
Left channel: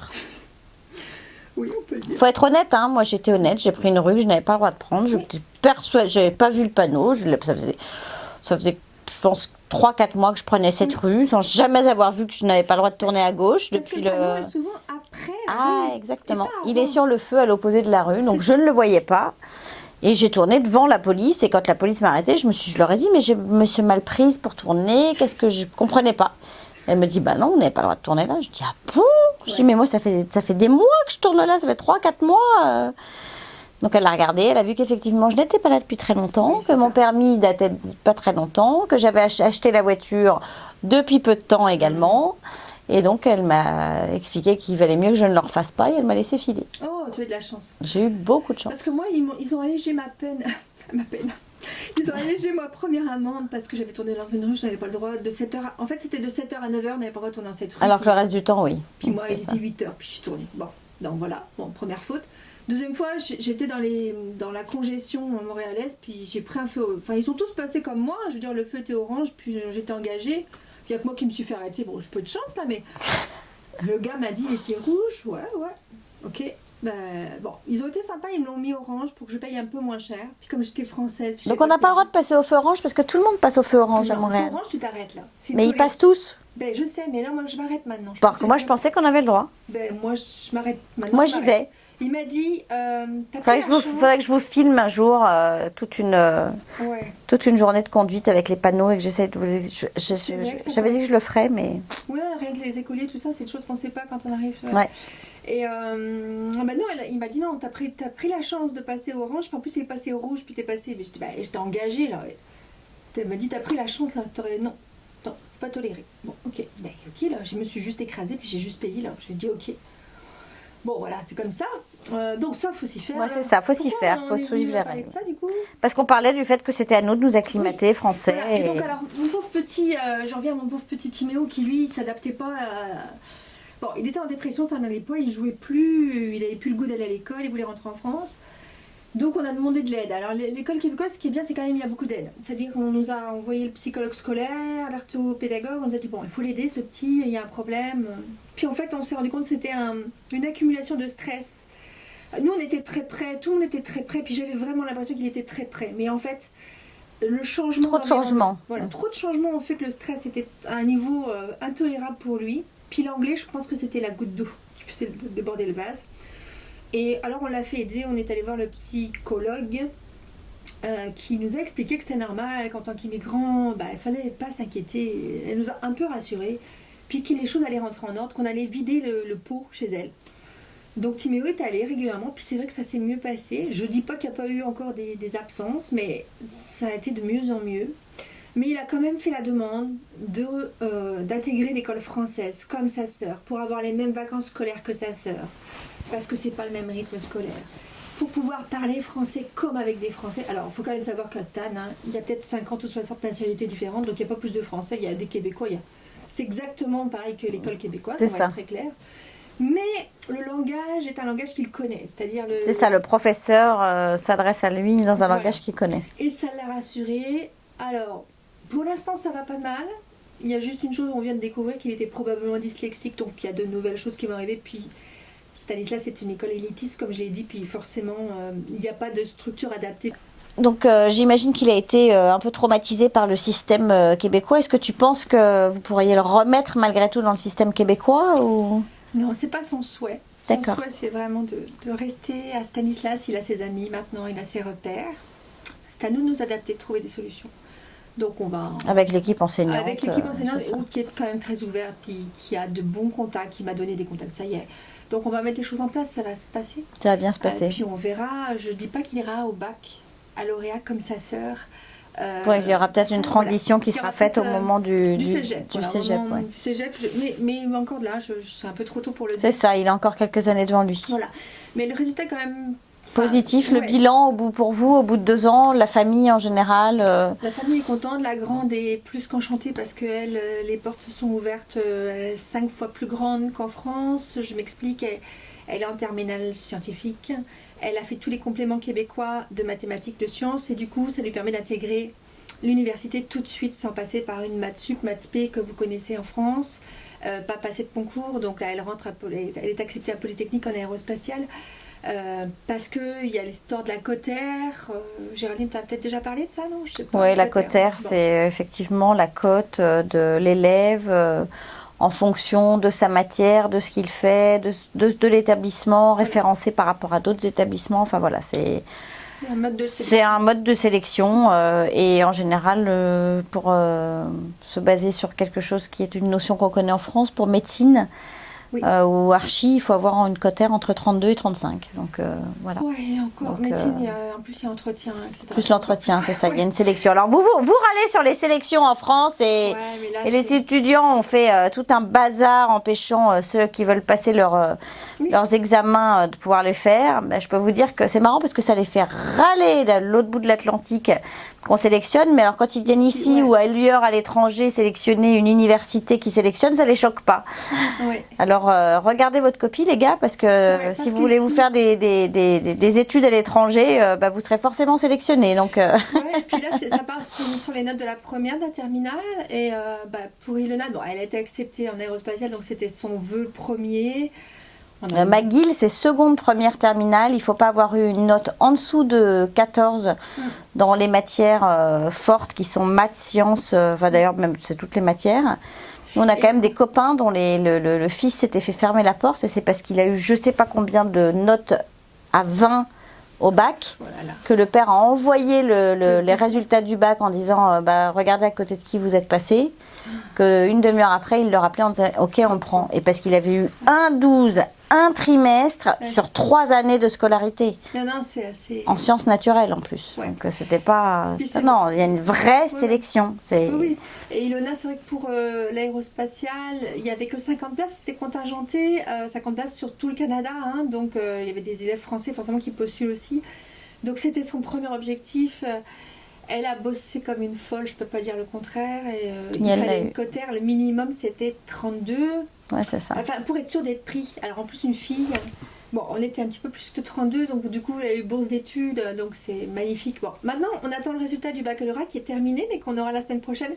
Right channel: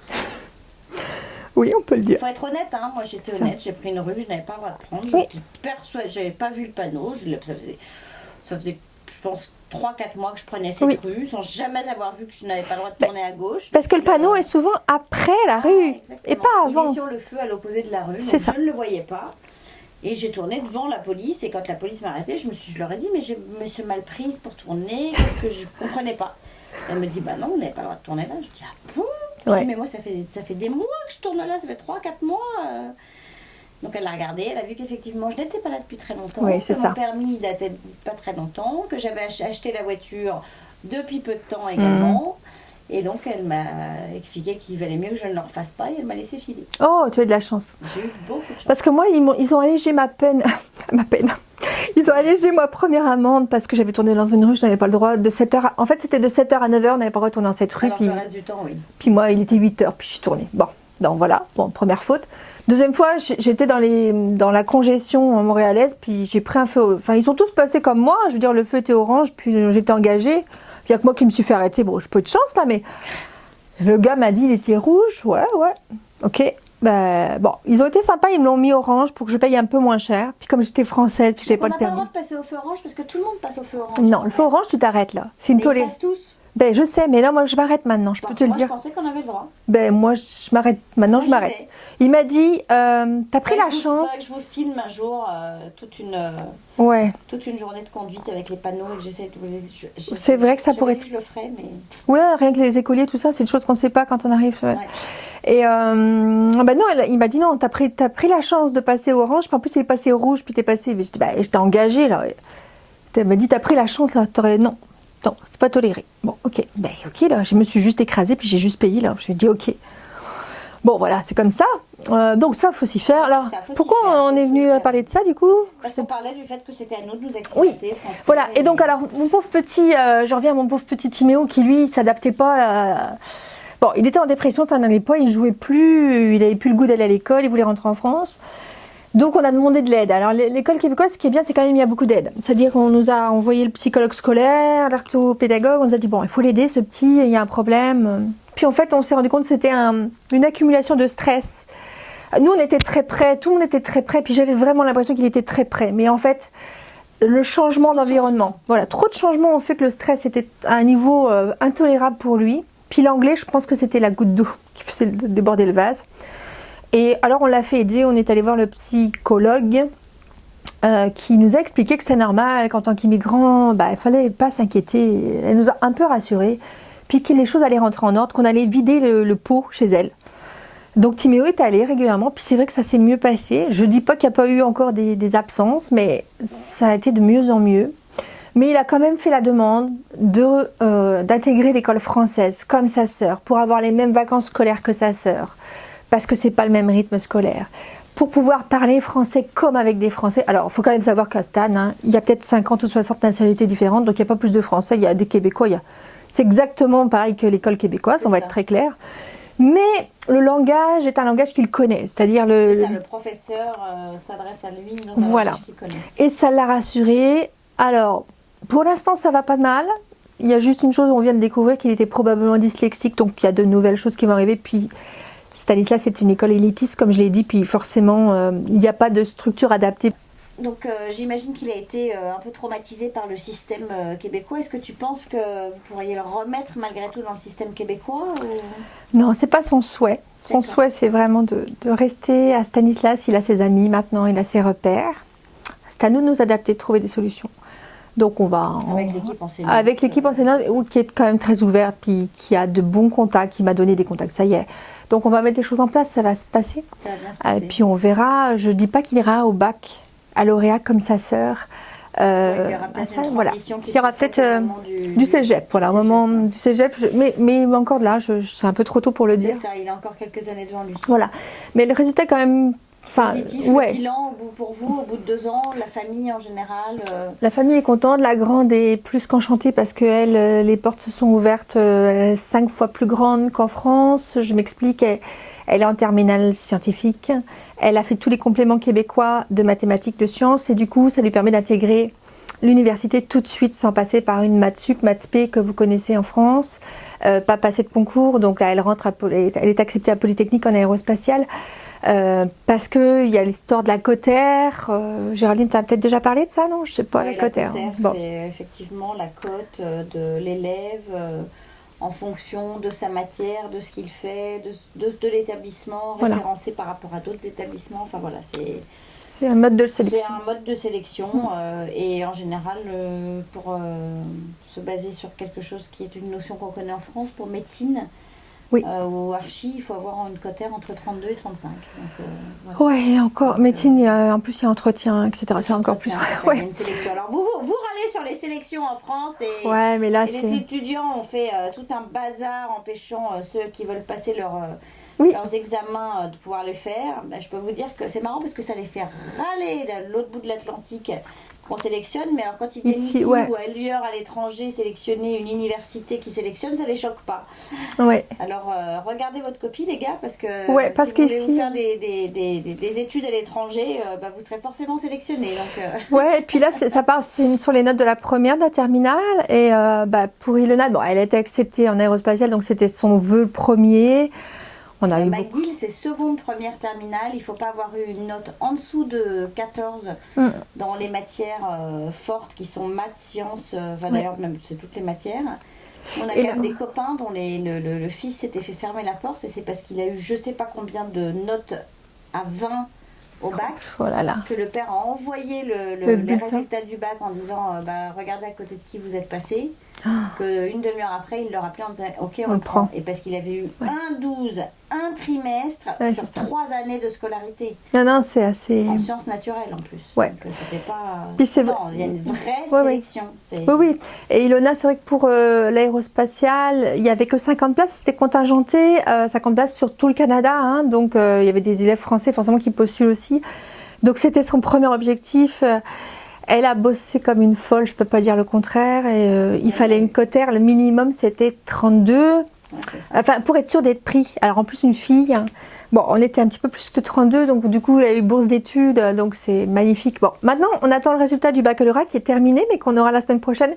Oui, on peut le dire. Il faut être honnête, hein. Moi j'étais honnête, j'ai pris une rue que je n'avais pas le droit de prendre. J'étais persuadée, j'avais pas vu le panneau. Ça faisait, je pense, 3-4 mois que je prenais cette rue sans jamais avoir vu que je n'avais pas le droit de tourner à gauche. Parce que le panneau est souvent après la rue. Exactement. Et pas avant. Il est sur le feu à l'opposé de la rue, donc je ne le voyais pas. Et j'ai tourné devant la police. Et quand la police m'a arrêtée, je leur ai dit, mais je me suis mal prise pour tourner. Qu'est-ce que je comprenais pas? Elle me dit, bah non, vous n'avez pas le droit de tourner là. Je dis, ah bon? Je dis, mais moi, ça fait des mois que je tourne là, ça fait 3-4 mois. Donc elle l'a regardé, elle a vu qu'effectivement, je n'étais pas là depuis très longtemps, que mon permis datait pas très longtemps, que j'avais acheté la voiture depuis peu de temps également. Et donc, elle m'a expliqué qu'il valait mieux que je ne le refasse pas et elle m'a laissé filer. Oh, tu as de la chance. J'ai eu beaucoup de chance. Parce que moi, ils ont allégé ma peine. Ils ont allégé ma première amende parce que j'avais tourné dans une rue, je n'avais pas le droit de 7h. En fait, c'était de 7h à 9h, on n'avait pas le droit de tourner dans cette rue. Alors que le reste du temps, oui. Puis moi, il était 8h, puis je suis tournée. Bon, donc voilà, première faute. Deuxième fois, j'étais dans la congestion montréalaise, puis j'ai pris un feu. Enfin, ils sont tous passés comme moi. Je veux dire, le feu était orange, puis j'étais engagée. Il n'y a que moi qui me suis fait arrêter. Bon, j'ai peu de chance là, mais Le gars m'a dit, il était rouge. Ouais, ok. Ben, bon, ils ont été sympas, ils me l'ont mis orange pour que je paye un peu moins cher. Puis comme j'étais française, puis donc on n'a pas le droit de passer au feu orange parce que tout le monde passe au feu orange. Non, le feu orange, tu t'arrêtes là. Mais ils passent tous. Ben je sais, mais là moi je m'arrête maintenant. Je pensais qu'on avait le droit. Ben moi je m'arrête maintenant. Moi j'y vais. Il m'a dit, t'as pris la chance. Faudrait que je vous filme un jour toute une journée de conduite avec les panneaux et que j'essaie de vous. C'est vrai que ça pourrait. Je le ferai, mais. Ouais, rien que les écoliers, tout ça, c'est une chose qu'on ne sait pas quand on arrive. Ouais. Et ben non, il m'a dit non, t'as pris la chance de passer au orange, puis en plus il est passé au rouge, puis t'es passé. Je dis bah je t'ai engagé là. Il m'a dit t'as pris la chance là, non, c'est pas toléré. Bon, ok, là, je me suis juste écrasée, puis j'ai juste payé là. J'ai dit ok. Bon voilà, c'est comme ça. Donc ça, faut s'y faire. Ouais, ça, faut pourquoi s'y faire, on est venu parler de ça du coup? Parce qu'on parlait du fait que c'était à nous de nous acclimater français. Voilà. Et donc alors mon pauvre petit, je reviens à mon pauvre petit Timéo qui lui s'adaptait pas. Bon, il était en dépression, ça n'allait pas, il jouait plus, il avait plus le goût d'aller à l'école, il voulait rentrer en France. Donc on a demandé de l'aide. Alors l'école québécoise, ce qui est bien, c'est quand même il y a beaucoup d'aide. C'est-à-dire qu'on nous a envoyé le psychologue scolaire, l'orthopédagogue, on nous a dit bon, il faut l'aider ce petit, il y a un problème. Puis en fait, on s'est rendu compte que c'était une accumulation de stress. Nous, on était très près, tout le monde était très près, puis j'avais vraiment l'impression qu'il était très près. Mais en fait, le changement d'environnement, voilà, trop de changements ont fait que le stress était à un niveau intolérable pour lui. Puis l'anglais, je pense que c'était la goutte d'eau qui faisait déborder le vase. Et alors on l'a fait aider, on est allé voir le psychologue qui nous a expliqué que c'est normal qu'en tant qu'immigrant, il fallait pas s'inquiéter. Elle nous a un peu rassurés, puis que les choses allaient rentrer en ordre, qu'on allait vider le pot chez elle. Donc Timéo est allé régulièrement, puis c'est vrai que ça s'est mieux passé. Je dis pas qu'il n'y a pas eu encore des absences, mais ça a été de mieux en mieux. Mais il a quand même fait la demande d'intégrer l'école française comme sa sœur, pour avoir les mêmes vacances scolaires que sa sœur, parce que c'est pas le même rythme scolaire. Pour pouvoir parler français comme avec des Français. Alors, il faut quand même savoir qu'à Stan, il y a peut-être 50 ou 60 nationalités différentes, donc il n'y a pas plus de Français, il y a des Québécois. C'est exactement pareil que l'école québécoise, on va être très clair. Mais le langage est un langage qu'il connaît, c'est-à-dire C'est ça, le professeur s'adresse à lui dans un langage qu'il connaît. Et ça l'a rassuré. Alors, pour l'instant, ça va pas de mal. Il y a juste une chose, on vient de découvrir qu'il était probablement dyslexique, donc il y a de nouvelles choses qui vont arriver. Puis Stanislas, c'est une école élitiste, comme je l'ai dit, puis forcément, il n'y a pas de structure adaptée. Donc j'imagine qu'il a été un peu traumatisé par le système québécois. Est-ce que tu penses que vous pourriez le remettre malgré tout dans le système québécois ou... Non, c'est pas son souhait. Son souhait, c'est vraiment de rester à Stanislas. Il a ses amis maintenant, il a ses repères. C'est à nous de nous adapter, de trouver des solutions. Donc on va... Avec l'équipe enseignante. Avec l'équipe enseignante, qui est quand même très ouverte, puis qui a de bons contacts, qui m'a donné des contacts, ça y est. Donc on va mettre les choses en place, ça va se passer. Ça va bien se passer. Et puis on verra, je dis pas qu'il ira au bac, à lauréat comme sa sœur. Il y aura peut-être une transition qui sera faite au moment du cégep. Voilà, au moment du cégep. Mais encore là, c'est un peu trop tôt pour le dire. C'est ça, il a encore quelques années devant lui. Voilà. Mais le résultat est quand même... positif, le bilan pour vous, au bout de 2 ans, la famille en général La famille est contente, la grande est plus qu'enchantée parce que les portes se sont ouvertes 5 fois plus grandes qu'en France. Je m'explique, elle est en terminale scientifique, elle a fait tous les compléments québécois de mathématiques, de sciences et du coup ça lui permet d'intégrer l'université tout de suite sans passer par une maths sup, maths spé que vous connaissez en France, pas passer de concours, donc là elle est acceptée à Polytechnique en aérospatiale. Parce qu'il y a l'histoire de la cotère. Géraldine, tu as peut-être déjà parlé de ça, non? Je sais pas. Oui, la cotère, c'est effectivement la cote de l'élève en fonction de sa matière, de ce qu'il fait, de l'établissement, référencé par rapport à d'autres établissements. Enfin voilà, c'est un mode de sélection. C'est un mode de sélection et en général, pour se baser sur quelque chose qui est une notion qu'on connaît en France, pour médecine, ou archi, il faut avoir une cotère entre 32 et 35. Donc, voilà. Ouais, encore. Donc, médecine, en plus, il y a entretien, etc. Plus l'entretien, c'est ça, il y a une sélection. Alors, vous râlez sur les sélections en France et les étudiants ont fait tout un bazar empêchant ceux qui veulent passer leurs examens de pouvoir les faire. Ben, je peux vous dire que c'est marrant parce que ça les fait râler de l'autre bout de l'Atlantique qu'on sélectionne, mais alors quand ils viennent ici ou ailleurs à l'étranger sélectionner une université qui sélectionne, ça les choque pas. Ouais. Alors regardez votre copie les gars, parce que si vous voulez vous faire des études à l'étranger, vous serez forcément sélectionné. Donc ouais, et puis là ça part sur les notes de la première, de la terminale, et pour Ilona, elle a été acceptée en aérospatiale, donc c'était son vœu premier. McGill, c'est seconde, première, terminale. Il ne faut pas avoir eu une note en dessous de 14 dans les matières fortes qui sont maths, sciences, d'ailleurs même c'est toutes les matières. On a quand même des copains dont le fils s'était fait fermer la porte, et c'est parce qu'il a eu je ne sais pas combien de notes à 20 au bac, que le père a envoyé les résultats du bac en disant regardez à côté de qui vous êtes passé. Qu'une demi-heure après, il leur appelait en disant ok, on prend. Et parce qu'il avait eu un 12, un trimestre sur 3 années de scolarité. Non, c'est assez. En sciences naturelles en plus. Ouais. Donc c'était pas. Non, il y a une vraie sélection. Oui. Et Ilona, c'est vrai que pour l'aérospatiale, il n'y avait que 50 places, c'était contingenté, 50 places sur tout le Canada. Donc il y avait des élèves français forcément qui postulent aussi. Donc c'était son premier objectif. Elle a bossé comme une folle, je ne peux pas dire le contraire. Et, il fallait une cotère, le minimum c'était 32. Ouais, c'est ça. Enfin, pour être sûre d'être pris. Alors en plus, une fille, bon, on était un petit peu plus que 32, donc du coup, elle a eu bourse d'études, donc c'est magnifique. Bon, maintenant, on attend le résultat du baccalauréat qui est terminé, mais qu'on aura la semaine prochaine,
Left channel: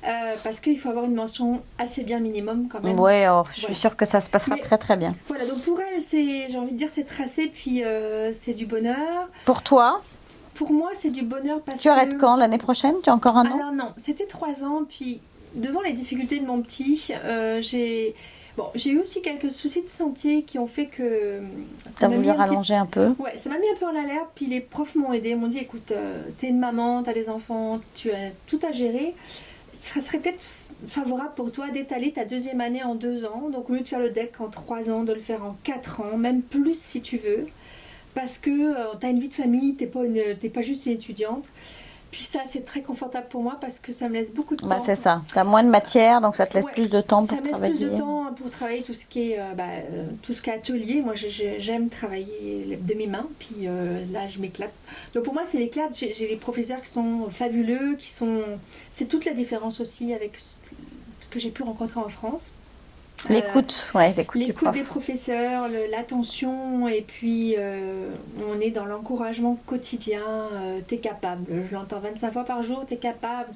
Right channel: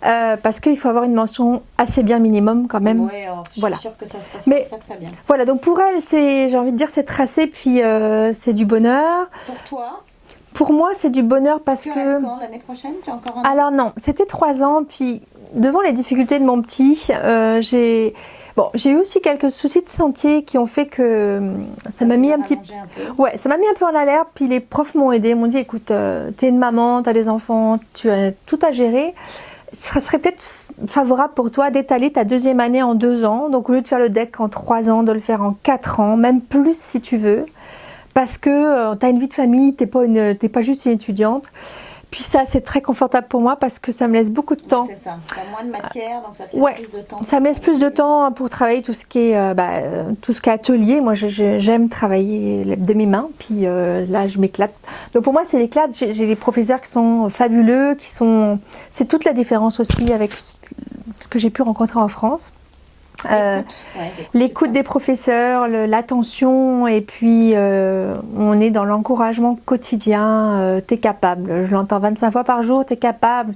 parce qu'il faut avoir une mention assez bien minimum quand même. Oui, je suis sûre que ça se passera très très bien. Voilà, donc pour elle, j'ai envie de dire, c'est tracé, puis c'est du bonheur. Pour toi ? Pour moi, c'est du bonheur parce que... Tu arrêtes quand, l'année prochaine? Tu as encore un an? Alors non, c'était 3 ans, puis devant les difficultés de mon petit, j'ai eu aussi quelques soucis de santé qui ont fait que ça m'a mis un peu. Ouais, ça m'a mis un peu en alerte, puis les profs m'ont aidé, m'ont dit écoute, t'es une maman, t'as des enfants, tu as tout à gérer. Ça serait peut-être favorable pour toi d'étaler ta 2e année en 2 ans, donc au lieu de faire le DEC en 3 ans, de le faire en 4 ans, même plus si tu veux. Parce que tu as une vie de famille, tu n'es pas juste une étudiante. Puis ça, c'est très confortable pour moi parce que ça me laisse beaucoup de temps. C'est ça, tu as moins de matière, donc ça te laisse plus de temps. Ça me laisse plus de temps pour travailler tout ce qui est atelier. Moi, j'aime travailler de mes mains, puis là, je m'éclate. Donc pour moi, c'est l'éclate. J'ai des professeurs qui sont fabuleux, c'est toute la différence aussi avec ce que j'ai pu rencontrer en France. L'écoute des professeurs, l'attention, et puis on est dans l'encouragement quotidien. T'es capable, je l'entends 25 fois par jour, t'es capable,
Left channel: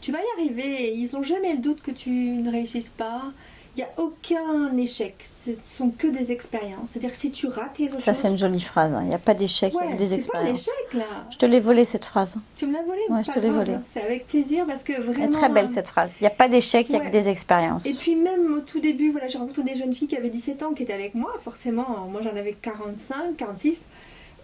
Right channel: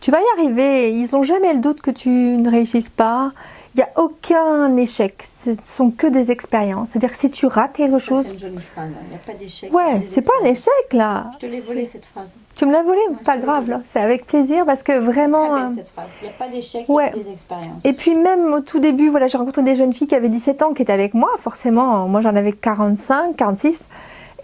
tu vas y arriver. Ils n'ont jamais le doute que tu ne réussisses pas. Il n'y a aucun échec, ce ne sont que des expériences. C'est-à-dire que si tu rates quelque chose... Ça, c'est une jolie phrase, il n'y a pas d'échec, ouais, c'est pas un échec, là. Je te l'ai volée, cette phrase. Tu me l'as volée, mais c'est pas grave. C'est avec plaisir, parce que vraiment... C'est très belle, cette phrase. Il n'y a pas d'échec, il y a des expériences. Et puis même au tout début, j'ai rencontré des jeunes filles qui avaient 17 ans, qui étaient avec moi. Forcément, moi j'en avais 45, 46.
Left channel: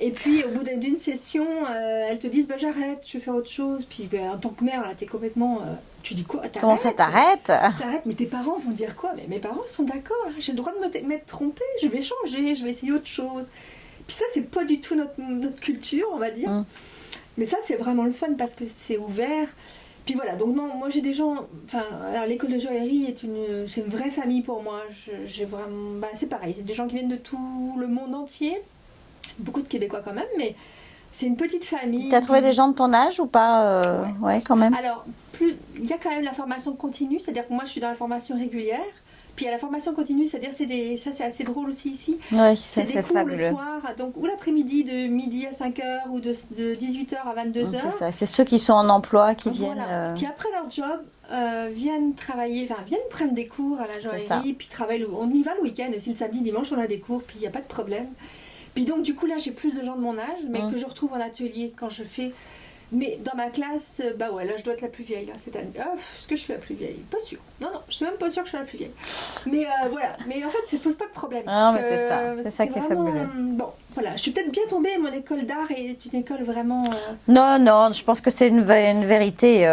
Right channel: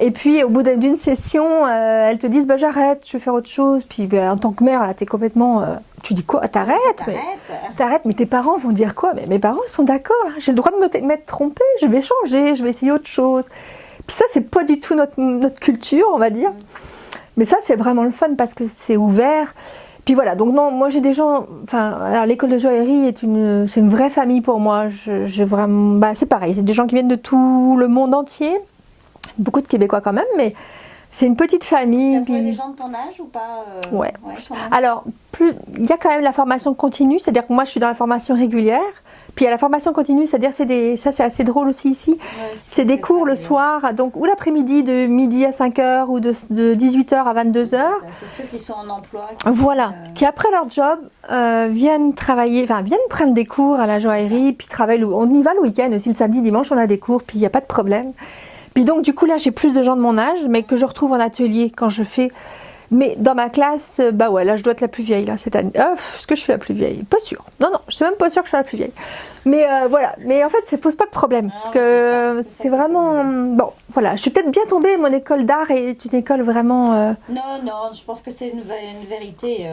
Et puis au bout d'une session, elles te disent j'arrête, je vais faire autre chose. Puis en tant que mère, là, t'es complètement... tu dis quoi? T'arrêtes, mais tes parents vont dire quoi? Mais mes parents ils sont d'accord, hein. J'ai le droit de m'être trompée, je vais changer, je vais essayer autre chose. Puis ça, c'est pas du tout notre culture, on va dire. Mais ça, c'est vraiment le fun parce que c'est ouvert. Puis voilà, donc non, moi j'ai des gens... alors l'école de joaillerie c'est une vraie famille pour moi. J'ai vraiment... c'est pareil, c'est des gens qui viennent de tout le monde entier. Beaucoup de Québécois quand même, mais c'est une petite famille. Tu as trouvé des gens de ton âge ou pas? Ouais, quand même. Alors, il y a quand même la formation continue, c'est-à-dire que moi je suis dans la formation régulière, puis il y a la formation continue, c'est-à-dire ça c'est assez drôle aussi ici. Ouais, c'est des cours fabuleux. Le soir, donc ou l'après-midi de midi à 5h ou de 18h à 22h. C'est ceux qui sont en emploi. Qui après leur job viennent travailler, viennent prendre des cours à la joaillerie, puis travaillent. On y va le week-end aussi, le samedi, dimanche on a des cours, puis il n'y a pas de problème. Puis donc du coup là j'ai plus de gens de mon âge, mais que je retrouve en atelier quand je fais. Mais dans ma classe, là je dois être la plus vieille là cette année. Est-ce que je suis la plus vieille? Pas sûre. Non, je suis même pas sûre que je suis la plus vieille. Mais voilà. Mais en fait ça pose pas de problème. C'est vraiment bon. Voilà, je suis peut-être bien tombée. Mon école d'art est une école vraiment. Non, je pense que c'est une vérité.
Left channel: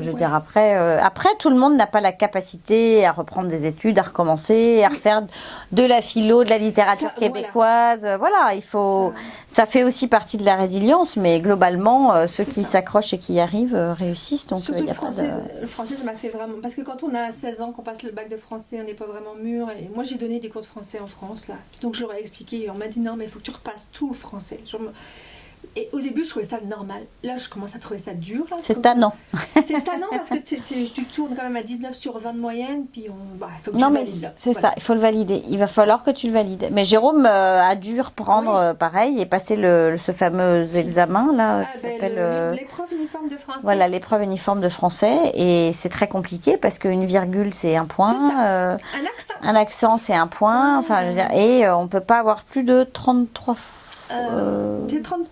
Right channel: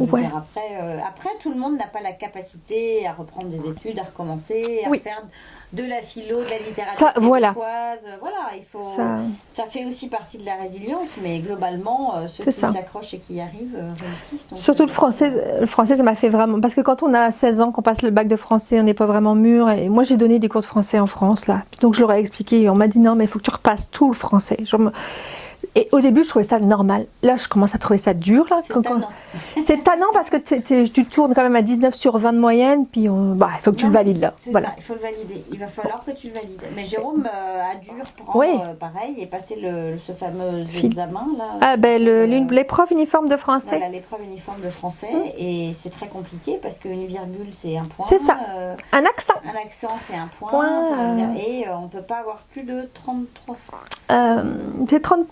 Je veux dire après tout le monde n'a pas la capacité à reprendre des études, à recommencer, à refaire de la philo, de la littérature québécoise. Voilà, il faut. Ça fait aussi partie de la résilience, mais globalement, ceux qui s'accrochent et qui y arrivent réussissent. Donc, surtout le français. Le français, ça m'a fait vraiment. Parce que quand on a 16 ans, qu'on passe le bac de français, on n'est pas vraiment mûr. Et moi, j'ai donné des cours de français en France là. Donc je leur ai expliqué. On m'a dit non, mais il faut que tu repasses tout le français. Et au début, je trouvais ça normal. Là, je commence à trouver ça dur. C'est tannant. C'est tannant parce que tu tournes quand même à 19 sur 20 de moyenne, puis il faut que tu le valides là. C'est ça, il faut le valider. Il va falloir que tu le valides. Mais Jérôme a dû reprendre pareil et passer ce fameux examen là. L'épreuve uniforme de français. Voilà, l'épreuve uniforme de français. Et c'est très compliqué parce qu'une virgule, c'est un point. C'est ça. Un accent. Un accent, c'est un point. Et on ne peut pas avoir plus de 33 c'est 30%,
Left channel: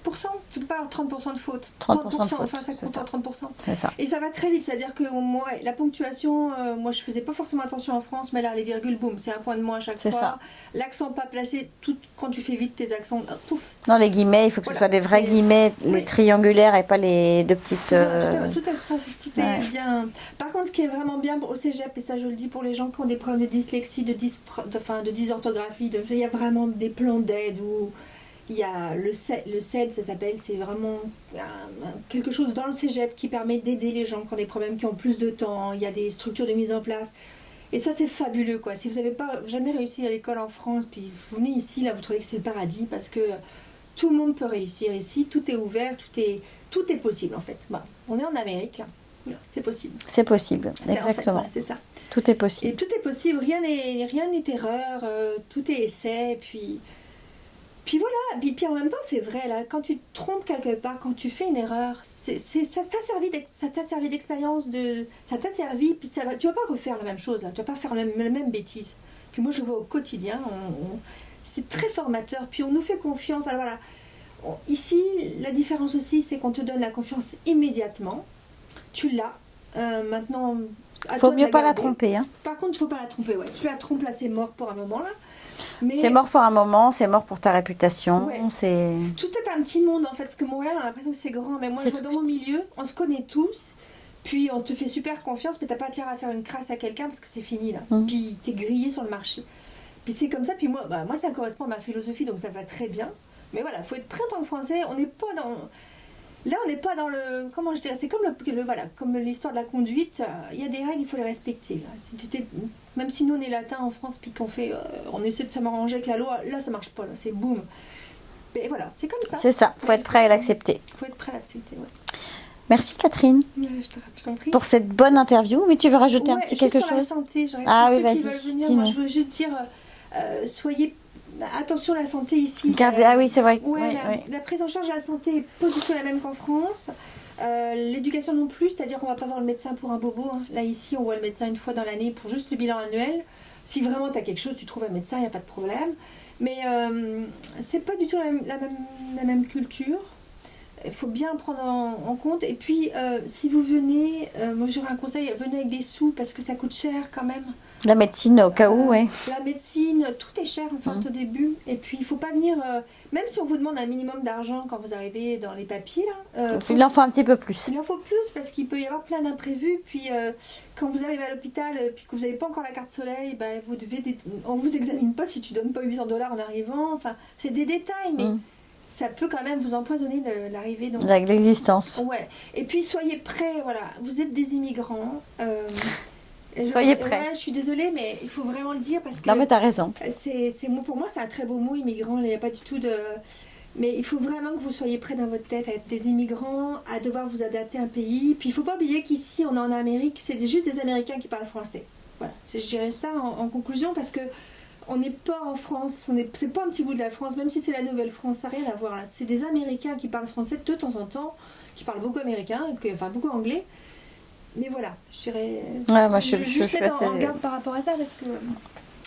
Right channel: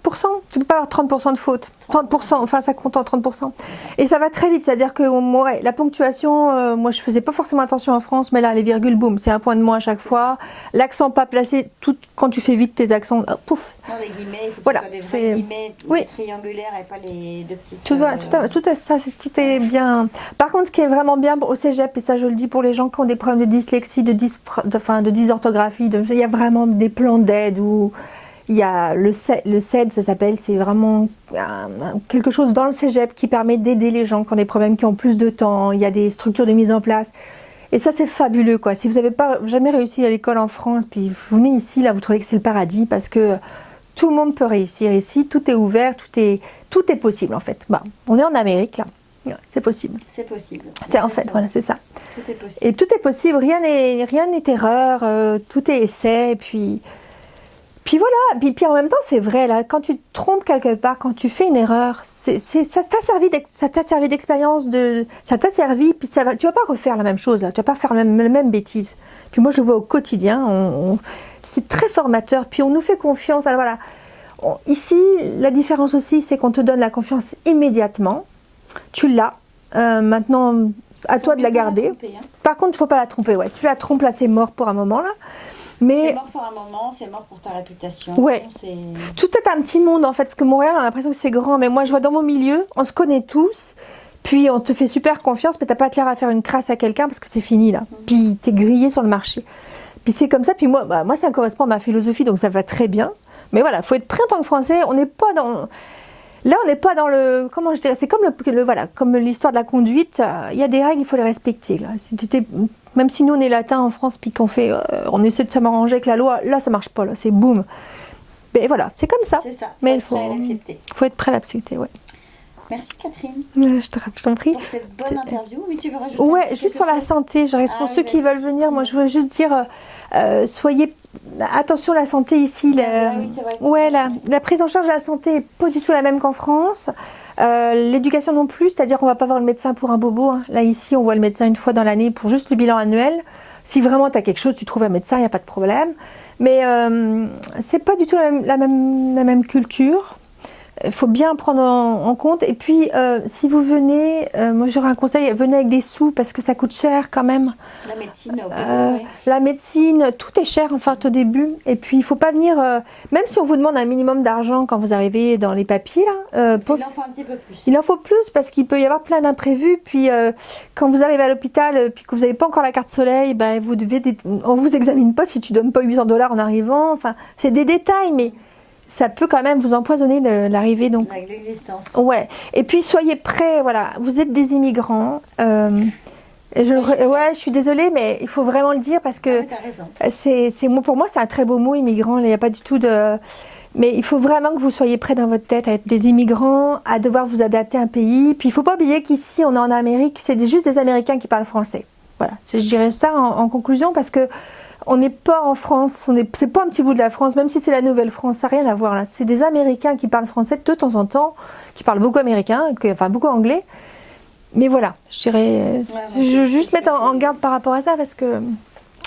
tu ne peux pas avoir 30% de faute. 30%, enfin ça compte en 30%. Et ça va très vite, c'est-à-dire que moi, la ponctuation, moi je faisais pas forcément attention en France, mais là les virgules, boum, c'est un point de moins à chaque fois. L'accent pas placé, quand tu fais vite tes accents, pouf. Non, les guillemets, il faut que ce soit des vrais guillemets, les triangulaires et pas les deux petites... Tout est bien. Par contre, ce qui est vraiment bien au cégep, et ça je le dis pour les gens qui ont des problèmes de dyslexie, de dysorthographie, il y a vraiment des plans d'aide où... Il y a le CED, ça s'appelle, c'est vraiment quelque chose dans le cégep qui permet d'aider les gens qui ont des problèmes, qui ont plus de temps. Il y a des structures de mise en place. Et ça, c'est fabuleux, quoi. Si vous n'avez pas jamais réussi à l'école en France, puis vous venez ici, là, vous trouvez que c'est le paradis, parce que tout le monde peut réussir ici. Tout est ouvert, tout est possible, en fait. On est en Amérique, là. C'est possible. C'est possible. C'est en fait, voilà, c'est ça. Tout est possible. Et tout est possible. Rien n'est erreur. Tout est essai. Puis voilà, puis en même temps, c'est vrai, là, quand tu te trompes quelque part, quand tu fais une erreur, ça t'a servi d'expérience, ça t'a servi, puis tu vas pas refaire la même chose, là, tu vas pas faire la même bêtise. Puis moi, je le vois au quotidien, c'est très formateur, puis on nous fait confiance. Alors voilà, ici, la différence aussi, c'est qu'on te donne la confiance immédiatement, tu l'as, maintenant, à toi de la garder. La tromper, hein. Par contre, il ne faut pas la tromper, ouais. Si tu la trompes, là, c'est mort pour un moment, là. Mais... C'est mort pour un moment, c'est mort pour ta réputation. Ouais. Tout est un petit monde en fait, parce que Montréal, on a l'impression que c'est grand, mais moi je vois dans mon milieu, on se connaît tous, puis on te fait super confiance, mais t'as pas intérêt à faire une crasse à quelqu'un parce que c'est fini là. Puis t'es grillé sur le marché. Puis c'est comme ça, puis moi ça correspond à ma philosophie, donc ça va très bien. Mais voilà, faut être prêt en tant que Français, on n'est pas dans... Là, on n'est pas dans le... Comment je dirais? C'est comme comme l'histoire de la conduite. Il y a des règles, il faut les respecter. Là. Même si nous, on est latins en France, puis qu'on fait... on essaie de s'arranger avec la loi, là, ça marche pas. Là, c'est boum. Mais voilà, c'est comme ça. C'est ça, il faut être prêt à l'accepter. Il faut être prêt à l'accepter, oui. Merci Catherine. Je t'en prie. Pour cette bonne interview. Oui, tu veux rajouter un petit quelque chose? Juste sur la santé. Pour ceux qui veulent venir, moi, je veux juste dire... soyez... Attention, la santé ici. Oui, c'est vrai. La prise en charge de la santé n'est pas du tout la même qu'en France. L'éducation non plus, c'est-à-dire qu'on ne va pas voir le médecin pour un bobo. Hein. Là, ici, on voit le médecin une fois dans l'année pour juste le bilan annuel. Si vraiment tu as quelque chose, tu trouves un médecin, il n'y a pas de problème. Mais c'est pas du tout la même culture. Il faut bien prendre en compte. Et puis, si vous venez, moi j'aurais un conseil, venez avec des sous parce que ça coûte cher quand même. La médecine au cas où, oui. La médecine, tout est cher en fait au début. Et puis, il ne faut pas venir, même si on vous demande un minimum d'argent quand vous arrivez dans les papiers, là, il en faut un petit peu plus. Il en faut plus parce qu'il peut y avoir plein d'imprévus. Puis, quand vous arrivez à l'hôpital, puis que vous n'avez pas encore la carte soleil, ben, on ne vous examine pas si tu ne donnes pas $800 en arrivant. Enfin, c'est des détails, mais... Ça peut quand même vous empoisonner l'arrivée. Avec l'existence. Ouais. Et puis soyez prêts, voilà. Vous êtes des immigrants. Je suis désolée, mais il faut vraiment le dire parce que... Non, mais t'as raison. Pour moi, c'est un très beau mot, immigrant. Il n'y a pas du tout de... Mais il faut vraiment que vous soyez prêts dans votre tête à être des immigrants, à devoir vous adapter à un pays. Puis il ne faut pas oublier qu'ici, on est en Amérique, c'est juste des Américains qui parlent français. Voilà. Je dirais ça en conclusion parce que on n'est pas en France, c'est pas un petit bout de la France, même si c'est la Nouvelle-France, ça n'a rien à voir là. C'est des Américains qui parlent français de temps en temps, qui parlent beaucoup américain, enfin beaucoup anglais. Mais voilà, je dirais, je veux juste mettre en garde par rapport à ça parce que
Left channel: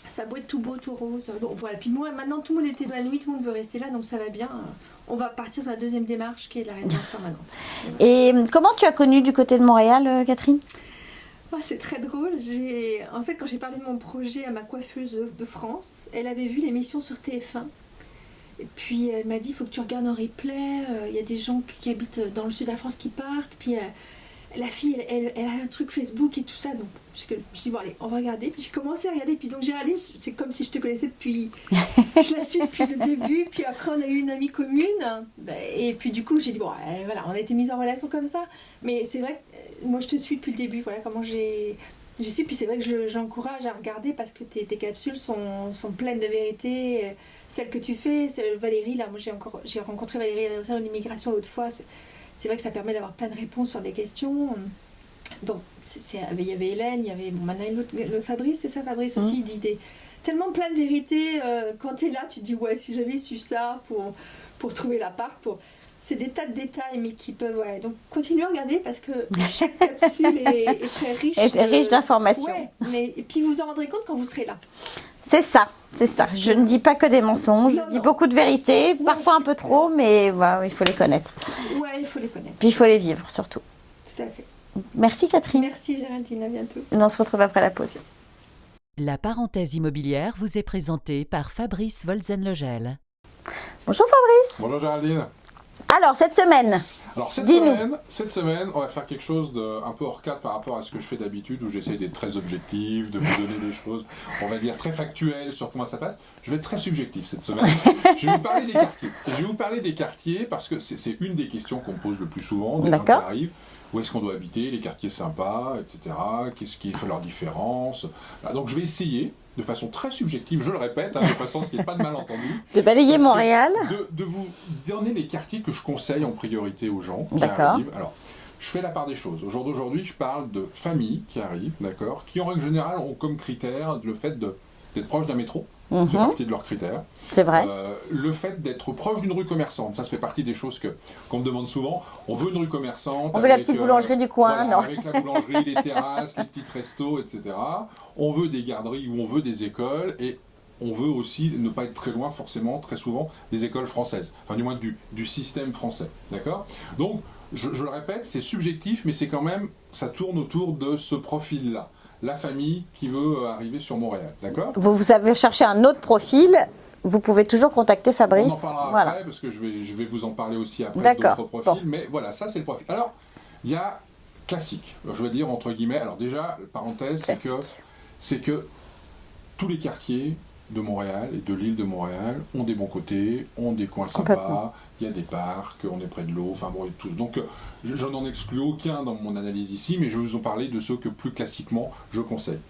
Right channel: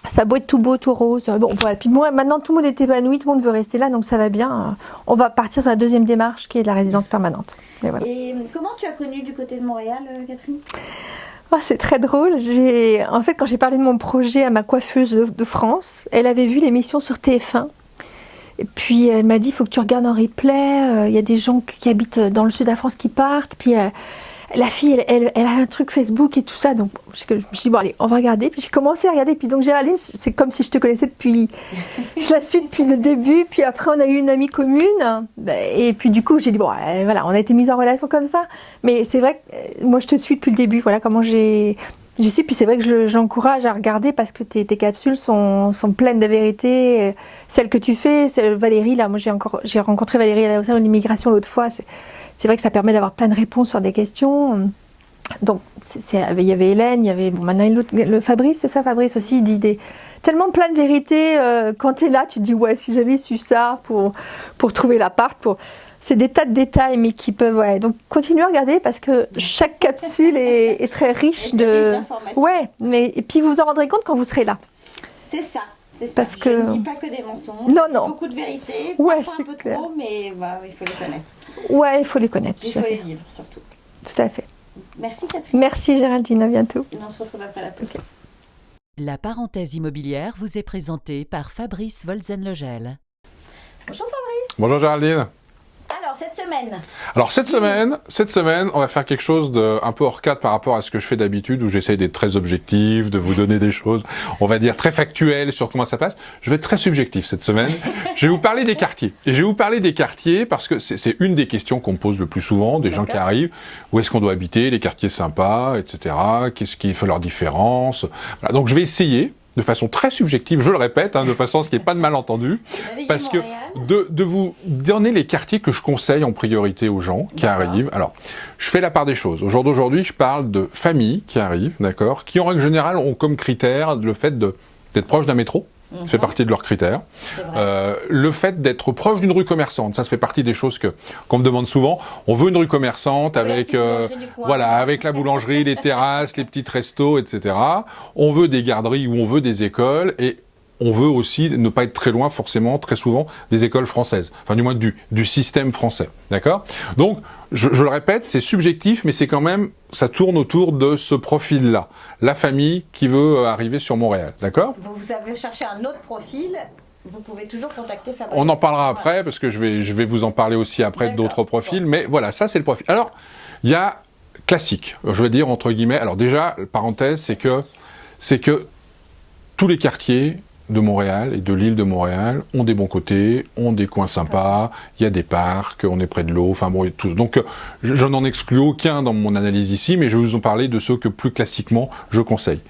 ça a beau être tout beau, tout rose. Bon, voilà. Puis moi, maintenant tout le monde est épanoui, tout le monde veut rester là, donc ça va bien. On va partir sur la deuxième démarche qui est de la résidence permanente. Voilà. Et comment tu as connu du côté de Montréal, Catherine ? C'est très drôle. En fait, quand j'ai parlé de mon projet à ma coiffeuse de France, elle avait vu l'émission sur TF1. Et puis, elle m'a dit, il faut que tu regardes en replay. Il y a des gens qui habitent dans le sud de la France qui partent. Puis, la fille, elle a un truc Facebook et tout ça. Donc, je me suis dit, bon, allez, on va regarder. Puis, j'ai commencé à regarder. Puis, donc, Géraldine, c'est comme si je te connaissais depuis... je la suis depuis le début. Puis, après, on a eu une amie commune. Et puis, du coup, j'ai dit, bon, voilà, on a été mis en relation comme ça. Mais c'est vrai que moi, je te suis depuis le début. Voilà comment j'ai Je sais, puis c'est vrai que j'encourage à regarder parce que tes capsules sont pleines de vérité. Celles que tu fais, Valérie, là, moi j'ai rencontré Valérie au sein de l'immigration l'autre fois. C'est vrai que ça permet d'avoir plein de réponses sur des questions. Donc, il y avait Hélène, il y avait maintenant le Fabrice, c'est ça, Fabrice aussi, il dit tellement plein de vérités. Quand tu es là, tu te dis, ouais, si j'avais su ça pour trouver l'appart, c'est des tas de détails, mais qui peuvent... Ouais. Donc, continuez à regarder parce que chaque capsule est très riche. Riche d'informations. Ouais, et puis vous vous en rendrez compte quand vous serez là. C'est ça, c'est ça. Parce Je ne dis pas que des mensonges, je dis beaucoup de vérités, parfois un peu trop, mais voilà, il faut les connaître. Ouais, il faut les connaître. Puis il faut les vivre, surtout. Tout à fait. Merci Catherine. Merci Géraldine, à bientôt. On se retrouve après la pause. La parenthèse immobilière vous est présentée par Fabrice Wolzenlogel. Bonjour Fabrice. Bonjour Géraldine. Alors, cette semaine, on va faire quelque chose d'un peu hors cadre par rapport à ce que je fais d'habitude, où j'essaye d'être très objectif, de vous donner des choses, on va dire, très factuelles sur comment ça passe. Je vais être très subjectif cette semaine. Je vais vous parler des quartiers. Et je vais vous parler des quartiers parce que c'est une des questions qu'on me pose le plus souvent, des gens qui arrivent. Où est-ce qu'on doit habiter, les quartiers sympas, etc. Qu'est-ce qui fait leur différence. Voilà, donc je vais essayer, de façon très subjective, je le répète, de façon à ce qu'il n'y ait pas de malentendu. J'ai balayé Montréal. De vous donner les quartiers que je conseille en priorité aux gens qui arrivent. Alors, je fais la part des choses. Au jour d'aujourd'hui, je parle de familles qui arrivent, d'accord, qui en règle générale ont comme critère le fait d'être proche d'un métro. Ça fait partie de leurs critères. C'est vrai. Le fait d'être proche d'une rue commerçante, ça fait partie des choses qu'on me demande souvent. On veut une rue commerçante avec la boulangerie du coin, voilà, avec la boulangerie, les terrasses, les petits restos, etc. On veut des garderies ou on veut des écoles et on veut aussi ne pas être très loin, forcément, très souvent, des écoles françaises. Enfin, du moins du système français. D'accord ? Donc, je le répète, c'est subjectif, mais c'est quand même, ça tourne autour de ce profil-là. La famille qui veut arriver sur Montréal. D'accord ? Vous avez cherché un autre profil. Vous pouvez toujours contacter Fabrice. On en parlera après, parce que je vais vous en parler aussi après d'autres profils. Bon. Mais voilà, ça c'est le profil. Alors, il y a classique, je veux dire entre guillemets. Alors déjà, parenthèse, c'est que tous les quartiers de Montréal et de l'île de Montréal ont des bons côtés, ont des coins sympas, il y a des parcs, on est près de l'eau, enfin bon, et tout. Donc je n'en exclus aucun dans mon analyse ici, mais je vais vous en parler de ceux que plus classiquement je conseille.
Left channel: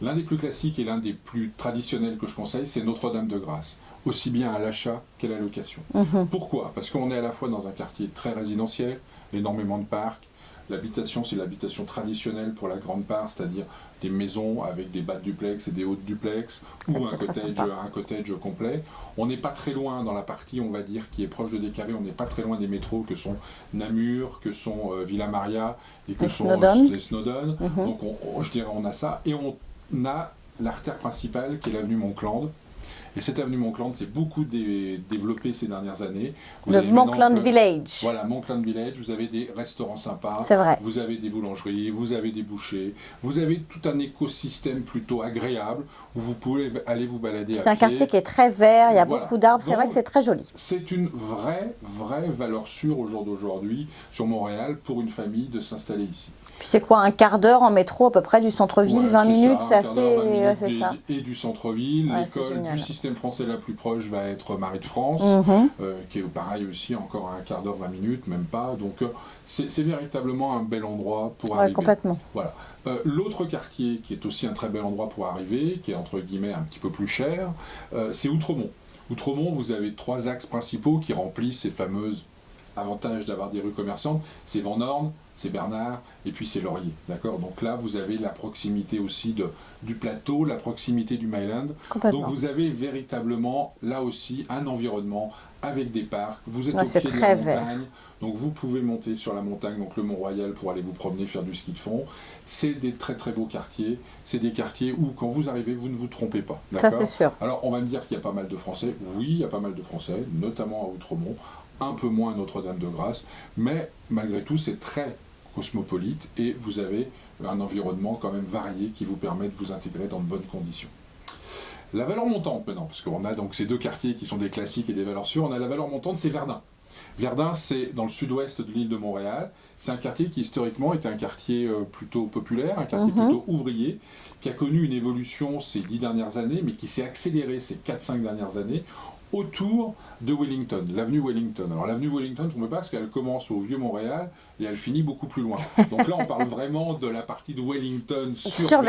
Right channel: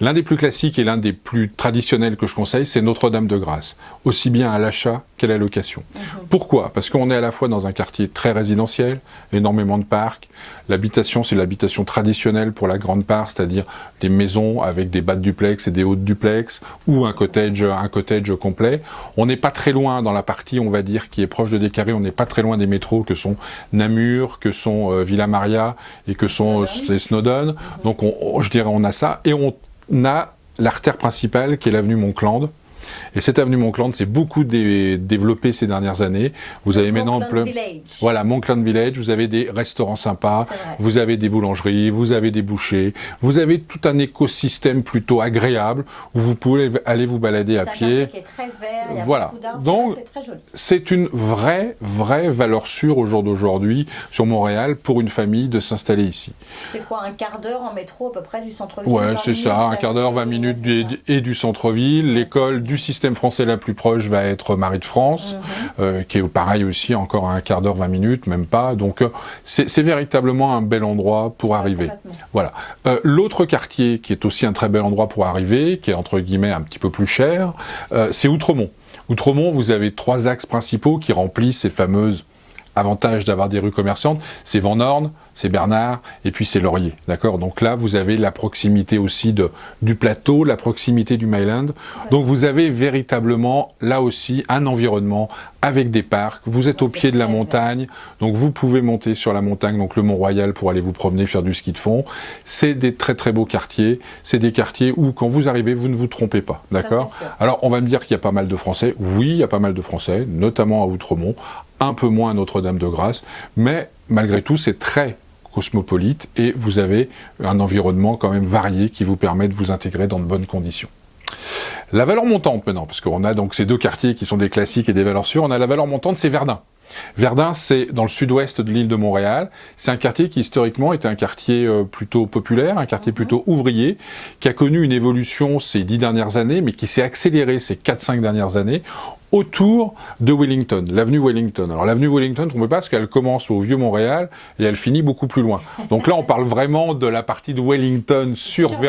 L'un des plus classiques et l'un des plus traditionnels que je conseille, c'est Notre-Dame-de-Grâce, aussi bien à l'achat qu'à la location. Pourquoi ? Parce qu'on est à la fois dans un quartier très résidentiel, énormément de parcs. L'habitation, c'est l'habitation traditionnelle pour la grande part, c'est-à-dire des maisons avec des bas de duplex et des hauts de duplex, ou un cottage complet. On n'est pas très loin dans la partie, on va dire, qui est proche de Descarrés, on n'est pas très loin des métros que sont Namur, que sont Villa Maria et que sont Snowdon. Donc je dirais on a ça. Et on a l'artère principale qui est l'avenue Montcland. Et cette avenue Montcland s'est beaucoup développée ces dernières années. Vous avez maintenant Village. Voilà, Montcland Village. Vous avez des restaurants sympas, vous avez des boulangeries, vous avez des bouchers, vous avez tout un écosystème plutôt agréable où vous pouvez aller vous balader à pied. C'est un quartier qui est très vert, il y a beaucoup d'arbres, c'est vrai que c'est très joli. C'est une vraie valeur sûre au jour d'aujourd'hui sur Montréal pour une famille de s'installer ici. C'est quoi, un quart d'heure en métro à peu près du centre-ville, 20 minutes, c'est ça, un quart d'heure, 20 minutes et du centre-ville. L'école du système français la plus proche va être Marie de France, qui est pareil aussi, encore à un quart d'heure, 20 minutes, même pas. Donc c'est véritablement un bel endroit pour arriver. Complètement. Voilà. L'autre quartier qui est aussi un très bel endroit pour arriver, qui est entre guillemets un petit peu plus cher, c'est Outremont. Outremont, vous avez 3 axes principaux qui remplissent ces fameuses avantages d'avoir des rues commerçantes. C'est Van Horn, c'est Bernard, et puis c'est Laurier, d'accord ? Donc là, vous avez la proximité aussi du plateau, la proximité du Myland. Donc vous avez véritablement, là aussi, un environnement avec des parcs. Vous êtes au pied de la montagne, donc vous pouvez monter sur la montagne, donc le Mont-Royal, pour aller vous promener, faire du ski de fond. C'est des très très beaux quartiers. C'est des quartiers où, quand vous arrivez, vous ne vous trompez pas, d'accord ? Alors, on va me dire qu'il y a pas mal de Français. Oui, il y a pas mal de Français, notamment à Outremont, un peu moins à Notre-Dame-de-Grâce, mais malgré tout, c'est très cosmopolite et vous avez un environnement quand même varié qui vous permet de vous intégrer dans de bonnes conditions. La valeur montante maintenant, parce qu'on a donc ces 2 quartiers qui sont des classiques et des valeurs sûres, on a la valeur montante, c'est Verdun. Verdun, c'est dans le sud-ouest de l'île de Montréal. C'est un quartier qui historiquement était un quartier plutôt populaire, un quartier plutôt ouvrier, qui a connu une évolution ces 10 dernières années, mais qui s'est accélérée ces 4-5 dernières années, autour de Wellington, l'avenue Wellington. Alors l'avenue Wellington, on ne peut pas parce qu'elle commence au Vieux-Montréal et elle finit beaucoup plus loin. Donc là, on parle vraiment de la partie de Wellington sur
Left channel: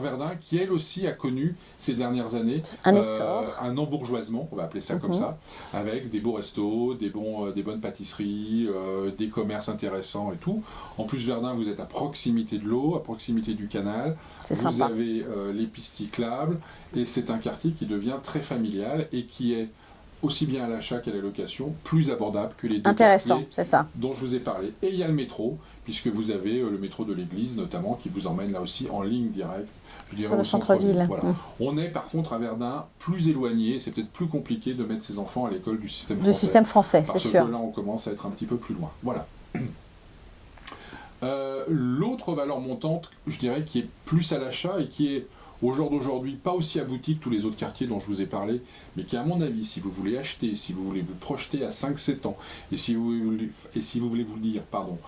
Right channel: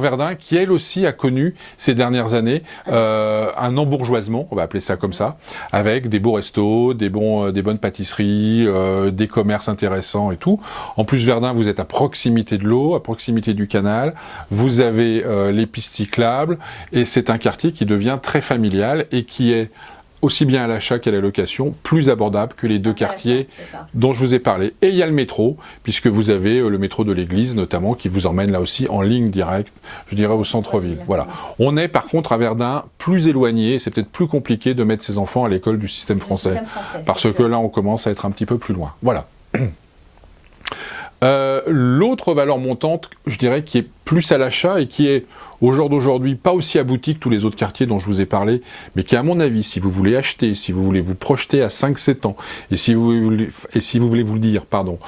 Verdun, qui elle aussi a connu ces dernières années un embourgeoisement, on va appeler ça comme ça, avec des beaux restos, des bonnes pâtisseries, des commerces intéressants et tout. En plus, Verdun, vous êtes à proximité de l'eau, à proximité du canal, vous avez les pistes cyclables et c'est un quartier qui devient très familial et qui est aussi bien à l'achat qu'à la location, plus abordable que les deux quartiers dont je vous ai parlé. Et il y a le métro, puisque vous avez le métro de l'église notamment, qui vous emmène là aussi en ligne directe, je dirais au centre-ville. Voilà. On est par contre à Verdun plus éloigné, c'est peut-être plus compliqué de mettre ses enfants à l'école du système français. Parce que là on commence à être un petit peu plus loin. Voilà. L'autre valeur montante, je dirais, qui est plus à l'achat et qui est au jour d'aujourd'hui pas aussi abouti que tous les autres quartiers dont je vous ai parlé, mais qui à mon avis, si vous voulez acheter, si vous voulez vous projeter à 5-7 ans, et si vous voulez vous dire, pardon,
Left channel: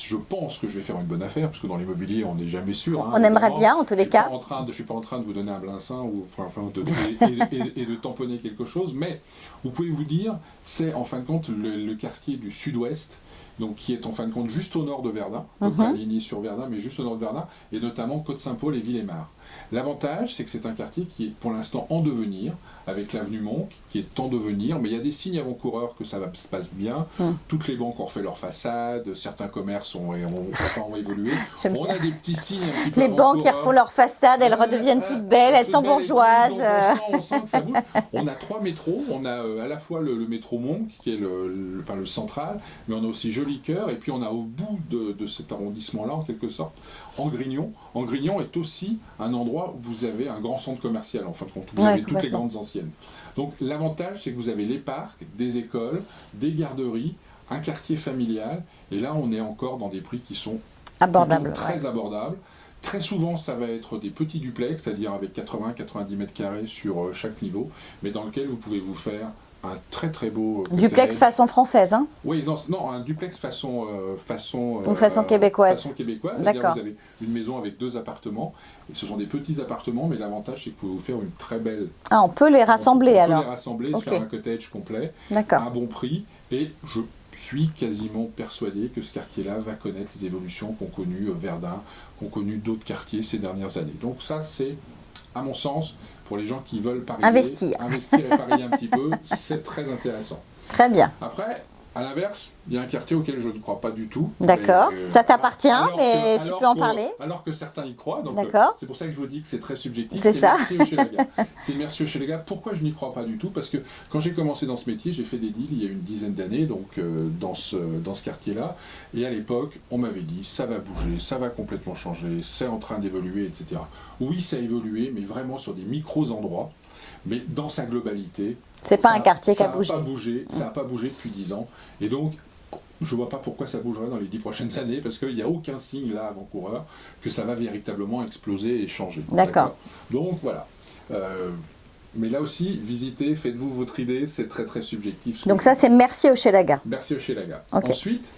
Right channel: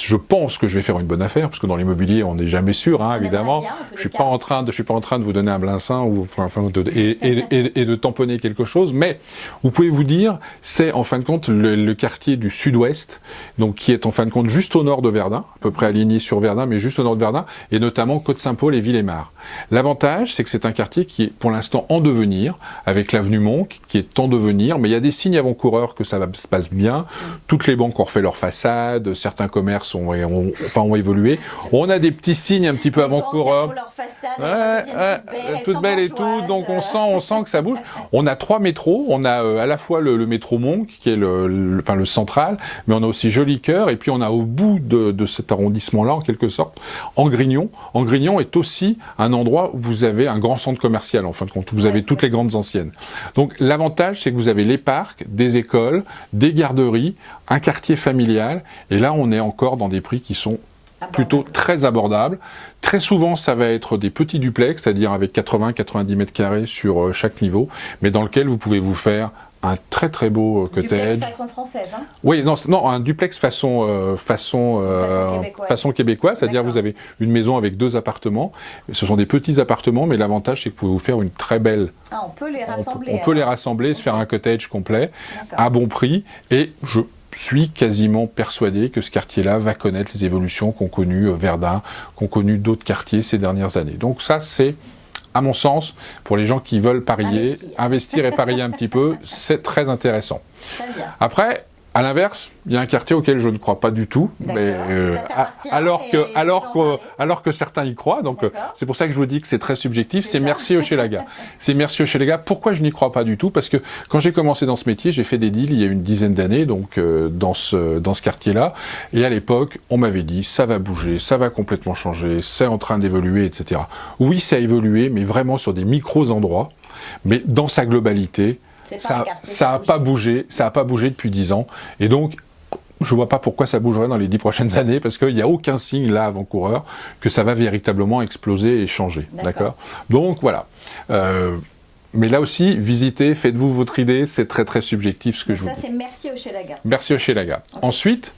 je pense que je vais faire une bonne affaire, parce que dans l'immobilier, on n'est jamais sûr, hein, évidemment. Bien, en tous les cas. Je suis pas en train de vous donner un blincein et de tamponner quelque chose, mais vous pouvez vous dire, c'est en fin de compte le quartier du sud-ouest, donc qui est en fin de compte juste au nord de Verdun, à peu près aligné sur Verdun, mais juste au nord de Verdun, et notamment Côte-Saint-Paul et Villemar. L'avantage, c'est que c'est un quartier qui est pour l'instant en devenir, avec l'avenue Monque, qui est en devenir, mais il y a des signes avant-coureurs que ça se passe bien. Toutes les banques ont refait leur façade, certains commerces ont évolué. On a des petits signes un petit peu avant-coureurs. Les banques qui refont leur façade, elles redeviennent toutes belles, elles sont bourgeoises. Donc on sent que ça bouge. On a 3 métros. On a à la fois le métro Monque, qui est le central, mais on a aussi Jolicoeur, et puis on a au bout de cet arrondissement-là, en quelque sorte, Angrignon. Angrignon est aussi un endroit où vous avez un grand centre commercial, en fin de compte, où vous avez toutes les grandes anciennes. Donc l'avantage, c'est que vous avez les parcs, des écoles, des garderies, un quartier familial, et là on est encore dans des prix qui sont plutôt très abordables. Très souvent, ça va être des petits duplex, c'est-à-dire avec 80-90 mètres carrés sur chaque niveau, mais dans lequel vous pouvez vous faire un très très beau cottage. Duplex façon française, hein? Oui, non, un duplex façon québécoise. Façon québécoise, c'est-à-dire que vous avez une maison avec 2 appartements. Ce sont des petits appartements, mais l'avantage c'est que vous pouvez vous faire une très belle... Ah, on peut les rassembler. On peut les rassembler, se faire un cottage complet, à bon prix, et je suis quasiment persuadé que ce quartier-là va connaître les évolutions qu'ont connues Verdun, qu'ont connues d'autres quartiers ces dernières années. Donc ça, c'est, à mon sens, pour les gens qui veulent parier, investir et parier un petit peu, c'est très intéressant. Très bien. Après, à l'inverse, il y a un quartier auquel je ne crois pas du tout. D'accord, ça t'appartient, alors que certains y croient. Donc c'est pour ça que je vous dis que c'est très subjectif. C'est Mercier Hochelaga. C'est Mercier Hochelaga. Pourquoi je n'y crois pas du tout? Parce que quand j'ai commencé dans ce métier, j'ai fait des deals il y a une dizaine d'années, donc dans ce quartier-là. Et à l'époque, on m'avait dit, ça va bouger, ça va complètement changer, c'est en train d'évoluer, etc. Oui, ça a évolué, mais vraiment sur des micros endroits. Mais dans sa globalité, c'est pas un quartier qui a bougé. Ça n'a pas bougé depuis 10 ans. Et donc, je ne vois pas pourquoi ça bougerait dans les 10 prochaines années, parce qu'il n'y a aucun signe là, avant-coureur, que ça va véritablement exploser et changer. D'accord. Donc, voilà. Mais là aussi, visitez, faites-vous votre idée, c'est très très subjectif. Donc ça, c'est Mercier Hochelaga. Mercier Hochelaga. Ensuite,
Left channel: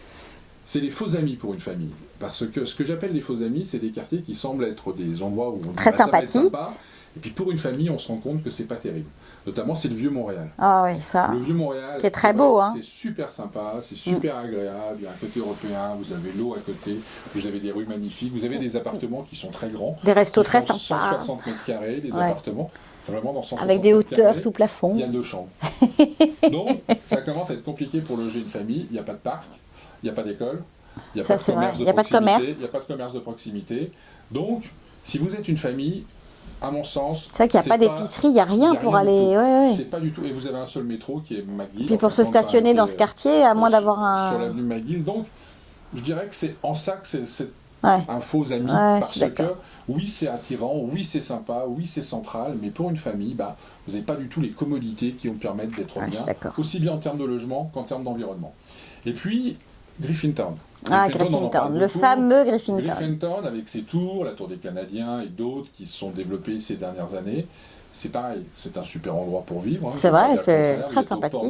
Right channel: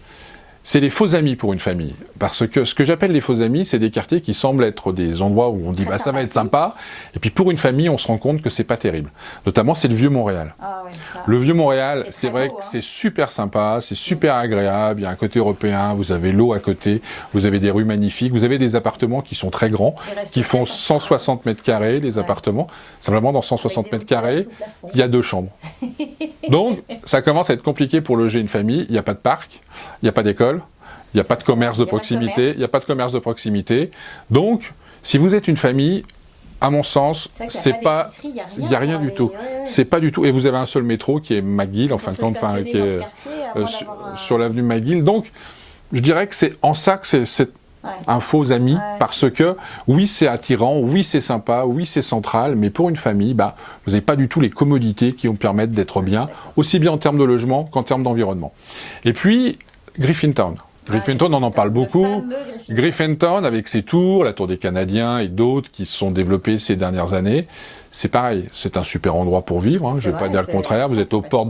c'est les faux amis pour une famille. Parce que ce que j'appelle les faux amis, c'est des quartiers qui semblent être des endroits où on dit ça va être sympa. Et puis pour une famille, on se rend compte que c'est pas terrible. Notamment, c'est le Vieux-Montréal. Ah oui, ça. Le Vieux-Montréal, c'est vrai que c'est super sympa, c'est super agréable. Il y a un côté européen, vous avez l'eau à côté, vous avez des rues magnifiques, vous avez des appartements qui sont très grands, qui font 160 mètres carrés, les appartements. Simplement, dans 160 mètres carrés, il y a 2 chambres. Donc, ça commence à être compliqué pour loger une famille. Il n'y a pas de parc, il n'y a pas d'école. Il n'y a pas de commerce de proximité. Il n'y a pas de commerce de proximité. Donc, si vous êtes une famille, à mon sens, c'est vrai qu'il n'y a pas d'épicerie, il n'y a rien. Il n'y a rien du tout. C'est pas du tout. Et vous avez un seul métro qui est McGill. Pour se stationner dans ce quartier, à moins d'avoir un... Sur l'avenue McGill. Donc, je dirais que c'est en ça que c'est un faux ami, parce que oui, c'est attirant, oui, c'est sympa, oui, c'est central, mais pour une famille, vous n'avez pas du tout les commodités qui vous permettent d'être bien, aussi bien en termes de logement qu'en termes d'environnement. Et puis, Griffintown. Griffintown, on en parle beaucoup. Le fameux Griffintown, avec ses tours, la Tour des Canadiens et d'autres qui se sont développés ces dernières années. c'est pareil, c'est un super endroit pour vivre, je ne vais pas dire le contraire. Vous êtes aux portes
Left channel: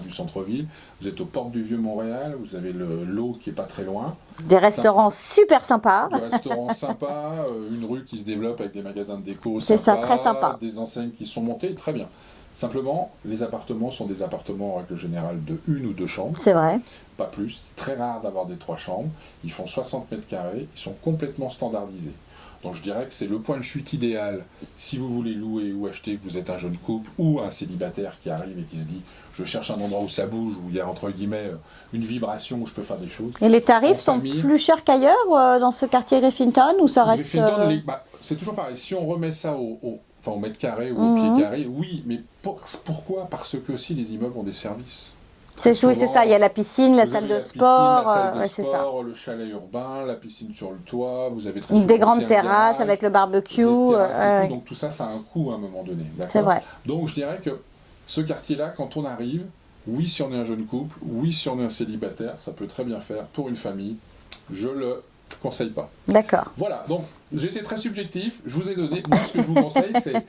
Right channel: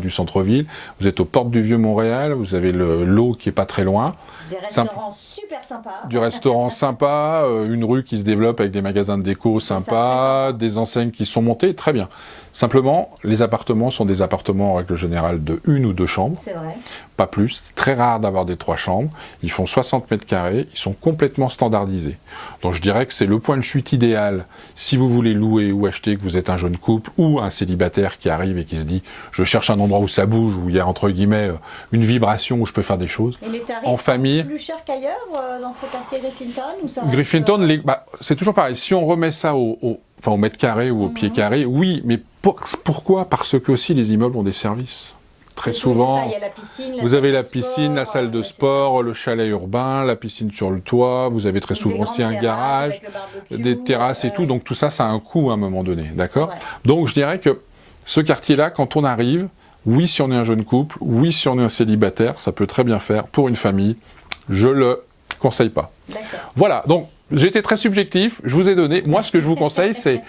du centre-ville, vous êtes aux portes du Vieux-Montréal, vous avez l'eau qui n'est pas très loin. Des restaurants super sympas. Du restaurant sympa, une rue qui se développe avec des magasins de déco sympas, des enseignes qui sont montées, très bien. Simplement, les appartements sont des appartements en règle générale de 1 ou 2 chambres. C'est vrai. Pas plus. C'est très rare d'avoir des 3 chambres. Ils font 60 mètres carrés. Ils sont complètement standardisés. Donc je dirais que c'est le point de chute idéal si vous voulez louer ou acheter, que vous êtes un jeune couple ou un célibataire qui arrive et qui se dit « je cherche un endroit où ça bouge, où il y a entre guillemets une vibration, où je peux faire des choses ». Et les tarifs sont plus chers qu'ailleurs dans ce quartier Griffinton ou ça reste... Griffinton, c'est toujours pareil. Si on remet ça au mètre carré ou au pied carré, oui, mais pourquoi? Parce que aussi les immeubles ont des services. Oui, c'est ça, il y a la piscine, la salle de sport. Vous avez la piscine, la salle de sport, le chalet urbain, la piscine sur le toit, vous avez très souvent aussi un garage. Des grandes terrasses avec le barbecue. Des terrasses et tout, donc tout ça, ça a un coût à un moment donné, d'accord? Donc je dirais que ce quartier-là, quand on arrive, oui, si on est un jeune couple, oui, si on est un célibataire, ça peut très bien faire pour une famille, je le conseille pas. D'accord. Voilà, donc j'ai été très subjectif, je vous ai donné, moi ce que je vous conseille c'est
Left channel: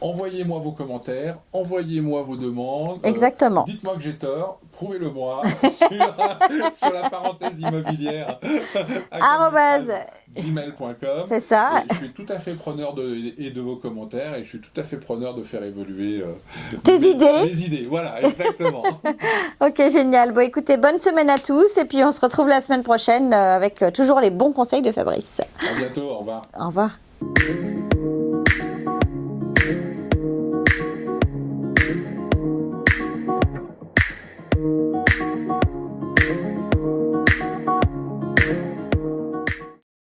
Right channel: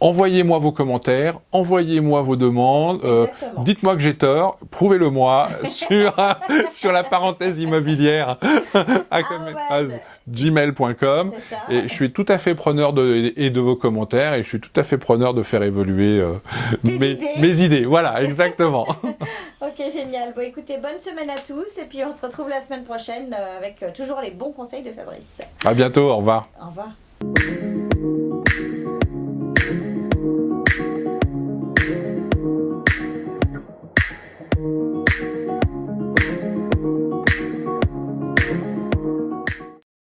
envoyez-moi vos commentaires, envoyez-moi vos demandes. Exactement. Dites-moi que j'ai tort, prouvez-le-moi sur la parenthèse immobilière @gmail.com. C'est ça. Et je suis tout à fait preneur de vos commentaires et je suis tout à fait preneur de faire évoluer mes idées. Voilà, exactement. Ok, génial. Bon, écoutez, bonne semaine à tous et puis on se retrouve la semaine prochaine avec toujours les bons conseils de Fabrice. À bientôt, au revoir. Au revoir.